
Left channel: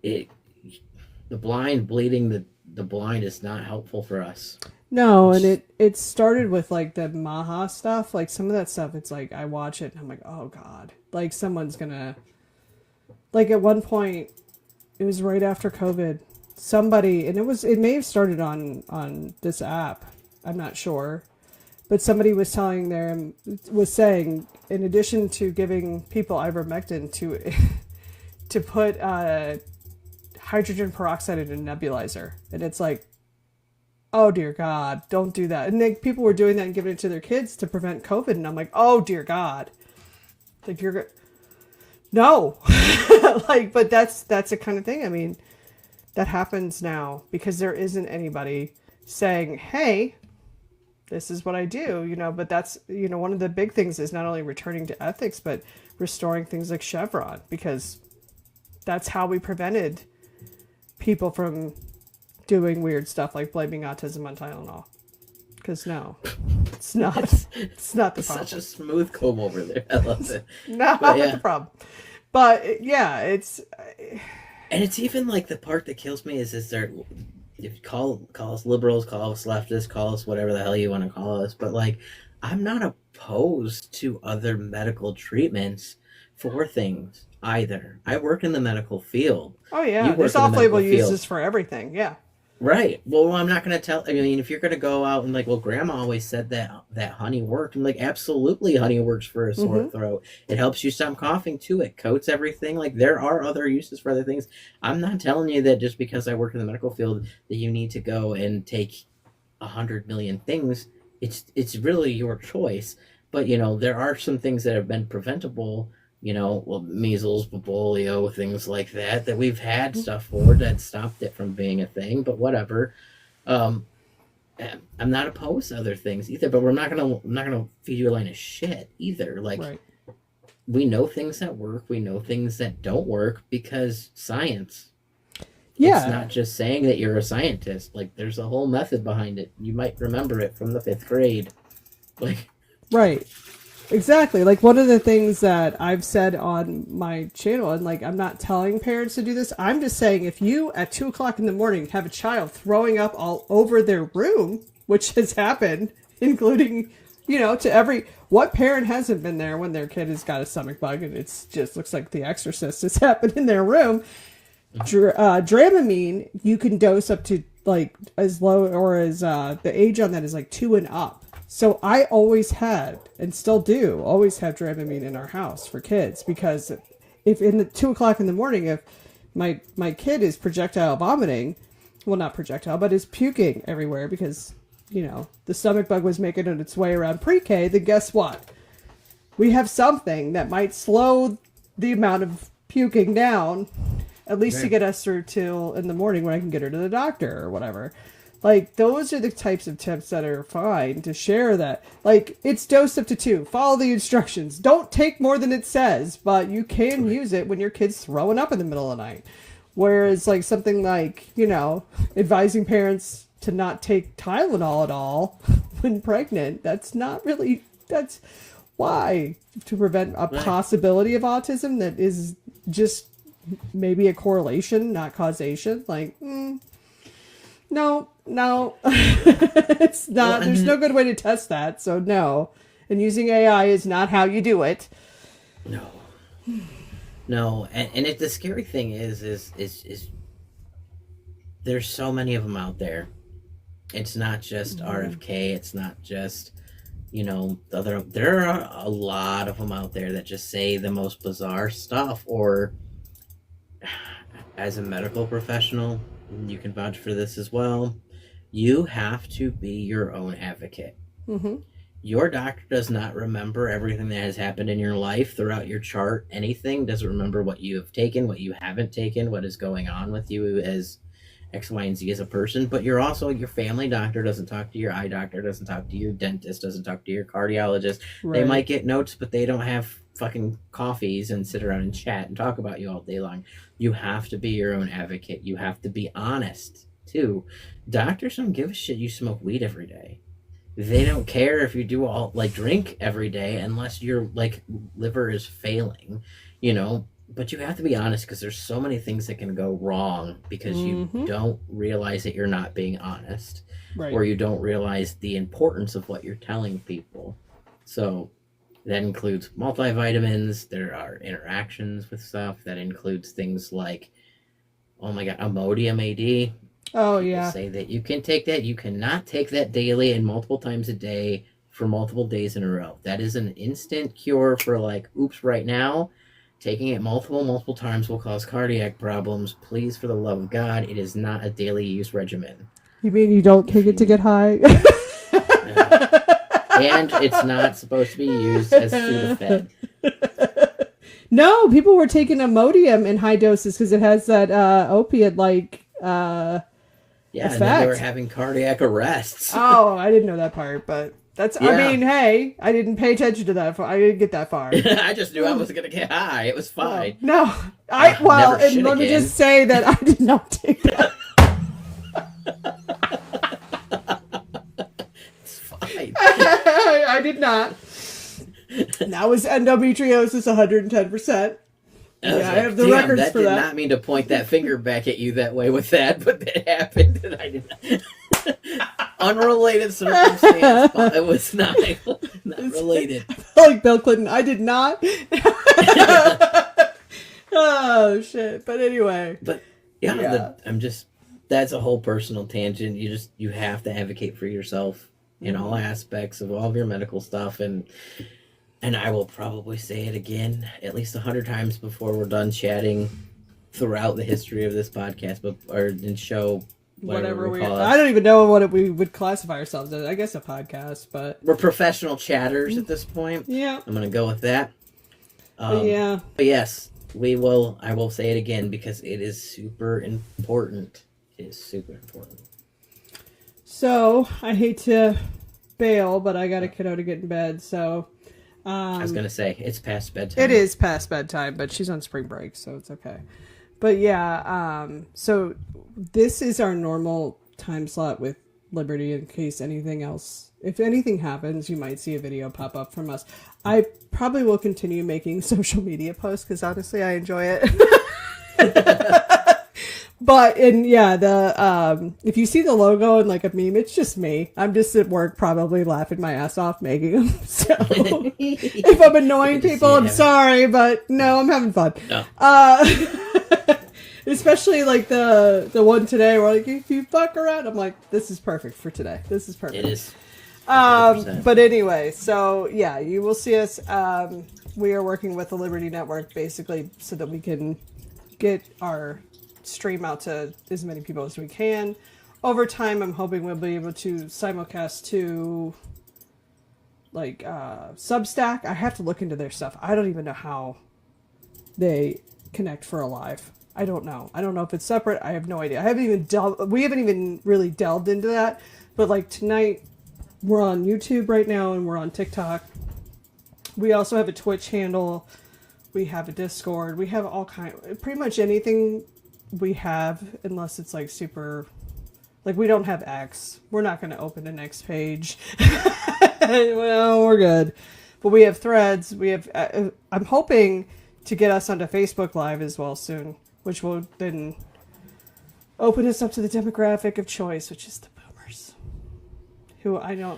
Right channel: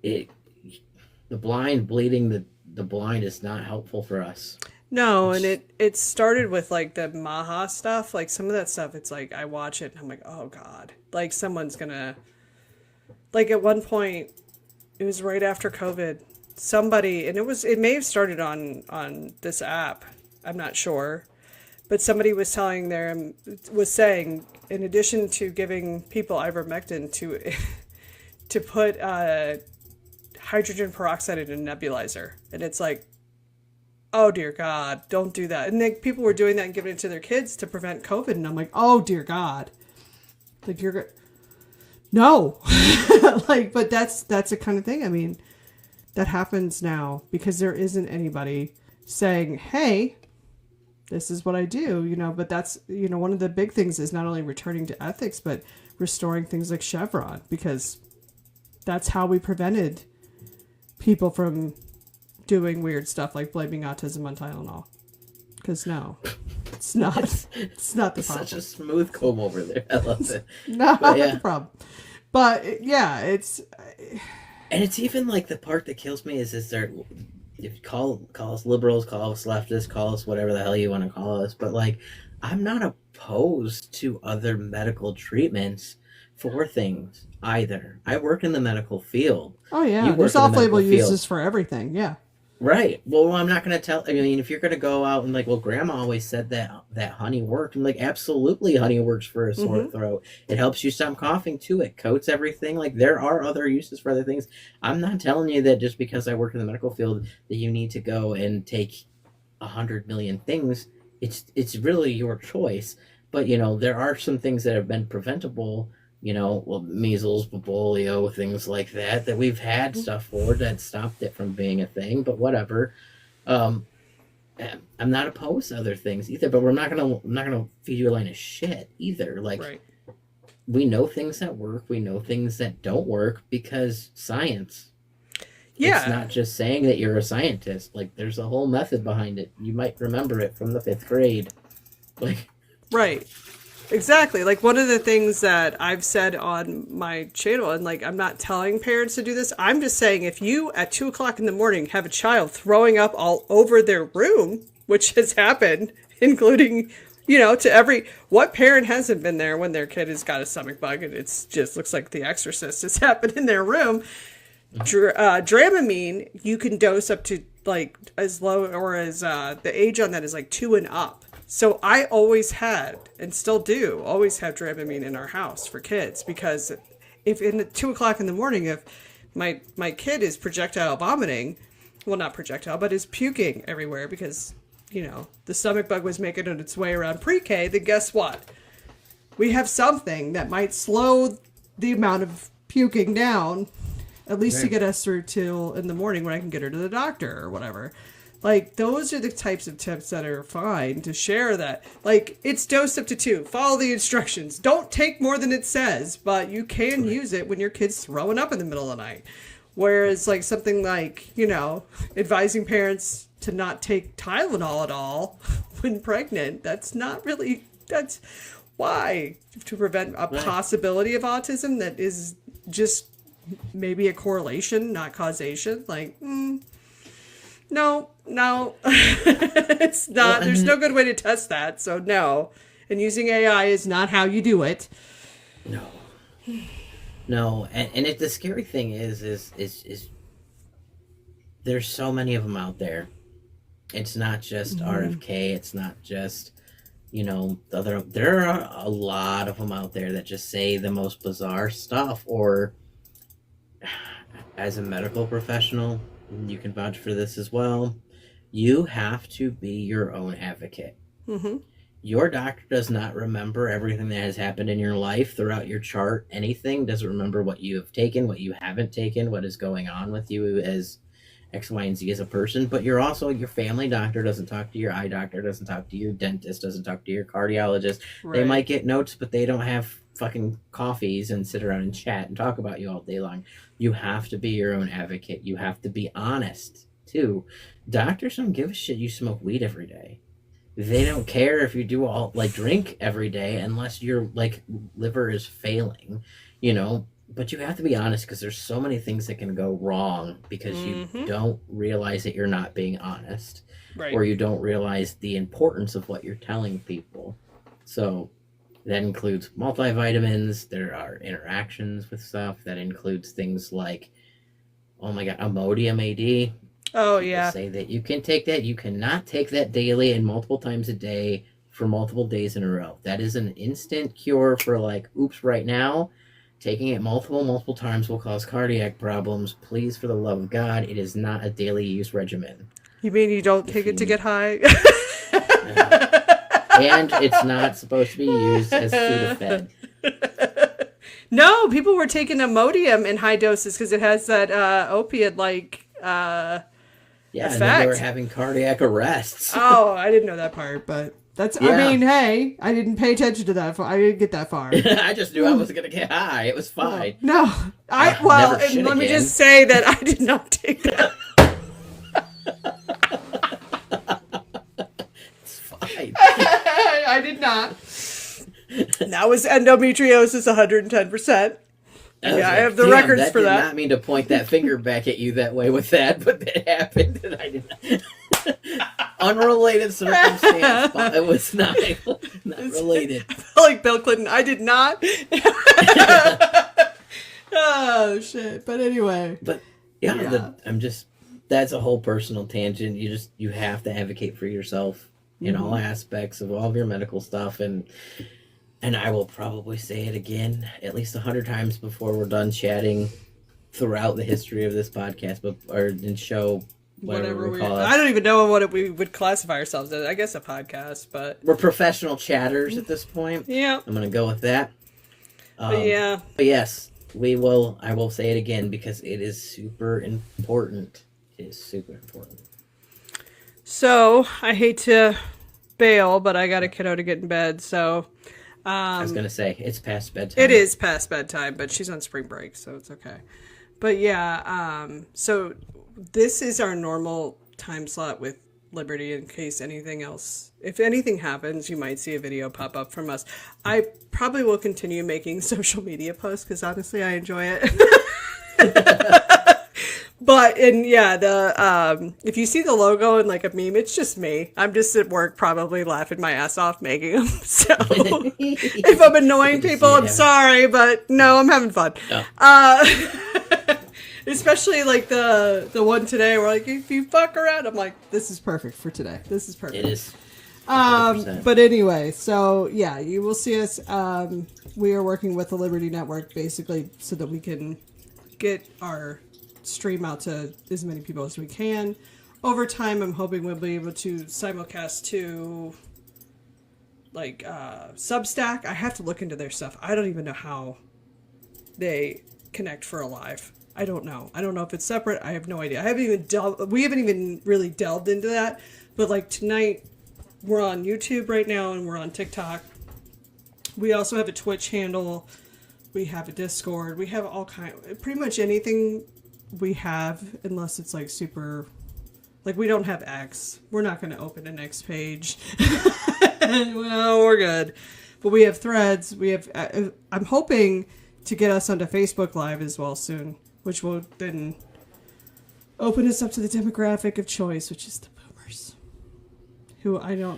the blind bleeding the blind is not helpful for us. No, and it started with, like, the Maha stuff. Like, some of that stuff, it's like, I watch it and I'm like, oh God. Like, someone's gonna, like, at one point, it was right after COVID, somebody, and it may have started on this app, I'm not sure, but somebody was saying, in addition to giving people ivermectin, to put hydrogen peroxide in a nebulizer. And it's like, oh dear God, don't do that. And then people were doing that and giving it to their kids to prevent COVID. And I'm like, oh dear God. Like, no. Like, but that's the kind of thing. I mean, that happens now because there isn't anybody saying, hey, this is what I do, you know. But that's, you know, one of the big things is not only returning to ethics, but restoring things like Chevron, because that's how we prevented people from doing weird stuff like blaming autism on Tylenol. Because no, it's not. It's not the problem. Such a smooth comb over there. I love it. Not the problem. But yeah, it's. And it's even like the part that kills me is there. If you call us liberals, call us leftists, call us whatever the hell you want to call us, but, like, I'm not opposed to other medical treatments for things either. I work in the medical field. Oh yeah, there's off-label uses for everything. Yeah. Right. Well, I'm not going to tell. I mean, if you're going to go out and like, well, Grandma always said that honey worked. I'm like, absolutely, honey works for a sore Mm-hmm. throat. It helps you stop coughing too. It coats everything. Like there are other uses for other things. I'm not telling you that just because I work in the medical field that you need to go and take 100 million things. It's really your choice. But there are some things that have been preventable. Well, measles, polio, things like that we've had stuff for that stopped it from being a thing. But whatever. Um, I'm not opposed to other things either. But I'm not gonna feed you a line of shit either. Like Right. we know things that work, we know things that don't work because science. It's Yeah. not just saying that you're a scientist. Like there's a whole method behind it. You might remember it from the 5th grade. Like Right. Exactly. Like one of the things that I've said on my channel, and like I'm not telling parents to do this, I'm just saying if you at 2 o'clock in the morning have a child throwing up all over their room, which has happened, including, to what parent hasn't been there when their kid has got a stomach bug and it's just looks like The Exorcist has happened in their room. Dramamine, you can dose up to like as low or as the age on that is like 2 and up. So I always had and still do always have Dramamine in our house for kids because if in the 2 o'clock in the morning, if my kid is projectile vomiting, well not projectile, but is puking everywhere because the stomach bug was making its way around pre-K, then guess what? We have something that might slow the amount of puking down, at least to right. get us through till in the morning when I can get her to the doctor or whatever. Like, those are the types of tips that are fine to share that. Like, it's dosed up to 2. Follow the instructions. Don't take more than it says, but you can use it when your kid's throwing up in the middle of the night. Whereas, like, something like, advising parents to not take Tylenol at all when pregnant, that's why? To prevent a Right. possibility of autism that is just maybe a correlation, not causation. Like, no, it's not. Well, There's no good way to test that. So no, and using AI is not how you do it. no, no, and the scary thing is there's so many of them out there. It's not just RFK. It's not just other. There are a lot of them out there that just say the most bizarre stuff. Or as a medical professional, you can vouch for this as well. You have to be your own advocate. Mm-hmm. Your doctor does not remember everything that has happened in your life throughout your chart. Anything doesn't remember what you have taken, what you haven't taken, what is going on with you as X, Y, and Z as a person. But you're also your family doctor doesn't talk to your eye doctor, doesn't talk to your dentist, doesn't talk to your cardiologist. Right. They might get notes, but they don't have fucking coffees and sit around and chat and talk about you all day long. You have to be your own advocate. You have to be honest too. Doctors don't give a shit you smoke weed every day. They don't care if you do all drink every day unless your liver is failing, but you have to be honest because there's so many things that can go wrong because you don't realize that you're not being honest, Right. or you don't realize the importance of what you're telling people. So that includes multivitamins. There are interactions with stuff that includes things like, oh my god, Imodium AD. Oh People yeah. say that you can take that. You cannot take that daily and multiple times a day for multiple days in a row. That is an instant cure for oops, right now. Taking it multiple times will cause cardiac problems. Please, for the love of God, it is not a daily use regimen. You mean you don't take it to get high? And it's not supposed to be used as Sudafed. No, people were taking Imodium in high doses because it has that opiate Yeah, and effect. then they were having cardiac arrests. Oh, I didn't know that part, but that's. Yeah. I mean, hey, I didn't pay attention to that. I didn't get that far. I just knew I was going to get high. It was fine. No, Never and shit let me again. just say that I did not take that. It's fine. I did not. That was endometriosis 110%. I was Yeah, I have the damn, records that for did that." not mean to point that finger back at you that way with that, but that happened, and I did not. Unrelated circumstance, but it was not related. Like Bill Clinton, I did not. Oh shit! But anyway, But yeah, Yeah. I'm just that's a whole personal tangent. You have to advocate for yourself in all aspects of all of your medical stuff, and I will probably say it again at least 100 times before we're done chatting throughout the history of this podcast, and show whatever we call it. I don't even know we would classify ourselves as. I guess a podcast, but we're professional chatters at this point. Yeah, I'm gonna go with that. But yes, we will. I will say it again because it is super important. It is super important. So I hate to bail, but I got a kiddo to get in bed, so. I was gonna say it's past bedtime. It is past bedtime, but she's on spring break, so it's okay. But yeah, so this is our normal time slot with Liberty in case anything else. If anything happens, you might see a video pop up from us. I probably will continue making social media posts because honestly, I enjoy it. But if you see the logo and like a meme, it's just me. I'm just at work probably laughing my ass off making them. So if I'm annoying people, I'm sorry, but no, I'm having fun. No. Especially like the one today where like if you fuck around, I'm like, this is perfect for today. This is perfect. It is. But anyway, so yeah, you will see us. We are working with the Liberty Network basically so that we can get our stream out to as many people as we can. Over time, I'm hoping we'll be able to simulcast to like Substack. I have to look into their stuff. I don't even know how they connect for a live. I don't know. I don't know if it's separate. I have no idea. We haven't even really delved into that. But like tonight, we're on YouTube right now and we're on TikTok. We also have a Twitch handle. We have a Discord. We have all pretty much anything we have, unless it's like super, like we don't have X. We're not going to open an X page. Well, we're good. But we have Threads. We have, I'm hoping to get us onto Facebook Live as well soon, which will then open us up to the demographic of choice, which is the boomers. Who I know.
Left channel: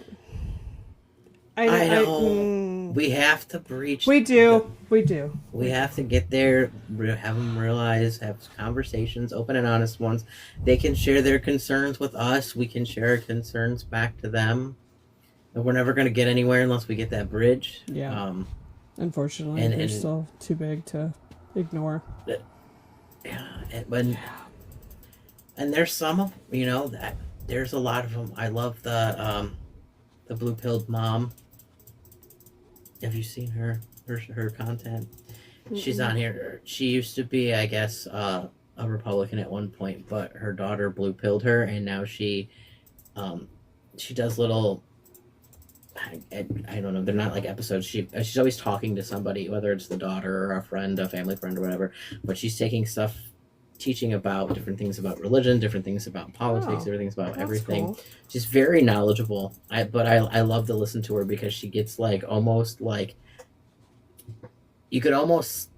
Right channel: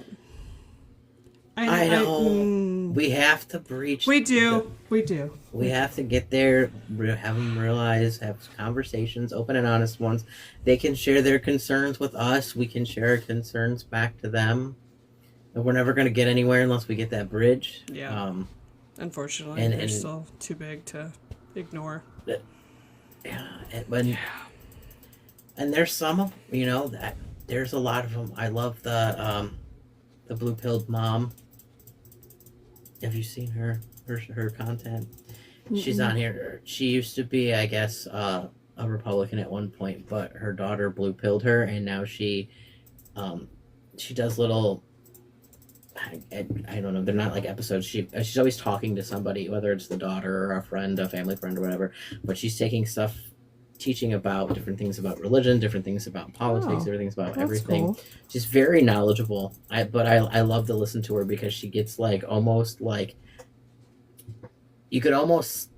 We have to breach. We do. We have to get there, have them realize, have conversations, open and honest ones. They can share their concerns with us. We can share our concerns back to them. And we're never going to get anywhere unless we get that bridge. Yeah. Unfortunately, they're still too big to ignore. Yeah. And there's some, that there's a lot of them. I love the blue-pilled mom. Have you seen her content? Mm-mm. She's on here. She used to be, I guess, a Republican at one point, but her daughter blue-pilled her, and now she does little, I don't know, they're not like episodes. She's always talking to somebody, whether it's the daughter or a friend, a family friend or whatever, but she's taking stuff, teaching about different things about religion, different things about politics, different things about everything. Cool. She's very knowledgeable. I love to listen to her because she gets like almost like you could almost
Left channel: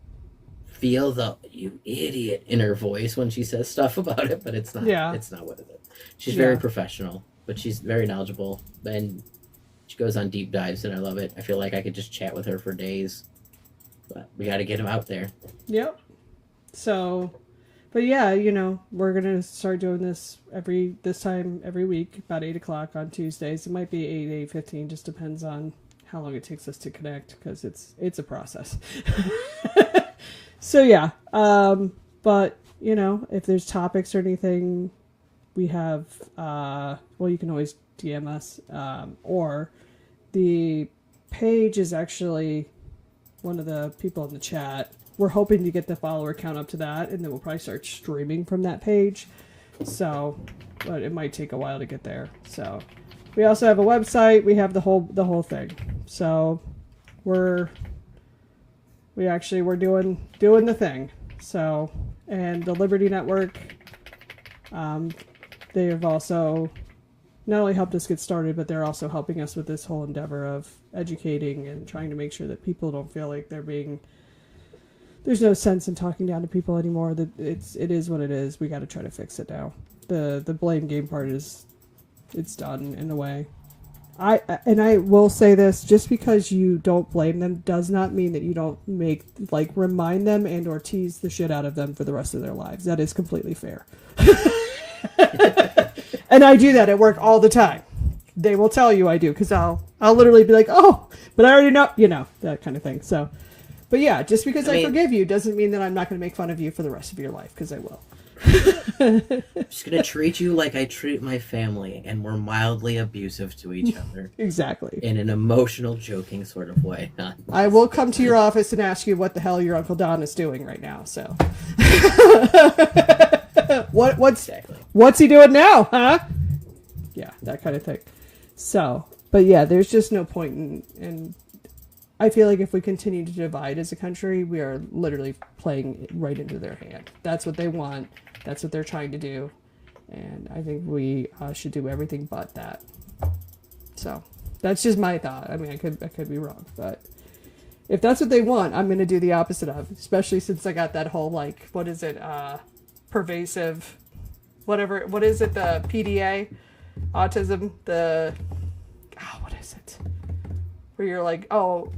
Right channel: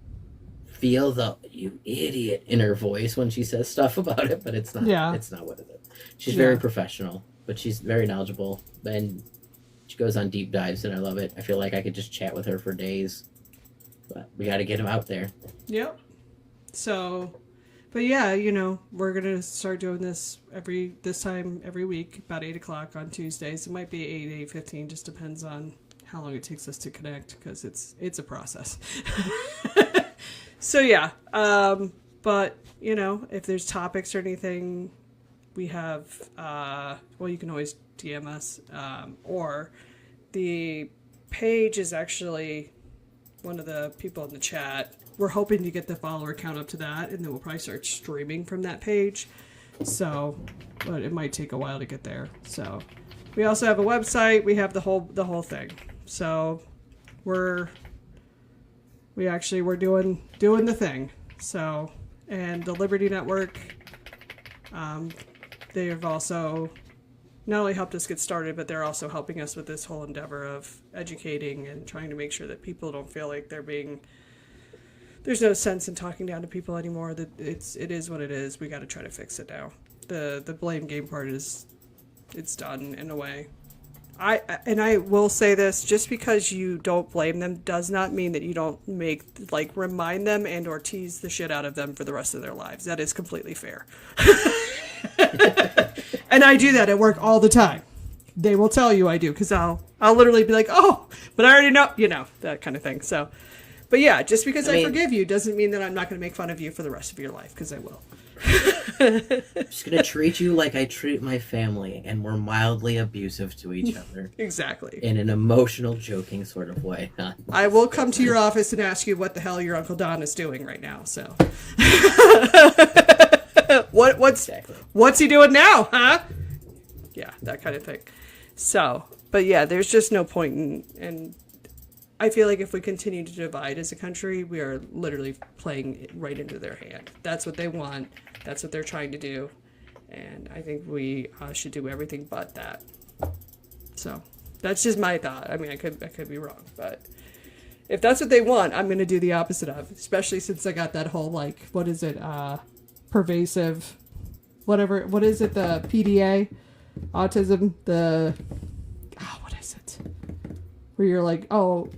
feel the "you idiot" in her voice when she says stuff about it, but it's not. Yeah. It's not what it is. She's very professional, but she's very knowledgeable, and she goes on deep dives, and I love it. I feel like I could just chat with her for days, but we got to get them out there. Yep. So. But yeah, we're going to start doing this every week, about 8:00 on Tuesdays. It might be 8:15, just depends on how long it takes us to connect, because it's a process. So yeah, but, if there's topics or anything, we have, you can always DM us, or the page is actually one of the people in the chat. We're hoping to get the follower count up to that, and then we'll probably start streaming from that page. So, but it might take a while to get there. So, we also have a website. We have the whole thing. So, we're doing the thing. So, and the Liberty Network, they have also not only helped us get started, but they're also helping us with this whole endeavor of educating and trying to make sure that people don't feel like there's no sense in talking down to people anymore. That it is what it is. We got to try to fix it now. The blame game part it's done in a way. I will say this: just because you don't blame them does not mean that you don't remind them and or tease the shit out of them for the rest of their lives. That is completely fair. And I do that at work all the time. They will tell you I do, because I'll literally be like, oh, but I already know, that kind of thing. So, but yeah, just because I forgive you doesn't mean that I'm not going to make fun of you for the rest of your life, because I will. I'm just going to treat you like I treat my family, and we're mildly abusive to each other. Exactly. In an emotional, joking sort of way. I will come to your office and ask you what the hell your Uncle Don is doing right now, so. What's he doing now, huh? Yeah, that kind of thing. So, but yeah, there's just no point in I feel like if we continue to divide as a country, we are literally playing right into their hand. That's what they want. That's what they're trying to do. And I think we should do everything but that. So that's just my thought. I mean, I could be wrong, but if that's what they want, I'm going to do the opposite of, especially since I got that whole, like, what is it? Pervasive, whatever. What is it? The PDA, autism, what is it? Where you're like,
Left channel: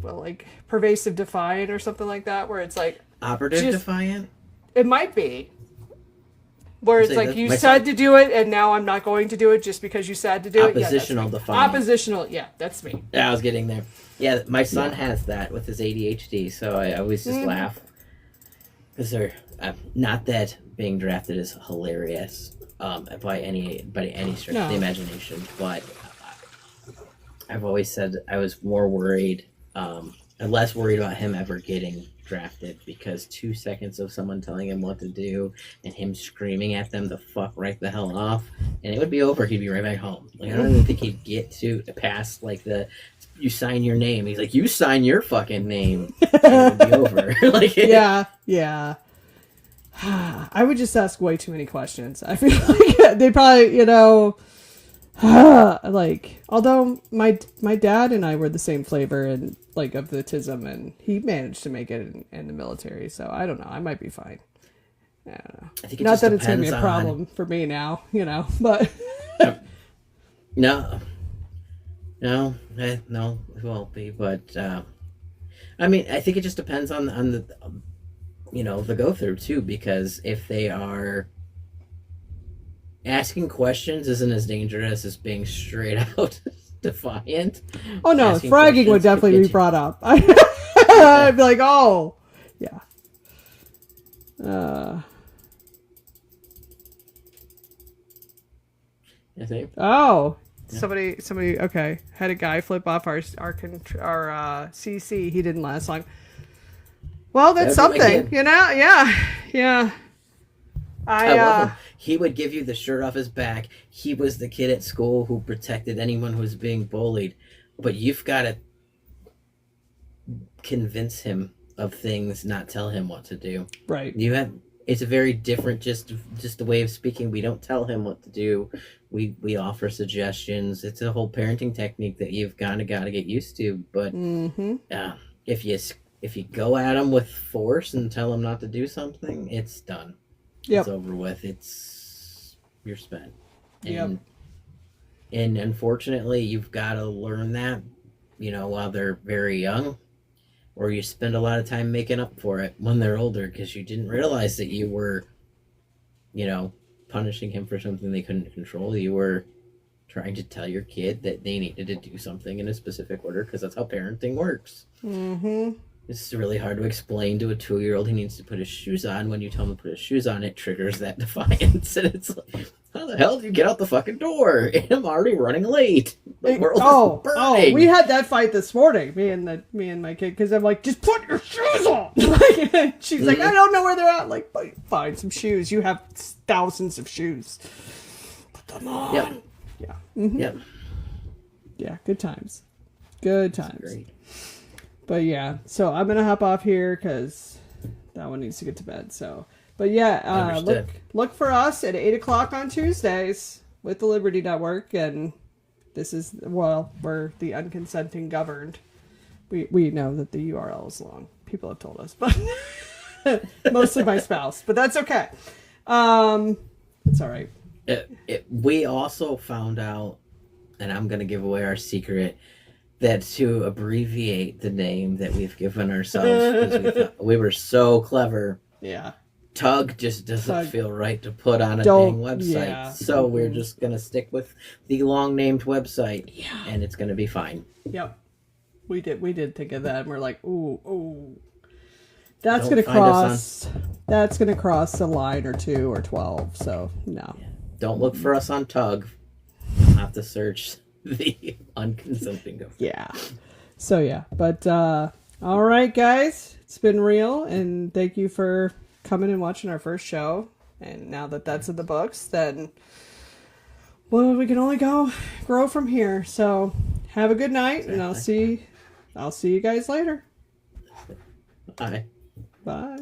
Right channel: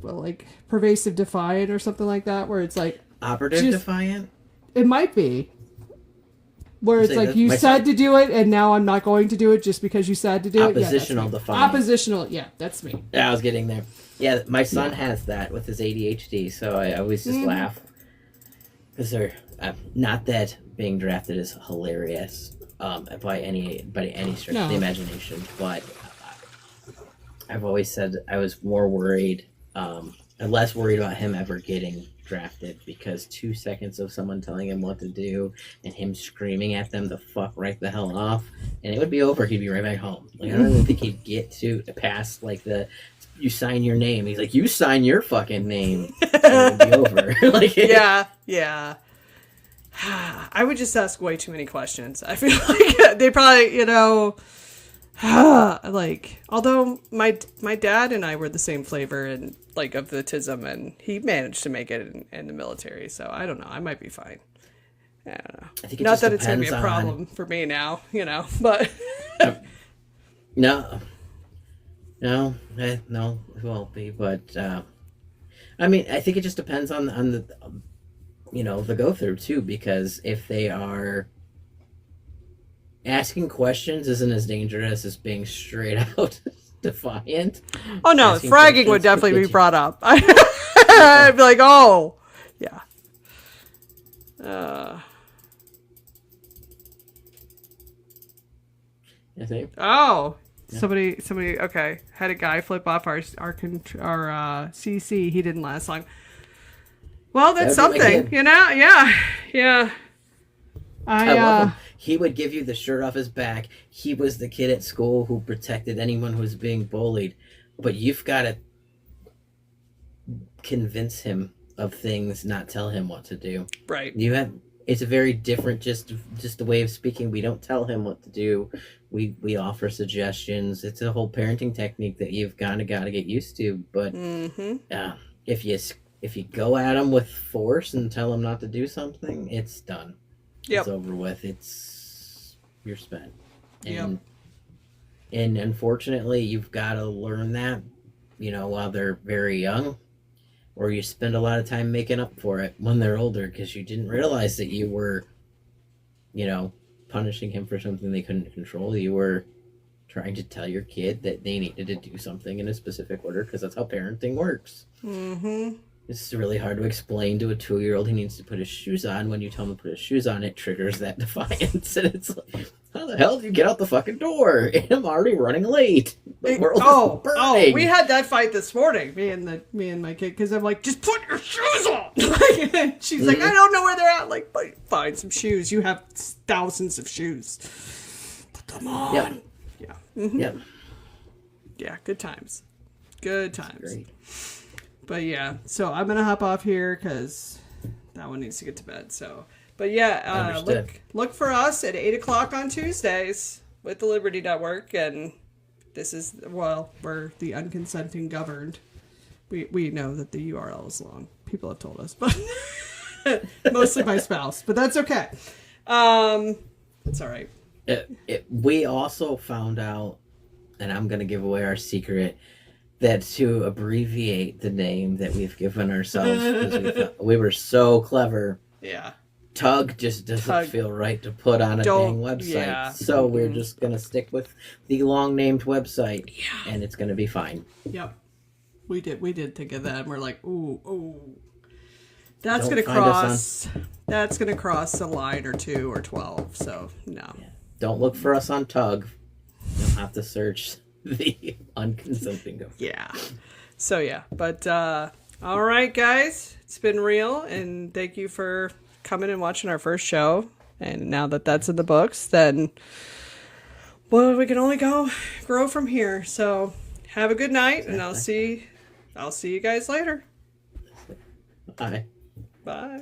like pervasive defiant or something like that, where it's like operative defiant. It might be. Where it's like you said to do it, and now I'm not going to do it just because you said to do it. Oppositional defiant. Oppositional, yeah, that's me. Yeah, I was getting there. Yeah, my son has that with his ADHD, so I always just laugh because they're not that being drafted is hilarious by any stretch of the imagination, but I've always said I was more worried, less worried about him ever getting drafted, because 2 seconds of someone telling him what to do and him screaming at them to fuck right the hell off, and it would be over. He'd be right back home. Like, I don't even think he'd get to past like you sign your name. He's like, you sign your fucking name, and it would be over. Like, yeah. I would just ask way too many questions. I feel like they probably, like, although my dad and I were the same flavor and like of the autism, and he managed to make it in the military, so I don't know, I might be fine. I don't know. I think not that it's gonna be a problem for me now, but no, it won't be. But I mean, I think it just depends on the the go through too, because if they are asking questions isn't as dangerous as being straight out defiant. Oh no, fragging would definitely be brought up. I'd be like, oh, yeah. I think. Oh, yeah. Somebody. Okay, had a guy flip off our CC. He didn't last long. Well, that's something, Yeah. I love him. He would give you the shirt off his back. He was the kid at school who protected anyone who was being bullied. But you've got to convince him of things, not tell him what to do. Right. It's a very different, just the way of speaking. We don't tell him what to do. We offer suggestions. It's a whole parenting technique that you've got to get used to. But if you go at him with force and tell him not to do something, it's done. Yep. It's over with. You're spent. And unfortunately, you've got to learn that, while they're very young, or you spend a lot of time making up for it when they're older, because you didn't realize that you were, punishing him for something they couldn't control. You were trying to tell your kid that they needed to do something in a specific order, because that's how parenting works. Mm-hmm. It's really hard to explain to a 2-year-old he needs to put his shoes on. When you tell him to put his shoes on, it triggers that defiance. And it's like, how the hell do you get out the fucking door? I'm already running late. The world is burning. We had that fight this morning, me and my kid, because I'm like, just put your shoes on. She's like, I don't know where they're at. Like, find some shoes. You have thousands of shoes. Put them on. Yeah. Yeah. Mm-hmm. Yep. Yeah. Good times. Good times. Great. But yeah, so I'm gonna hop off here because that one needs to get to bed. So, but yeah, look for us at 8:00 on Tuesdays with the Liberty Network, and this is we're the Unconsenting Governed. We know that the URL is long. People have told us, but mostly my spouse. But that's okay. It's all right. We also found out, and I'm gonna give away our secret, that to abbreviate the name that we've given ourselves, because we were so clever. Yeah. Tug just doesn't Tug. feel right to put on a Don't- dang website. yeah. So we're just going to stick with the long named website. Yeah. And it's going to be fine. Yep. We did think of that, and we're like, ooh. That's Don't gonna find us cross. That's gonna cross a line or 2 or 12. So no. Yeah. Don't look for us on Tug. You'll have to search the Unconsenting Governed. Yeah. So yeah, but all right, guys, it's been real, and thank you for coming and watching our first show. And now that that's in the books, then well, we can only grow from here. So have a good night, and I'll see you guys later. Bye. Bye.